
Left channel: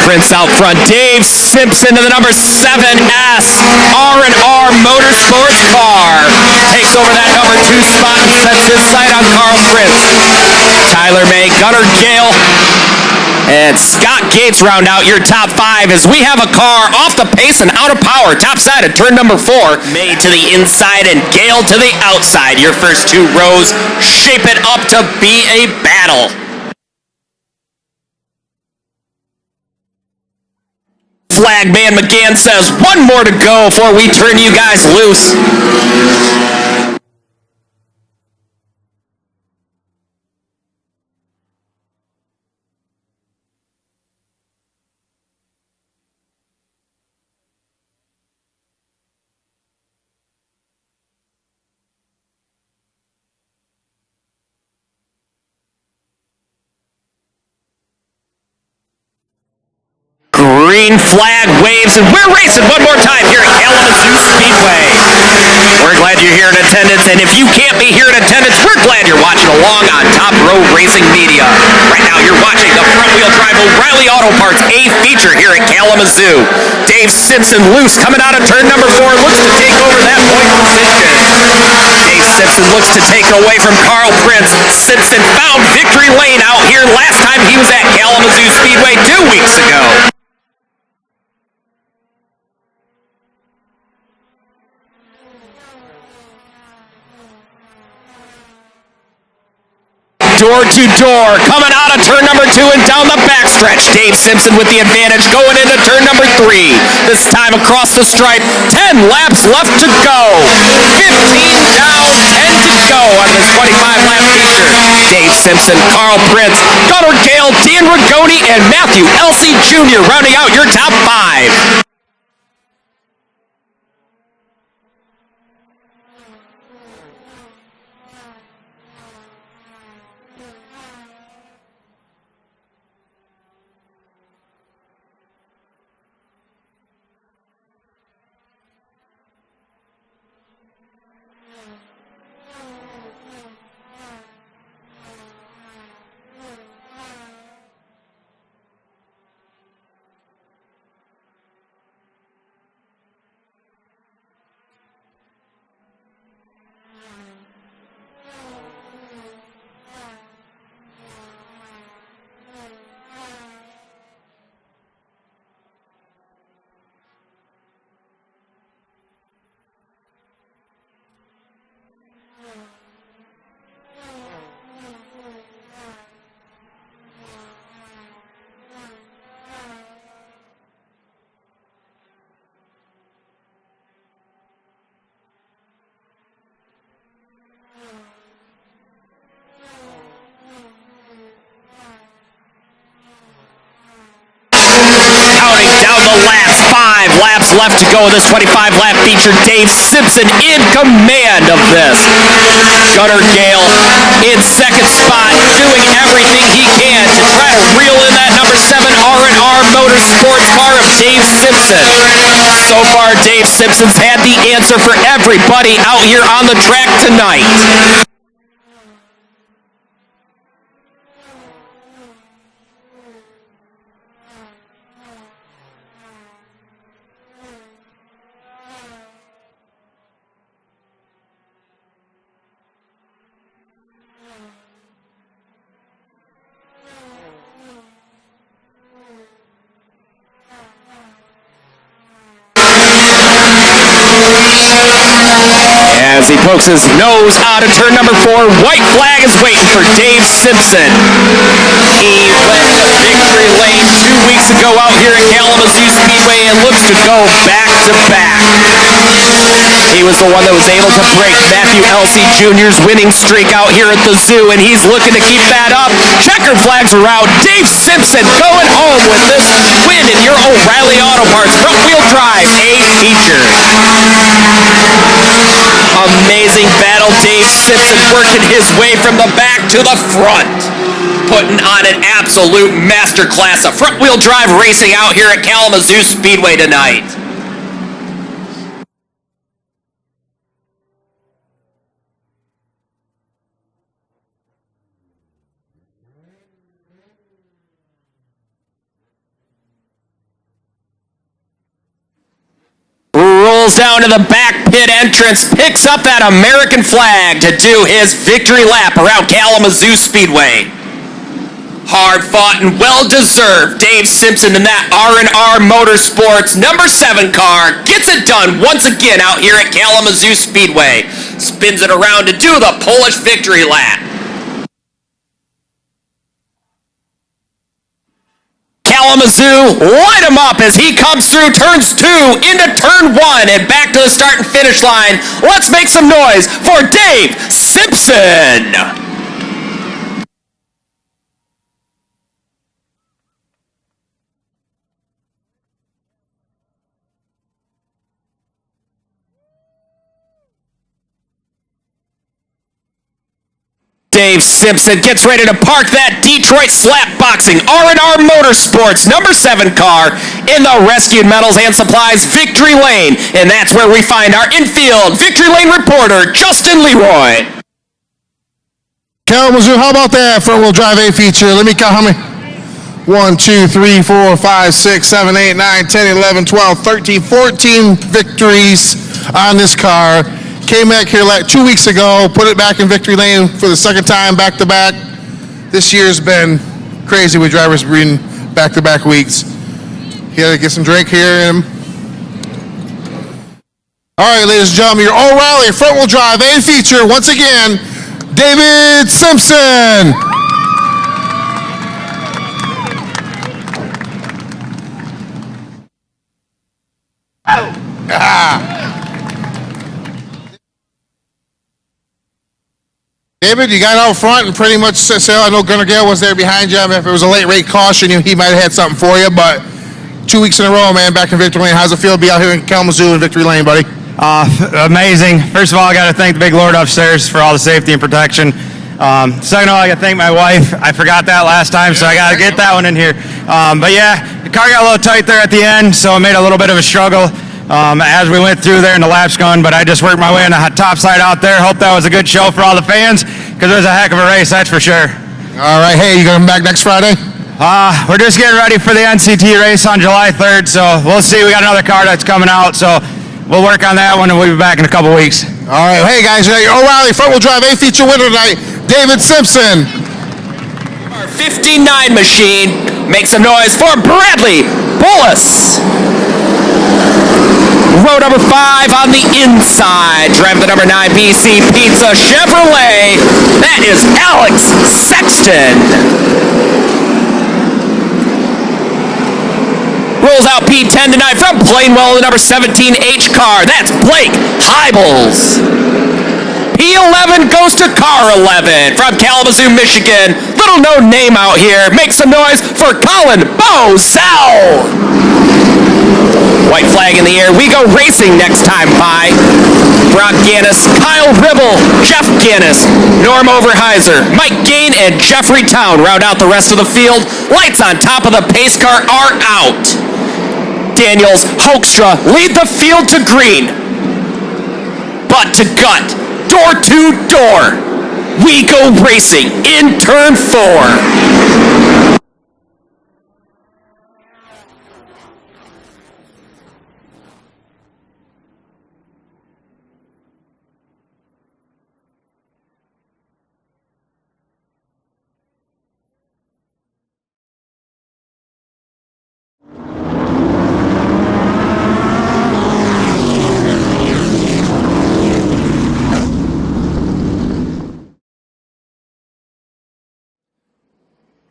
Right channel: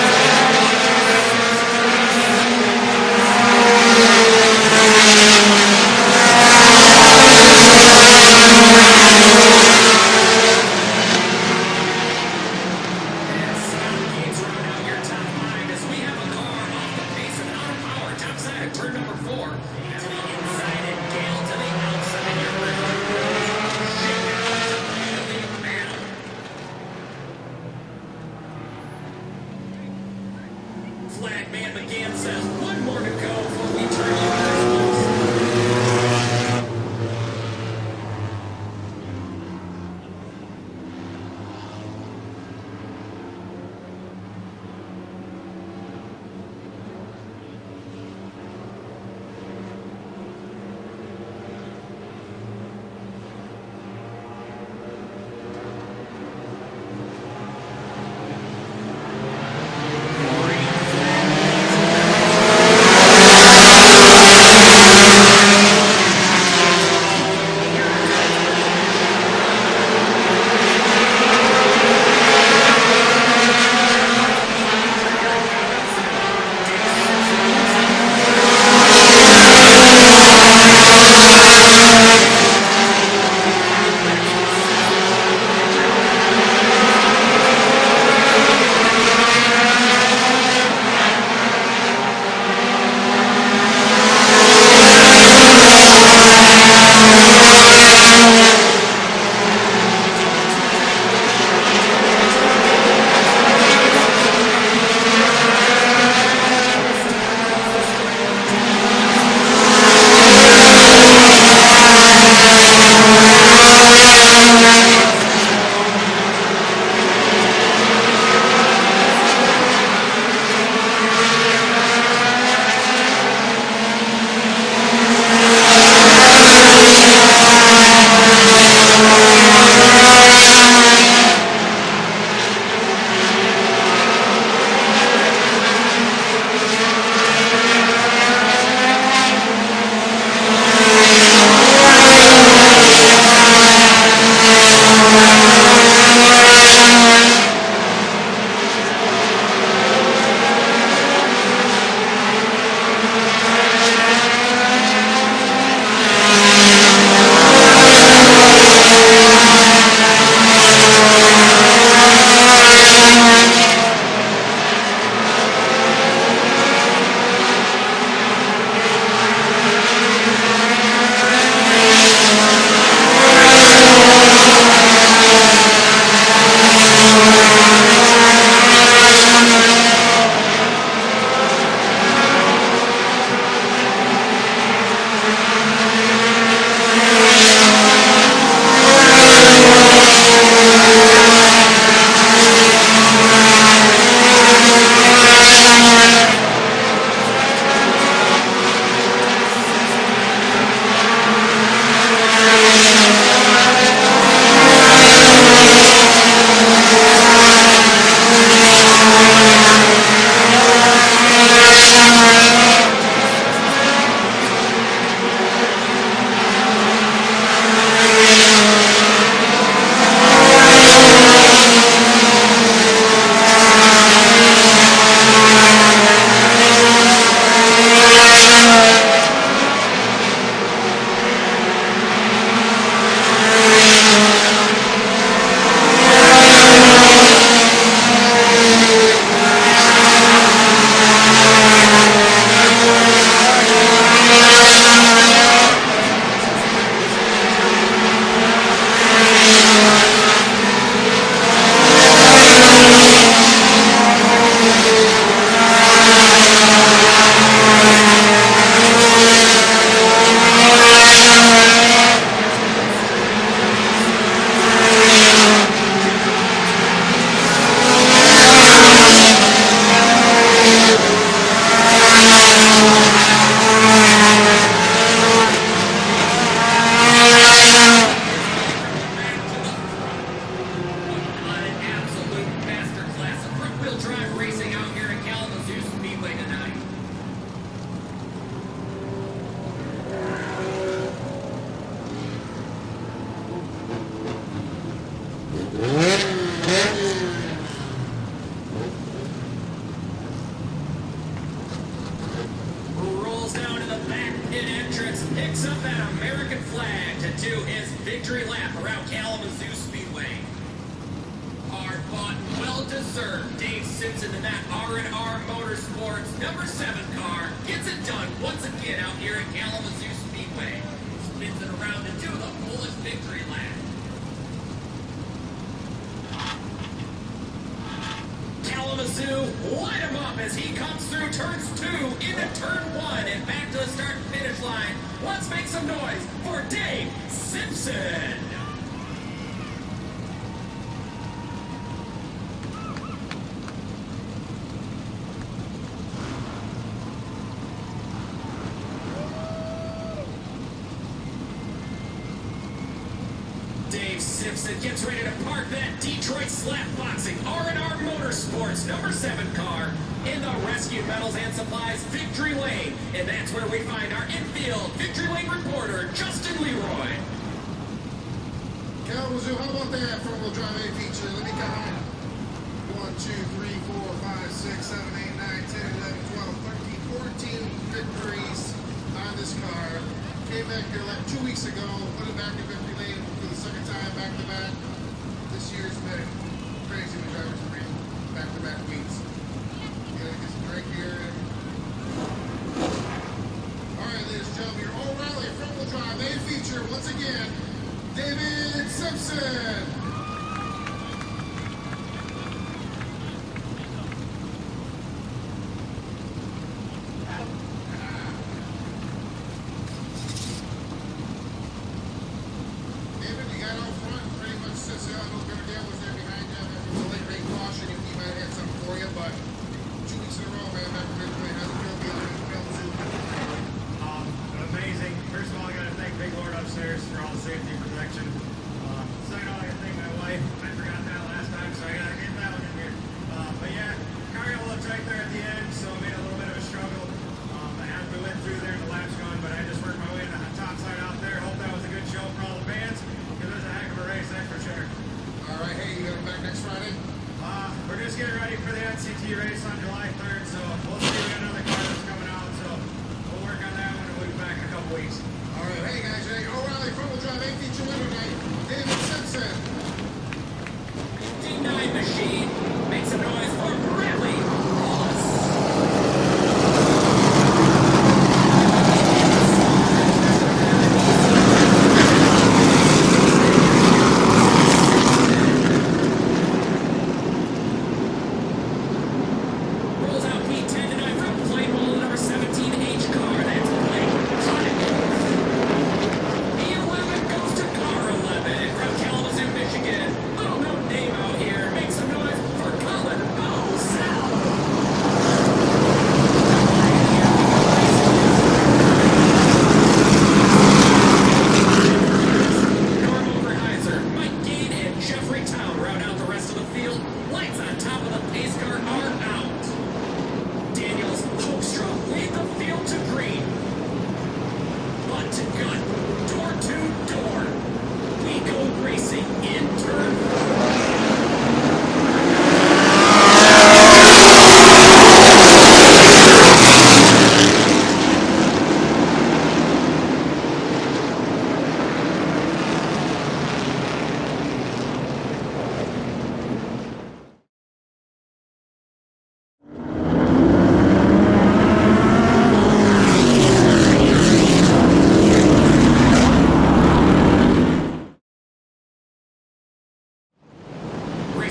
Prince out front, Dave Simpson to the number 7S R&R Motorsports car. Takes over that number 2 spot, sets his sight on Carl Prince. Tyler May, Gunnar Gale, and Scott Gates round out your top 5 as we have a car off the pace and out of power. Top side of turn number 4. May to the inside and Gale to the outside. Your first 2 rows shape it up to be a battle. Flagman McGann says 1 more to go before we turn you guys loose. Green flag waves, and we're racing one more time here at Kalamazoo Speedway. We're glad you're here in attendance, and if you can't be here in attendance, we're glad you're watching along on Top Row Racing Media. Right now, you're watching the front-wheel drive O'Reilly Auto Parts A feature here at Kalamazoo. Dave Simpson loose coming out of turn number 4. Looks to take over that point position. Dave Simpson looks to take away from Carl Prince. Simpson found victory lane out here last time he was at Kalamazoo Speedway 2 weeks ago. Door to door, coming out of turn number 2 and down the backstretch. Dave Simpson with the advantage going into turn number 3. This time across the stripe, 10 laps left to go. 15 down, 10 to go on this 25-lap feature. Dave Simpson, Carl Prince, Gunnar Gale, Dan Rigoni, and Matthew Elsey Jr. rounding out your top 5. Left to go in this 25-lap feature. Dave Simpson in command of this. Gunnar Gale in second spot, doing everything he can to try to reel in that number 7 R&R Motorsports car of Dave Simpson. So far, Dave Simpson's had the answer for everybody out here on the track tonight. As he pokes his nose out of turn number 4, white flag is waiting for Dave Simpson. He left the victory lane 2 weeks ago out here at Kalamazoo Speedway and looks to go back to back. He was the one that was able to break Matthew Elsey Jr.'s winning streak out here at the zoo, and he's looking to keep that up. Checkered flags are out. Dave Simpson going home with this win in your O'Reilly Auto Parts front-wheel drive A feature. Amazing battle. Dave Simpson working his way from the back to the front, putting on an absolute masterclass of front-wheel drive racing out here at Kalamazoo Speedway tonight. Rolls down to the back pit entrance, picks up that American flag to do his victory lap around Kalamazoo Speedway. Hard fought and well deserved. Dave Simpson in that R&R Motorsports number 7 car gets it done once again out here at Kalamazoo Speedway. Spins it around to do the Polish victory lap. Kalamazoo, light him up as he comes through turns 2 into turn 1 and back to the start and finish line. Let's make some noise for Dave Simpson. Dave Simpson gets ready to park that Detroit Slap Boxing R&R Motorsports number 7 car in the Rescued Metals and Supplies Victory Lane. And that's where we find our infield Victory Lane reporter, Justin Leroy. Kalamazoo, how about that front-wheel drive A feature? Let me count how many. 1, 2, 3, 4, 5, 6, 7, 8, 9, 10, 11, 12, 13, 14 victories on this car. Came back here like 2 weeks ago, put it back in victory lane for the second time back to back. This year's been crazy with drivers being back to back weeks. You gotta get some drink here in him. All right, ladies and gentlemen, your O'Reilly front wheel drive A feature, once again, David Simpson. David, you got out front and pretty much said, I know Gunnar Gale was there behind you. I mean, if it was a late rate caution, he might have had something for you, but 2 weeks in a row, man, back in victory lane. How's it feel to be out here in Kalamazoo in victory lane, buddy? Amazing. First of all, I got to thank the big Lord upstairs for all the safety and protection. Second of all, I got to thank my wife. I forgot that last time, so I got to get that one in here. But yeah, the car got a little tight there at the end, so it made a little bit of a struggle as we went through there in the laps gun, but I just worked my way on the top side out there. Hope that was a good show for all the fans, because it was a heck of a race, that's for sure. All right, hey, you coming back next Friday? We're just getting ready for the NCT race on July 3rd, so we'll see. We got another car that's coming out, so we'll work on that one, and we'll be back in a couple weeks. All right, hey guys, your O'Reilly front wheel drive A feature winner tonight, David Simpson. Our 59 machine makes some noise for Bradley Bullis. Row number 5 on the inside, driving the number 9 BC Pizza Chevrolet. That is Alex Sexton. Rolls out P10 tonight from Plainwell, the number 17 H car. That's Blake Hybels. P11 goes to car 11 from Kalamazoo, Michigan. Little known name out here. Make some noise for Colin Bozell. White flag in the air. We go racing next time by. Brock Gannis, Kyle Ribble, Jeff Gannis, Norm Overheiser, Mike Gain, and Jeffrey Town round out the rest of the field. Lights on top of the pace car are out. Daniels, Hoekstra lead the field to green. Butt to gut, door to door. We go racing in turn 4.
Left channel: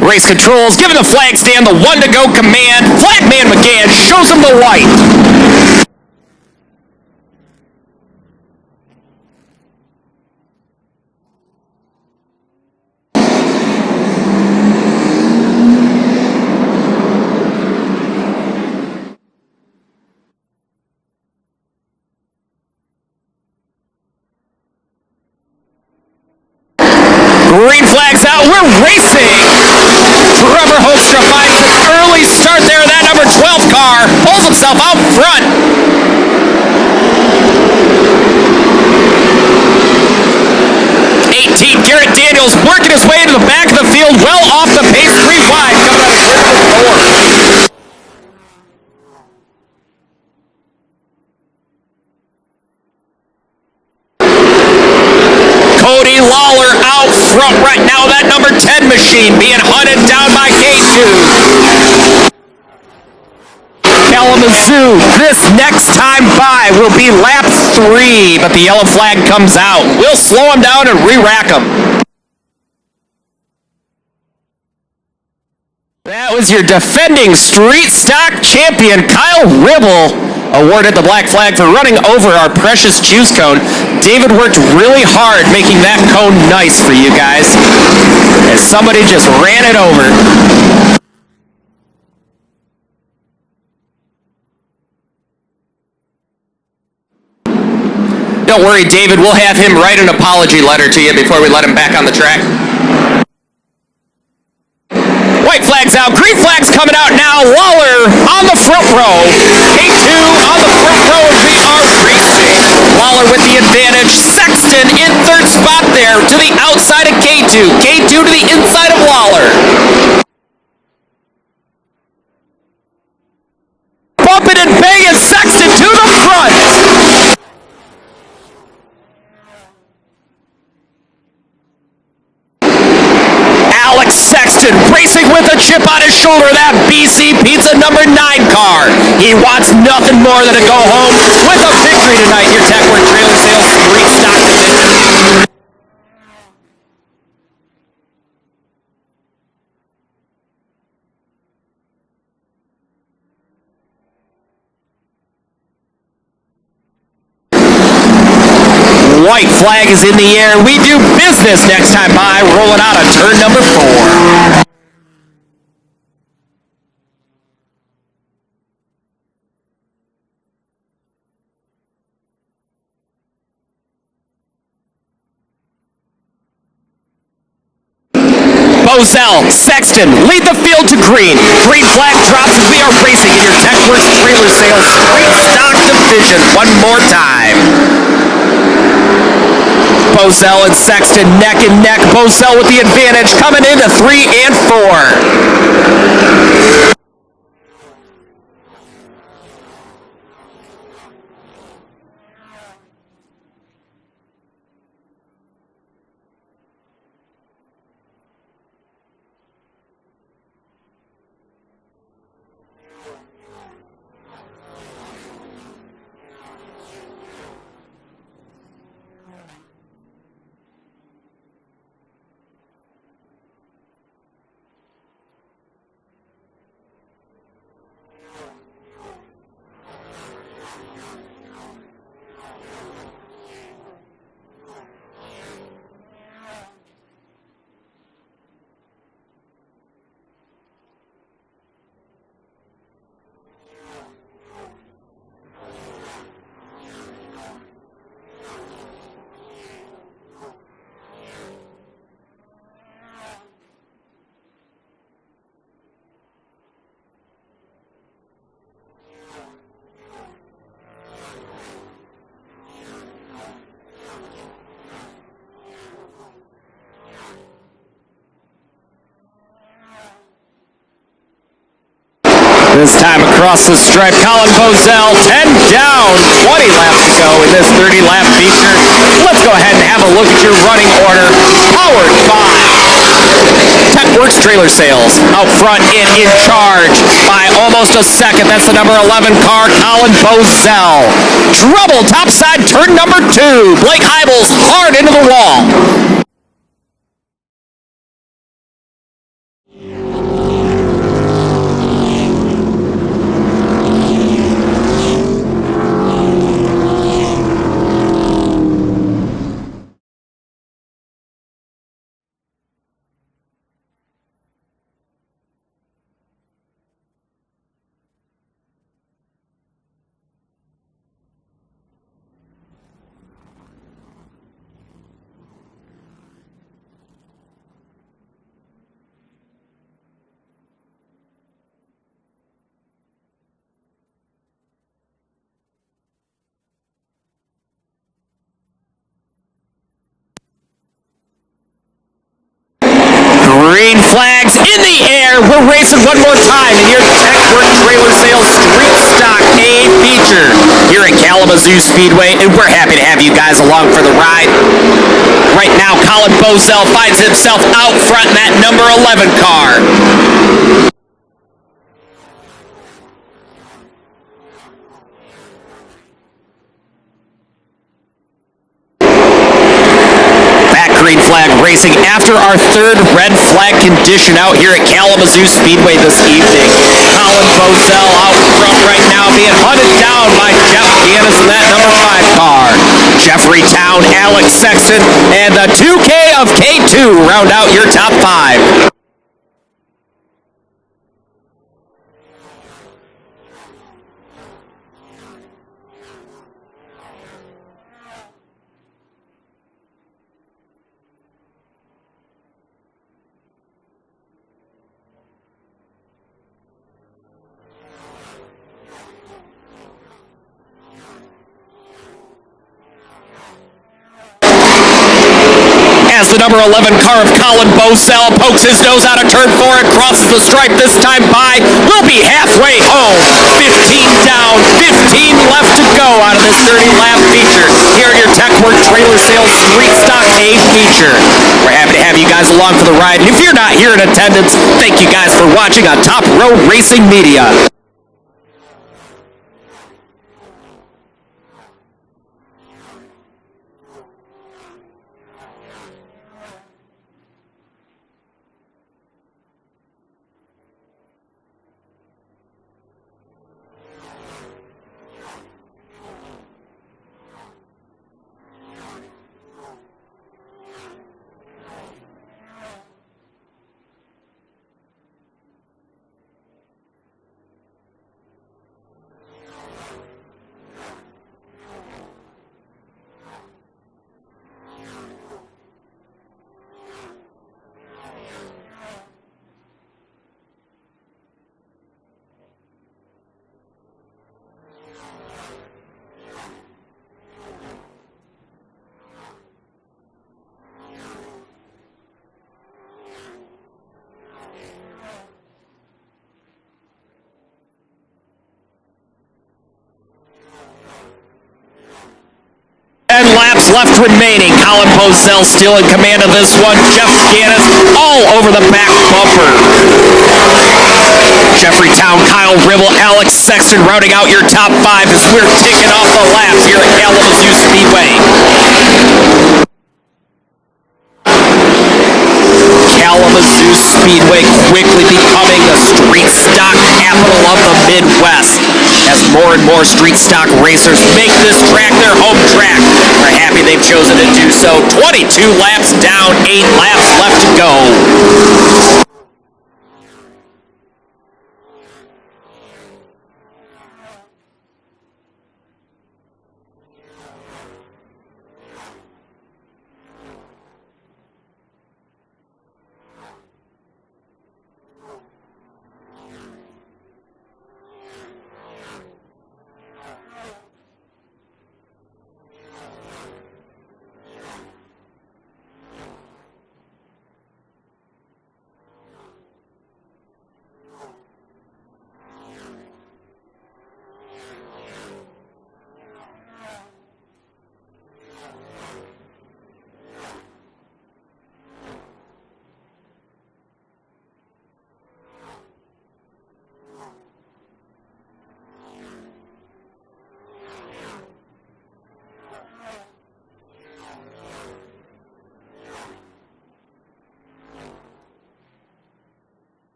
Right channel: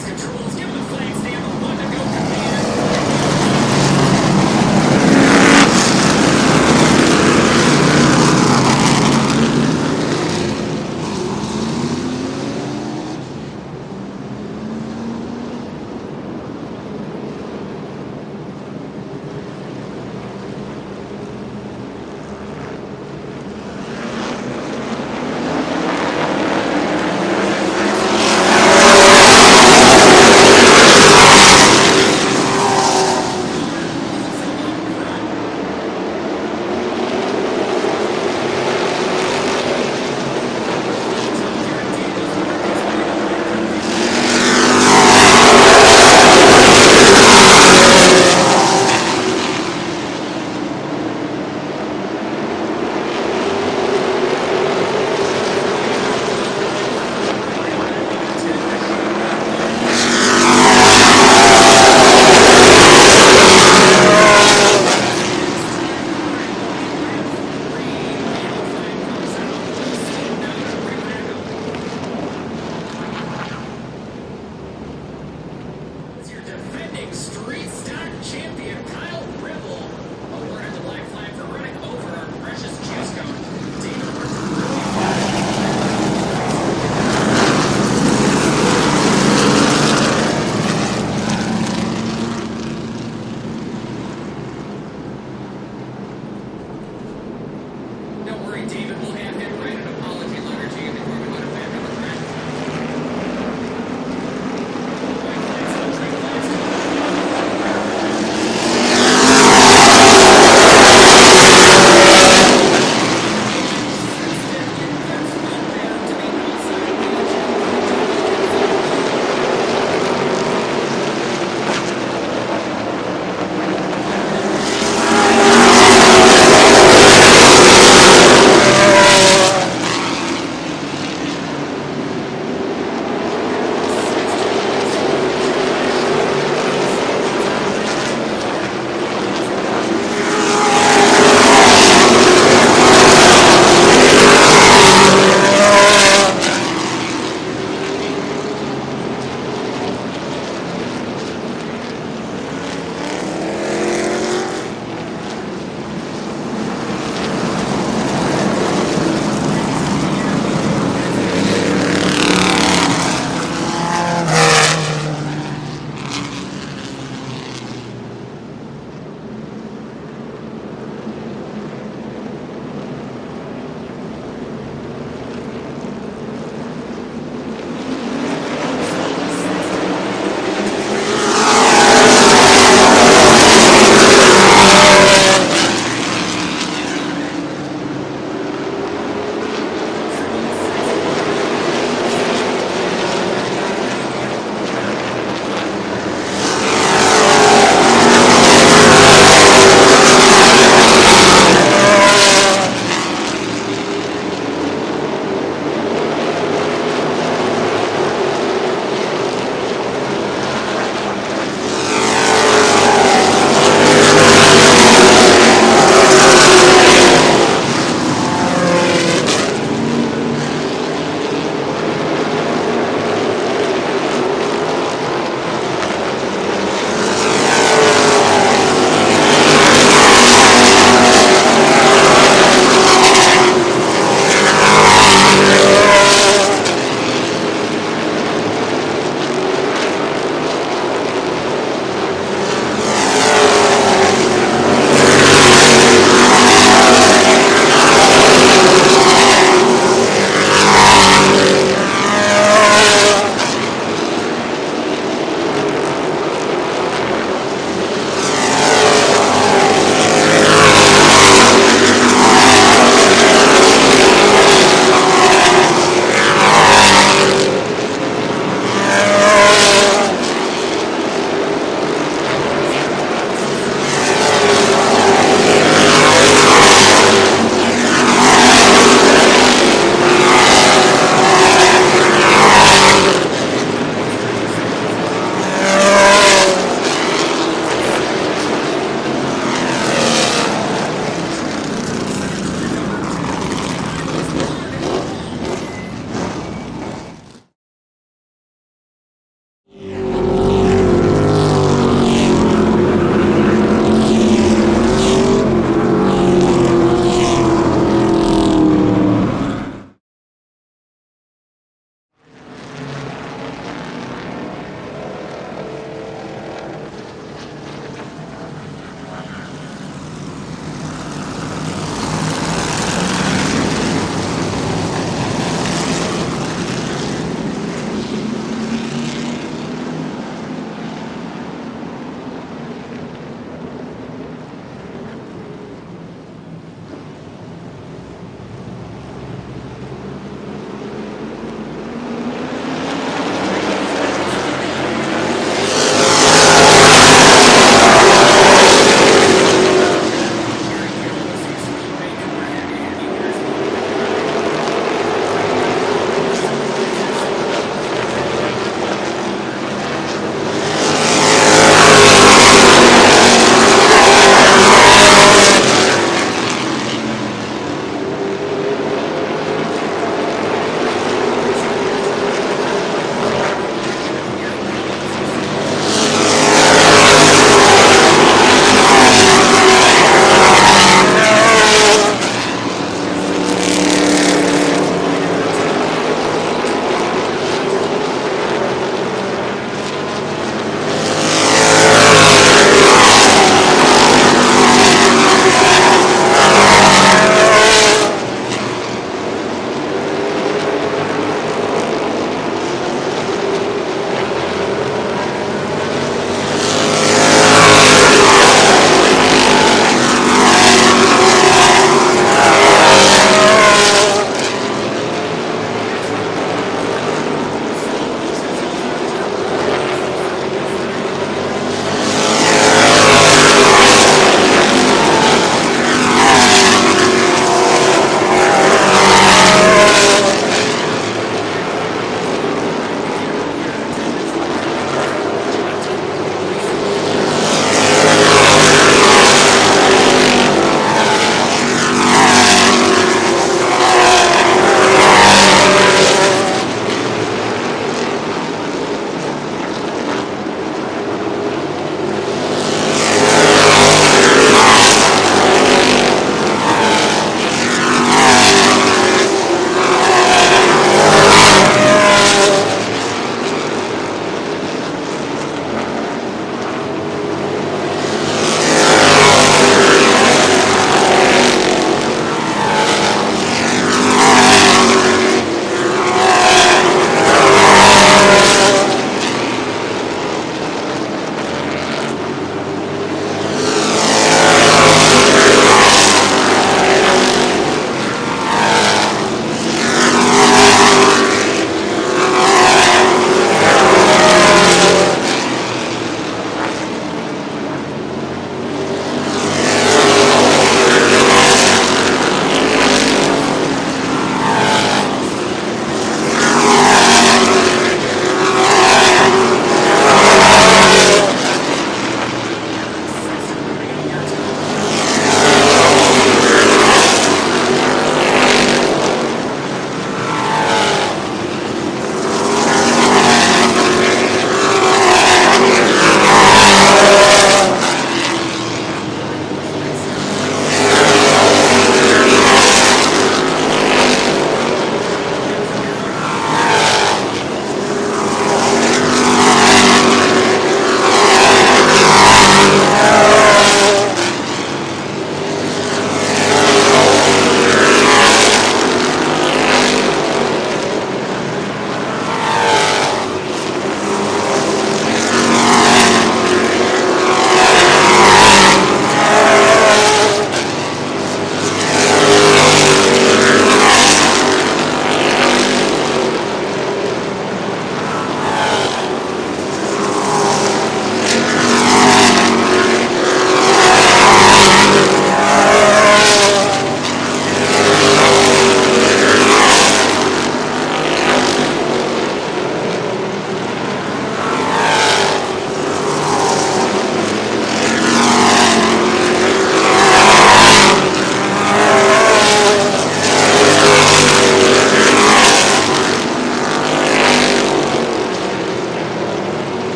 Race controls, giving the flag stand the 1 to go command. Flagman McGann shows him the white. Green flag's out, we're racing! Trevor Hoekstra finds an early start there. That number 12 car pulls himself out front. Garrett Daniels working his way into the back of the field, well off the pace, 3 wide. Cody Lawler out front right now. That number 10 machine being hunted down by Gate 2. Kalamazoo, this next time by will be lap 3, but the yellow flag comes out. We'll slow him down and re-rack him. That was your defending street stock champion, Kyle Ribble, awarded the black flag for running over our precious juice cone. David worked really hard making that cone nice for you guys, as somebody just ran it over. Don't worry, David, we'll have him write an apology letter to you before we let him back on the track. White flag's out, green flag's coming out now. Lawler on the front row. K2 on the front row. We are racing. Lawler with the advantage. Sexton in third spot there to the outside of K2. K2 to the inside of Lawler. the number 9 car. He wants nothing more than to go home with a victory tonight. Your Techworth Trailer Sales Street Stock. White flag is in the air. We do business next time by, rolling out of turn number 4. Bozell, Sexton, lead the field to green. Green flag drops as we are racing in your Techworth Trailer Sales Street Stock Division one more time. Bozell and Sexton neck and neck. Bozell with the advantage coming into 3 and 4. This time across the stripe, Colin Bozell, 10 down, 20 laps to go in this 30-lap feature. Let's go ahead and have a look at your running order, powered by Techworth Trailer Sales. Out front and in charge by almost a second. That's the number 11 car, Colin Bozell. Trouble, topside, turn number 2. Blake Heibels hard into the wall. Green flags in the air. We're racing one more time in your Techworth Trailer Sales Street Stock A feature here at Kalamazoo Speedway, and we're happy to have you guys along for the ride. Right now, Colin Bozell finds himself out front in that number 11 car. Green flag racing after our third red flag condition out here at Kalamazoo Speedway this evening. Colin Bozell out front right now, being hunted down by Jeff Ganis in that number 5 car. Jeffrey Town, Alex Sexton, and the 2K of K2 round out your top 5. The number 11 car of Colin Bozell pokes his nose out of turn 4 and crosses the stripe this time by. We'll be halfway home. 15 down, 15 left to go out of this 30-lap feature here at your Techworth Trailer Sales Street Stock A feature. We're happy to have you guys along for the ride. And if you're not here in attendance. Thank you guys for watching on Top Road Racing Media. Left remaining. Colin Bozell still in command of this one. Jeff Ganis all over the back bumper. Jeffreytown, Kyle Ribble, Alex Sexton rounding out your top 5 as we're ticking off the laps here at Kalamazoo Speedway. Kalamazoo Speedway quickly becoming the street stock capital of the Midwest as more and more street stock racers make this track their home track. We're happy they've chosen to do so. 22 laps down, 8 laps left to go.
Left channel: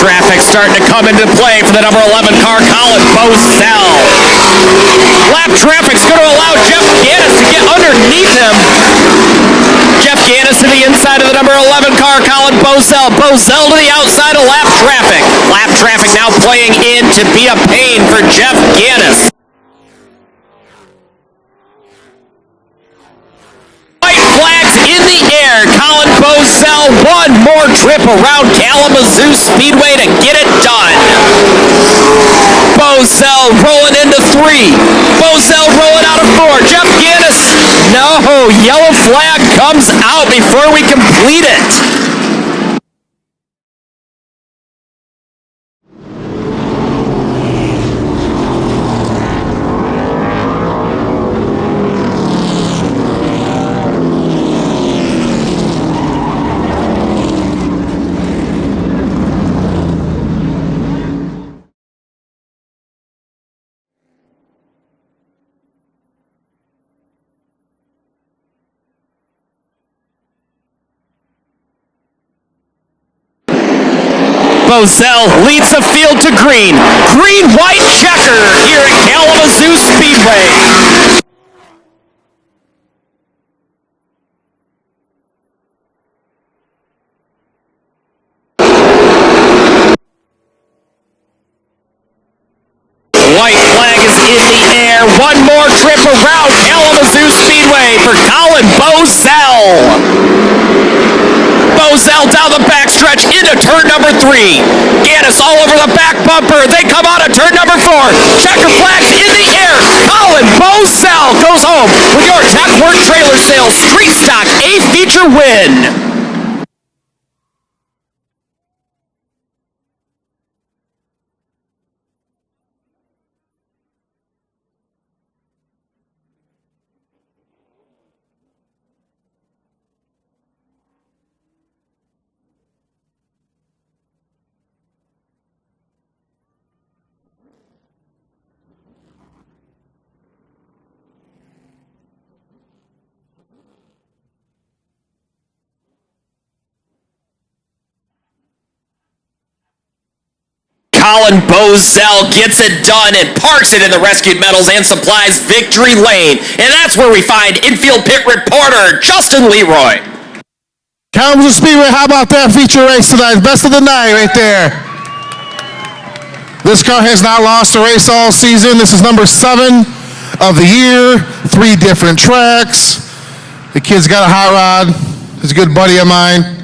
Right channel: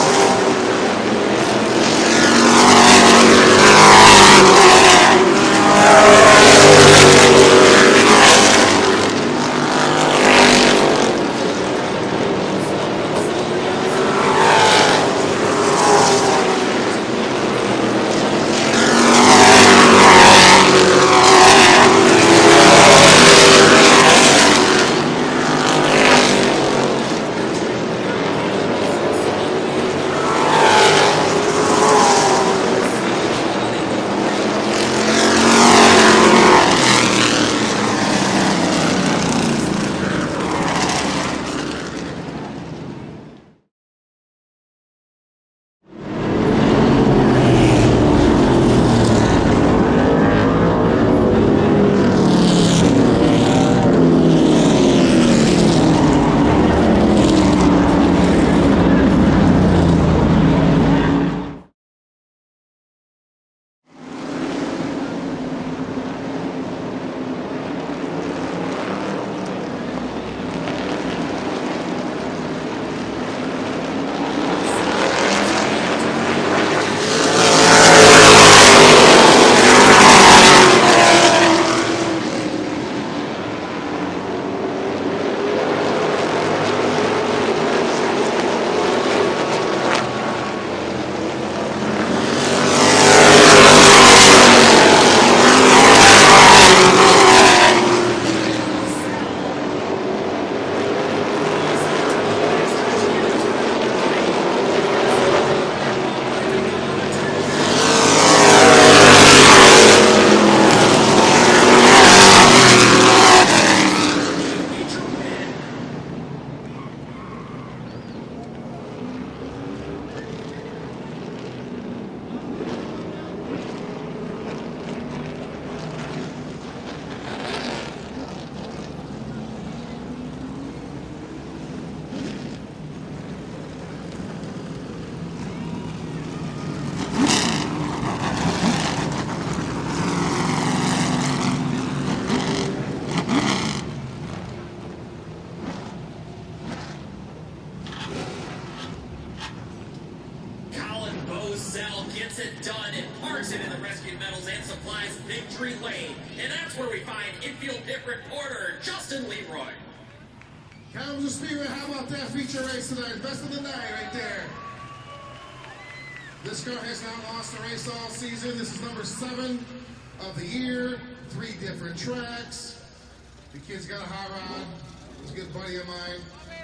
Traffic starting to come into play for the number 11 car, Colin Bozell. Lap traffic's going to allow Jeff Ganis to get underneath him. Jeff Ganis to the inside of the number 11 car, Colin Bozell. Bozell to the outside of lap traffic. Lap traffic now playing in to be a pain for Jeff Ganis. White flags in the air. Colin Bozell, one more trip around Kalamazoo Speedway to get it done. Bozell rolling into 3. Bozell rolling out of 4. Jeff Ganis, no, yellow flag comes out before we complete it. Bozell leads the field to green. Green-white checker here at Kalamazoo Speedway. White flag is in the air. One more trip around Kalamazoo Speedway for Colin Bozell. Bozell down the backstretch into turn number 3. Ganis all over the back bumper. They come out of turn number 4. Checker flags in the air. Colin Bozell goes home with your Tech Work Trailer Sales Street Stock A feature feature win. Colin Bozell gets it done and parks it in the rescued metals and supplies victory lane. And that's where we find infield pit reporter Justin Leroy. Kalamazoo Speedway, how about that feature race tonight? Best of the night right there. This car has not lost a race all season. This is number 7 of the year. 3 different tracks. The kid's got a hot rod. He's a good buddy of mine.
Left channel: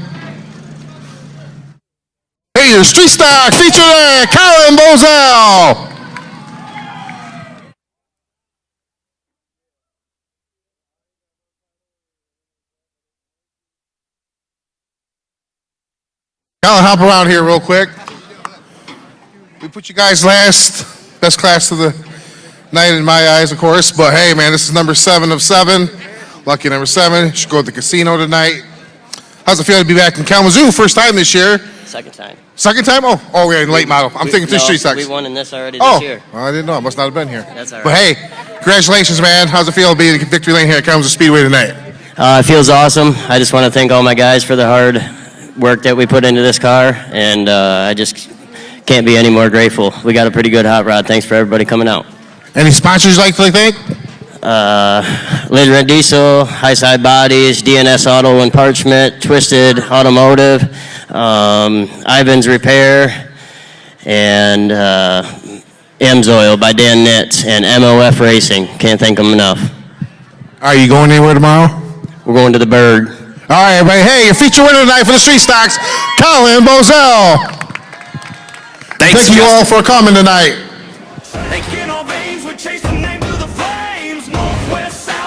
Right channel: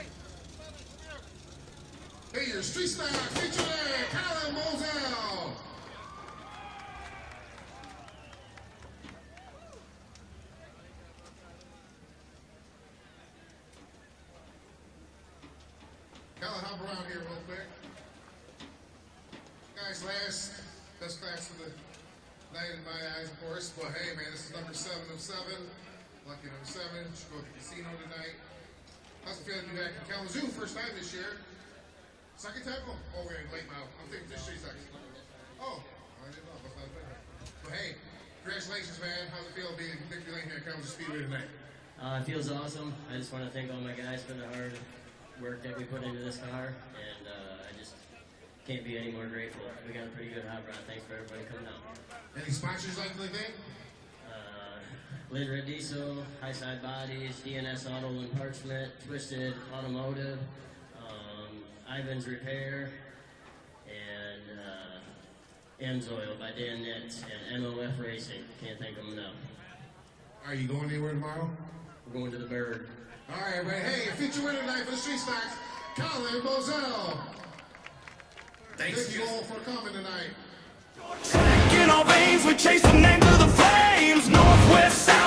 Hey, your street stock feature there, Colin Bozell. Colin, hop around here real quick. We put you guys last, best class of the night in my eyes, of course. But hey, man, this is number 7 of 7. Lucky number 7. Should go to the casino tonight. How's it feel to be back in Kalamazoo? First time this year. Second time. Second time? Oh, we're in late model. I'm thinking 3 street stocks. We won in this already this year. Well, I didn't know. I must not have been here. That's all right. But hey, congratulations, man. How's it feel to be in victory lane here at Kalamazoo Speedway tonight? It feels awesome. I just want to thank all my guys for the hard work that we put into this car, and I just can't be any more grateful. We got a pretty good hot rod. Thanks for everybody coming out. Any sponsors you'd like to thank? Lid Red Diesel, High Side Bodies, DNS Auto and Parchment, Twisted Automotive, Ivan's Repair, and M's Oil by Dan Nitz, and MOF Racing. Can't thank them enough. Are you going anywhere tomorrow? We're going to the Bird. All right, everybody. Hey, your feature winner tonight for the street stocks, Colin Bozell. Thanks, Thank you all for coming tonight. In our veins, we chase the name to the flames, northwest, south.